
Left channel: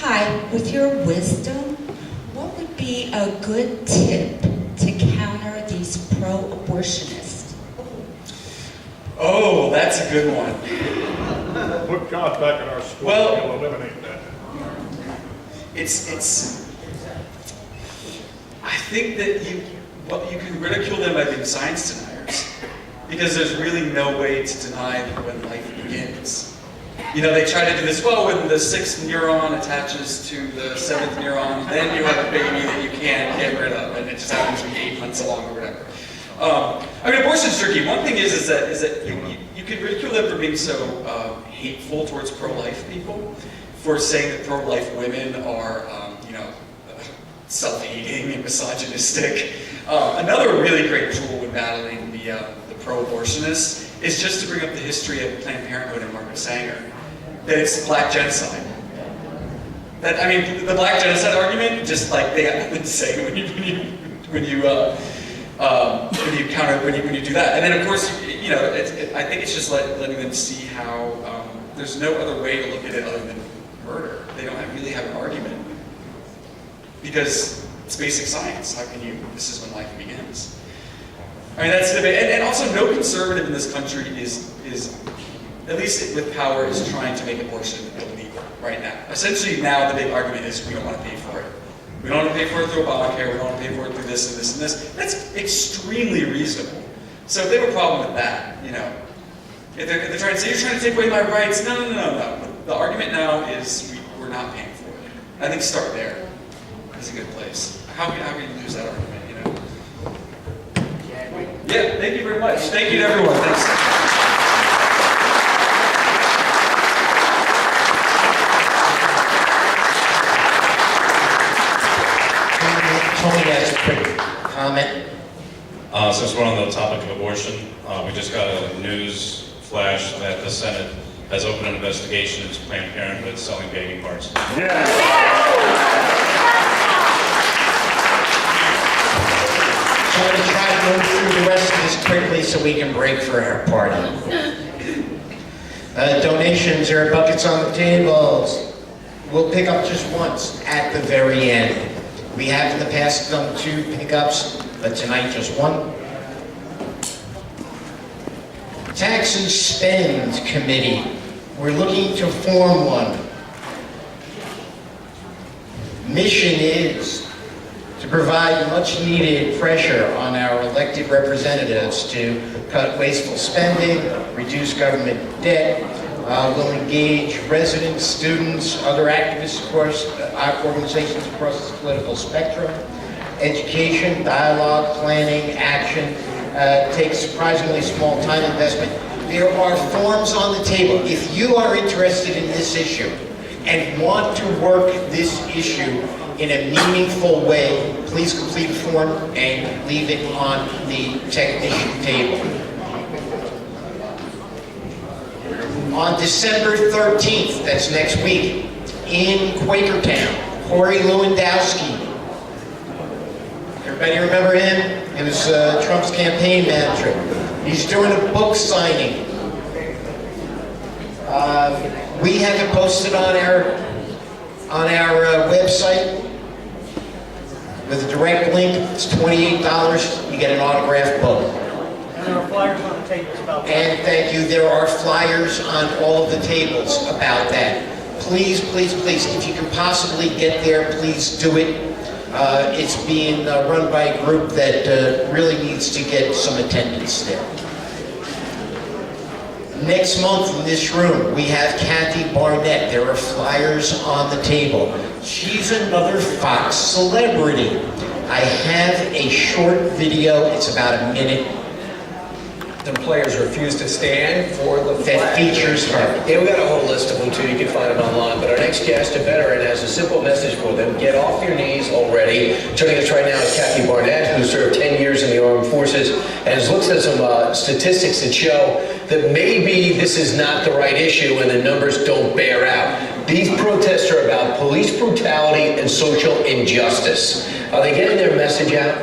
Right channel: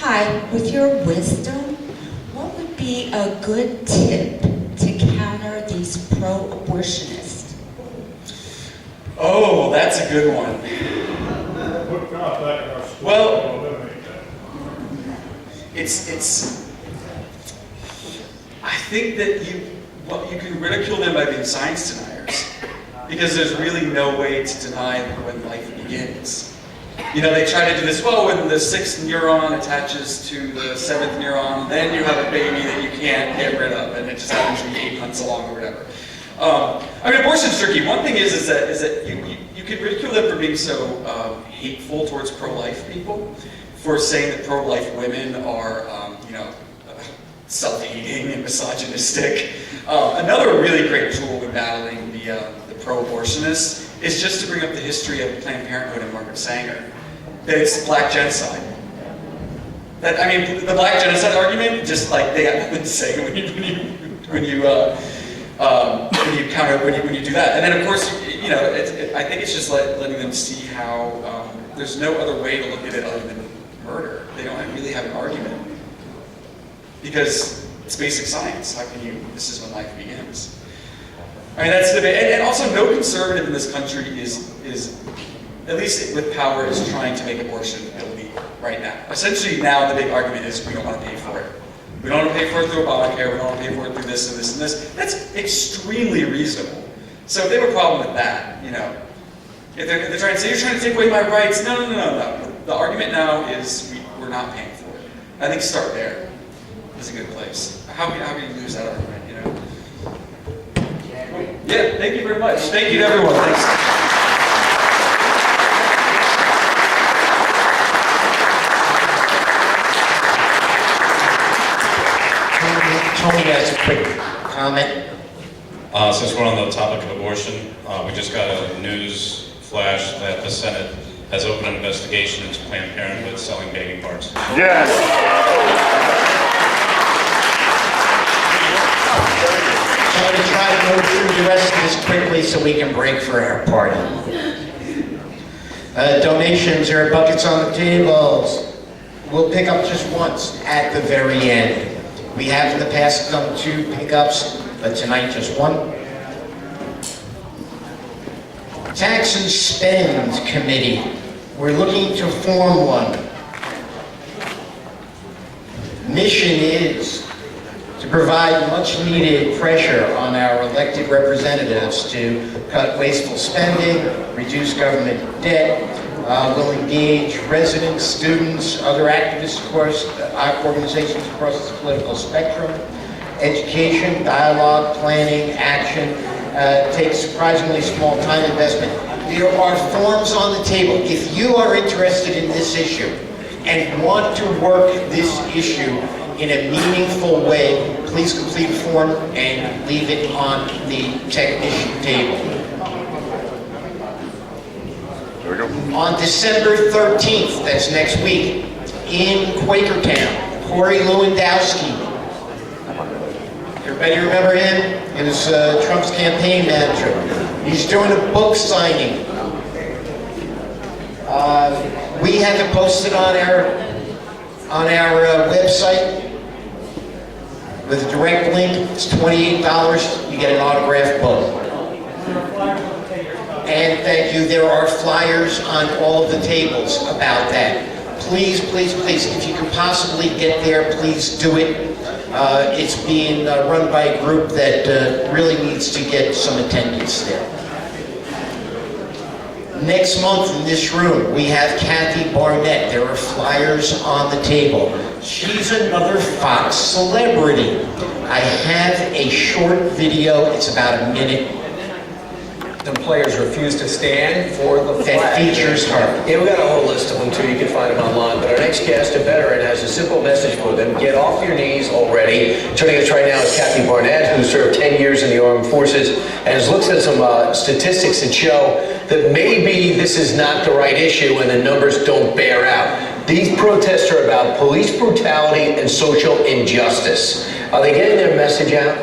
Hi, with your wisdom, what would be a good tip to counter these pro-abortionists? Oh, that's a good one. Put God back in our school. Well, We'll eliminate that. I think that you can ridicule them by being science deniers, because there's really no way to deny that when life begins. They try to do this, when the 6th neuron attaches to the 7th neuron, then you have a baby that you can't get rid of, and it just happens to be 8 months along or whatever. Abortion's tricky. One thing is that you could ridicule them for being so hateful towards pro-life people, for saying that pro-life women are, self-hating and misogynistic. Another really great tool when battling the pro-abortionists is just to bring up the history of Planned Parenthood and Margaret Sanger, that it's black genocide. That, I mean, the black genocide argument, just like they have nothing to say when you do that. And then of course, you know, I think it's just letting them see how there's no other way to look at it other than murder. They don't really have an argument because it's basic science. How can you? This is when life begins. I mean, that's the debate. And also, no conservative in this country is at least with power, is trying to make abortion illegal right now. Essentially, now the big argument is we don't want to pay for it. We don't want to pay for it through Obamacare. We don't want to pay for it through this and this and this. That's extremely reasonable. So if they have a problem with that, you know, if they're trying to say, you're trying to take away my rights, no. The argument now is we're not paying for it. I think start there is a good place. How can you lose that argument, you know? Yeah, thank you very much. Thank you to everyone. Thanks. Tony has a quick comment. Since we're on the topic of abortion, we just got a news flash that the Senate has opened an investigation into Planned Parenthood selling baby parts. Yes. So I'm going to try to move through the rest of this quickly so we can break for our party. Donations, there are buckets on the tables. We'll pick up just once at the very end. We have in the past done 2 pickups, but tonight just 1. Tax and Spend Committee. We're looking to form one. Mission is to provide much needed pressure on our elected representatives to cut wasteful spending, reduce government debt. We'll engage residents, students, other activists, of course, organizations across the political spectrum. Education, dialogue, planning, action. Takes surprisingly small time investment. There are forms on the table. If you are interested in this issue and want to work this issue in a meaningful way, please complete a form and leave it on the technician table. On December 13th, that's next week, in Quakertown, Corey Lewandowski. Everybody remember him? He was Trump's campaign manager. He's doing a book signing. We have it posted on our website with a direct link. It's $28. You get an autographed book. And thank you. There are flyers on all of the tables about that. Please, please, please, if you can possibly get there, please do it. It's being run by a group that really needs to get some attendance there. Next month in this room, we have Kathy Barnett. There are flyers on the table. She's another Fox celebrity. I have a short video. It's about a minute. The players refuse to stand for the flag. That features her. Yeah, we got a whole list of them too. You can find them online. But our next guest, a veteran, has a simple message for them. Get off your knees already. Joining us right now is Kathy Barnett, who served 10 years in the armed forces and has looked at some statistics that show that maybe this is not the right issue and the numbers don't bear out. These protests are about police brutality and social injustice. Are they getting their message out?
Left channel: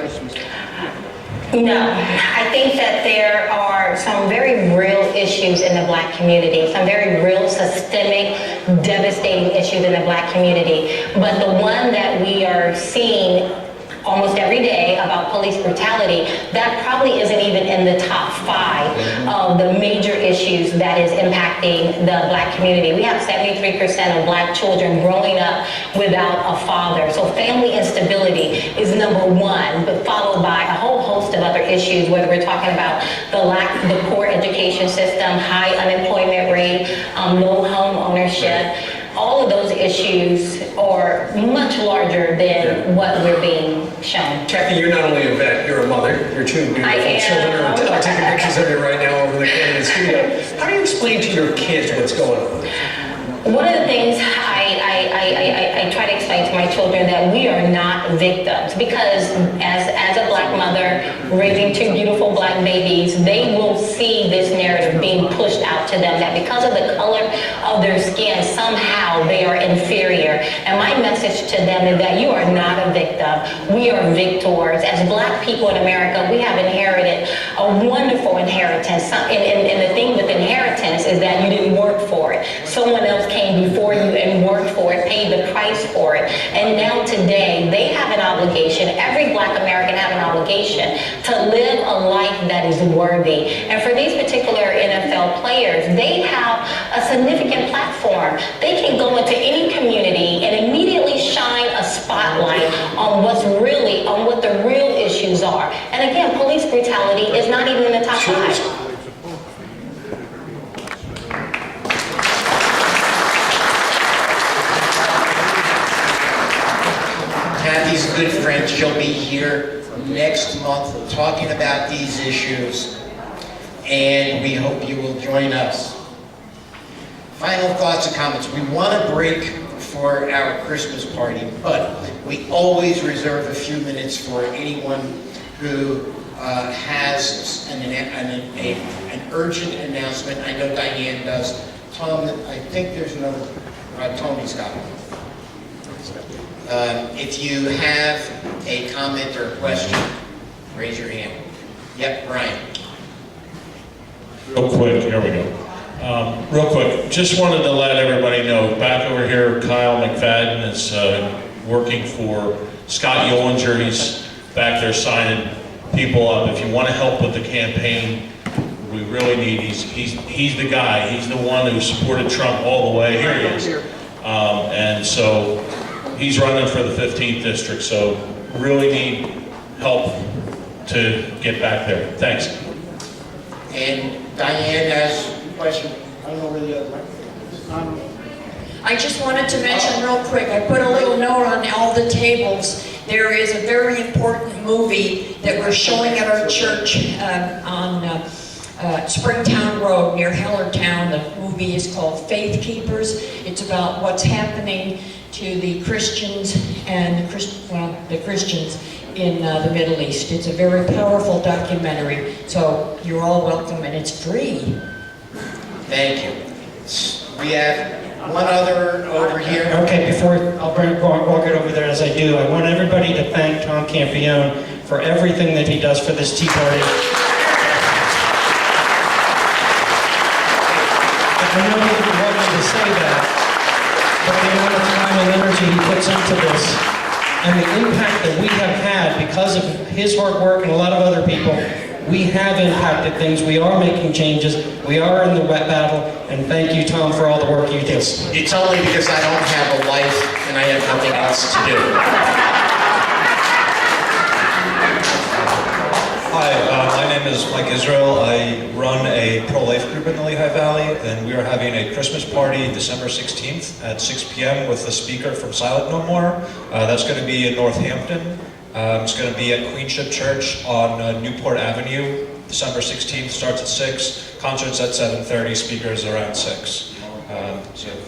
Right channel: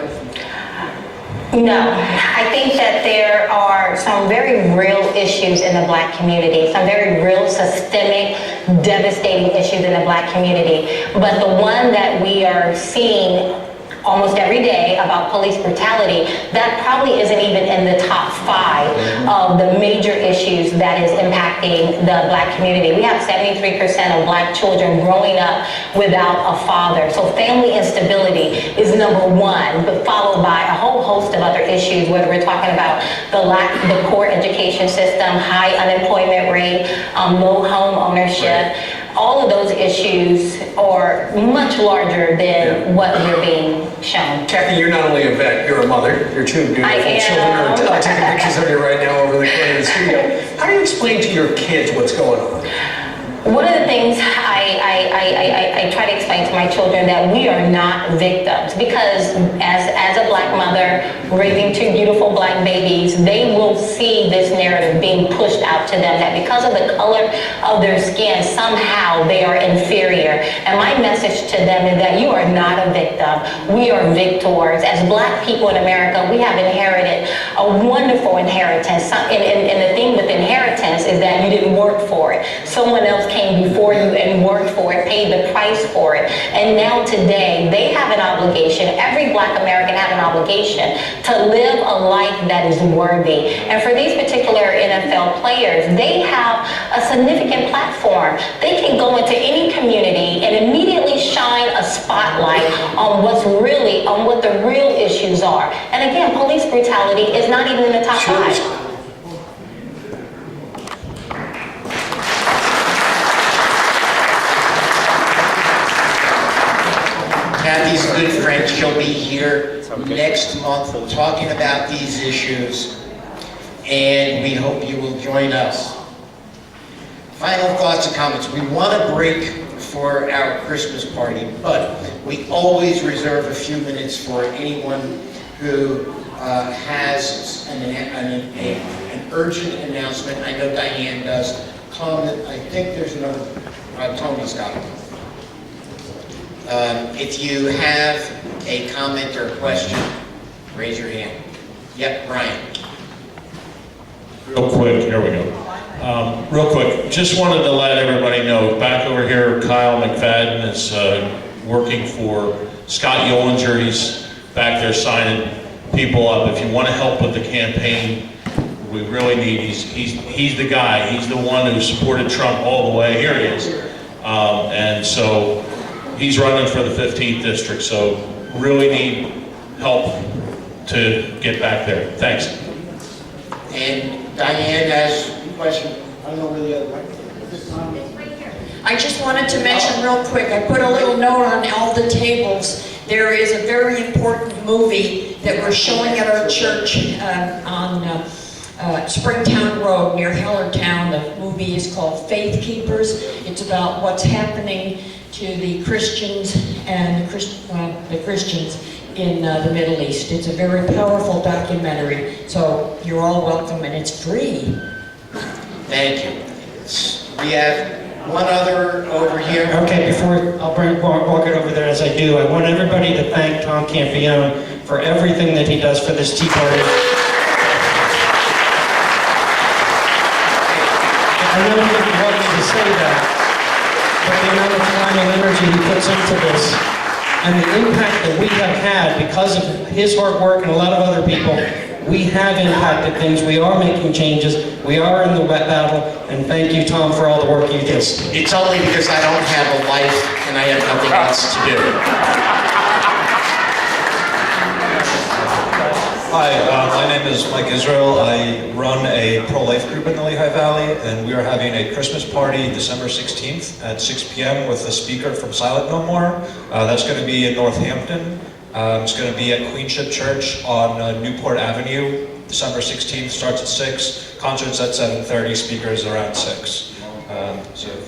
No, I think that there are some very real issues in the Black community, some very real systemic, devastating issues in the Black community. But the one that we are seeing almost every day about police brutality, that probably isn't even in the top 5 of the major issues that is impacting the Black community. We have 73% of Black children growing up without a father. So family instability is number 1, but followed by a whole host of other issues, whether we're talking about the poor education system, high unemployment rate, low home ownership. All of those issues are much larger than what we're being shown. Kathy, you're not only a vet, you're a mother. Your 2 beautiful children are taking pictures of you right now over the studio. How do you explain to your kids what's going on? One of the things I try to explain to my children that we are not victims, because as a black mother raising two beautiful black babies, they will see this narrative being pushed out to them that because of the color of their skin, somehow they are inferior. And my message to them is that you are not a victim. We are victors. As black people in America, we have inherited a wonderful inheritance. And the thing with inheritance is that you didn't work for it. Someone else came before you and worked for it, paid the price for it. And now today, they have an obligation, every black American has an obligation to live a life that is worthy. And for these particular NFL players, they have a significant platform. They can go into any community and immediately shine a spotlight on what the real issues are. And again, police brutality is not even in the top 5. Kathy's a good friend. She'll be here next month talking about these issues, and we hope you will join us. Final thoughts and comments. We want to break for our Christmas party, but we always reserve a few minutes for anyone who has an urgent announcement. I know Diane does. Tom, I think there's another. Tony's got it. If you have a comment or a question, raise your hand. Yep, Brian. Real quick, here we go. Real quick, just wanted to let everybody know, back over here, Kyle McFadden is working for Scott Yolinger. He's back there signing people up. If you want to help with the campaign, we really need, he's the guy. He's the one who supported Trump all the way. Here he is. And so he's running for the 15th district, so really need help to get back there. Thanks. And Diane has a question. I don't know where the other microphone is. I just wanted to mention real quick, I put a little note on all the tables. There is a very important movie that we're showing at our church on Springtown Road near Hellertown. The movie is called Faith Keepers. It's about what's happening to the Christians and the Christians in the Middle East. It's a very powerful documentary, so you're all welcome, and it's free. Thank you. We have one other over here. Okay, before I'll walk it over there as I do, I want everybody to thank Tom Campione for everything that he does for this Tea Party. I know he didn't want me to say that, but the amount of time and energy he puts into this, and the impact that we have had because of his hard work and a lot of other people, we have impacted things. We are making changes. We are in the wet battle, and thank you, Tom, for all the work you do. It's only because I don't have a life and I have nothing else to do. Hi, my name is Mike Israel. I run a pro-life group in the Lehigh Valley, and we are having a Christmas party December 16th at 6 p.m. with a speaker from Silent No More. That's going to be in Northampton. It's going to be at Queenship Church on Newport Avenue. December 16th, starts at 6. Concerts at 7:30, speakers around 6.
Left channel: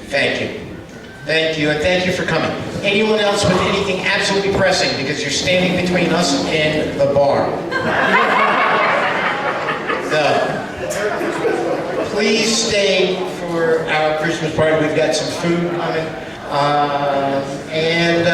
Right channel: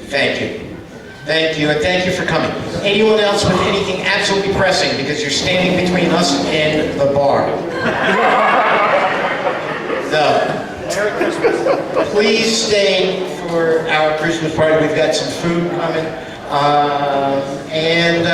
Thank you. Thank you, and thank you for coming. Anyone else with anything absolutely pressing, because you're standing between us and the bar? Please stay for our Christmas party. We've got some food coming. And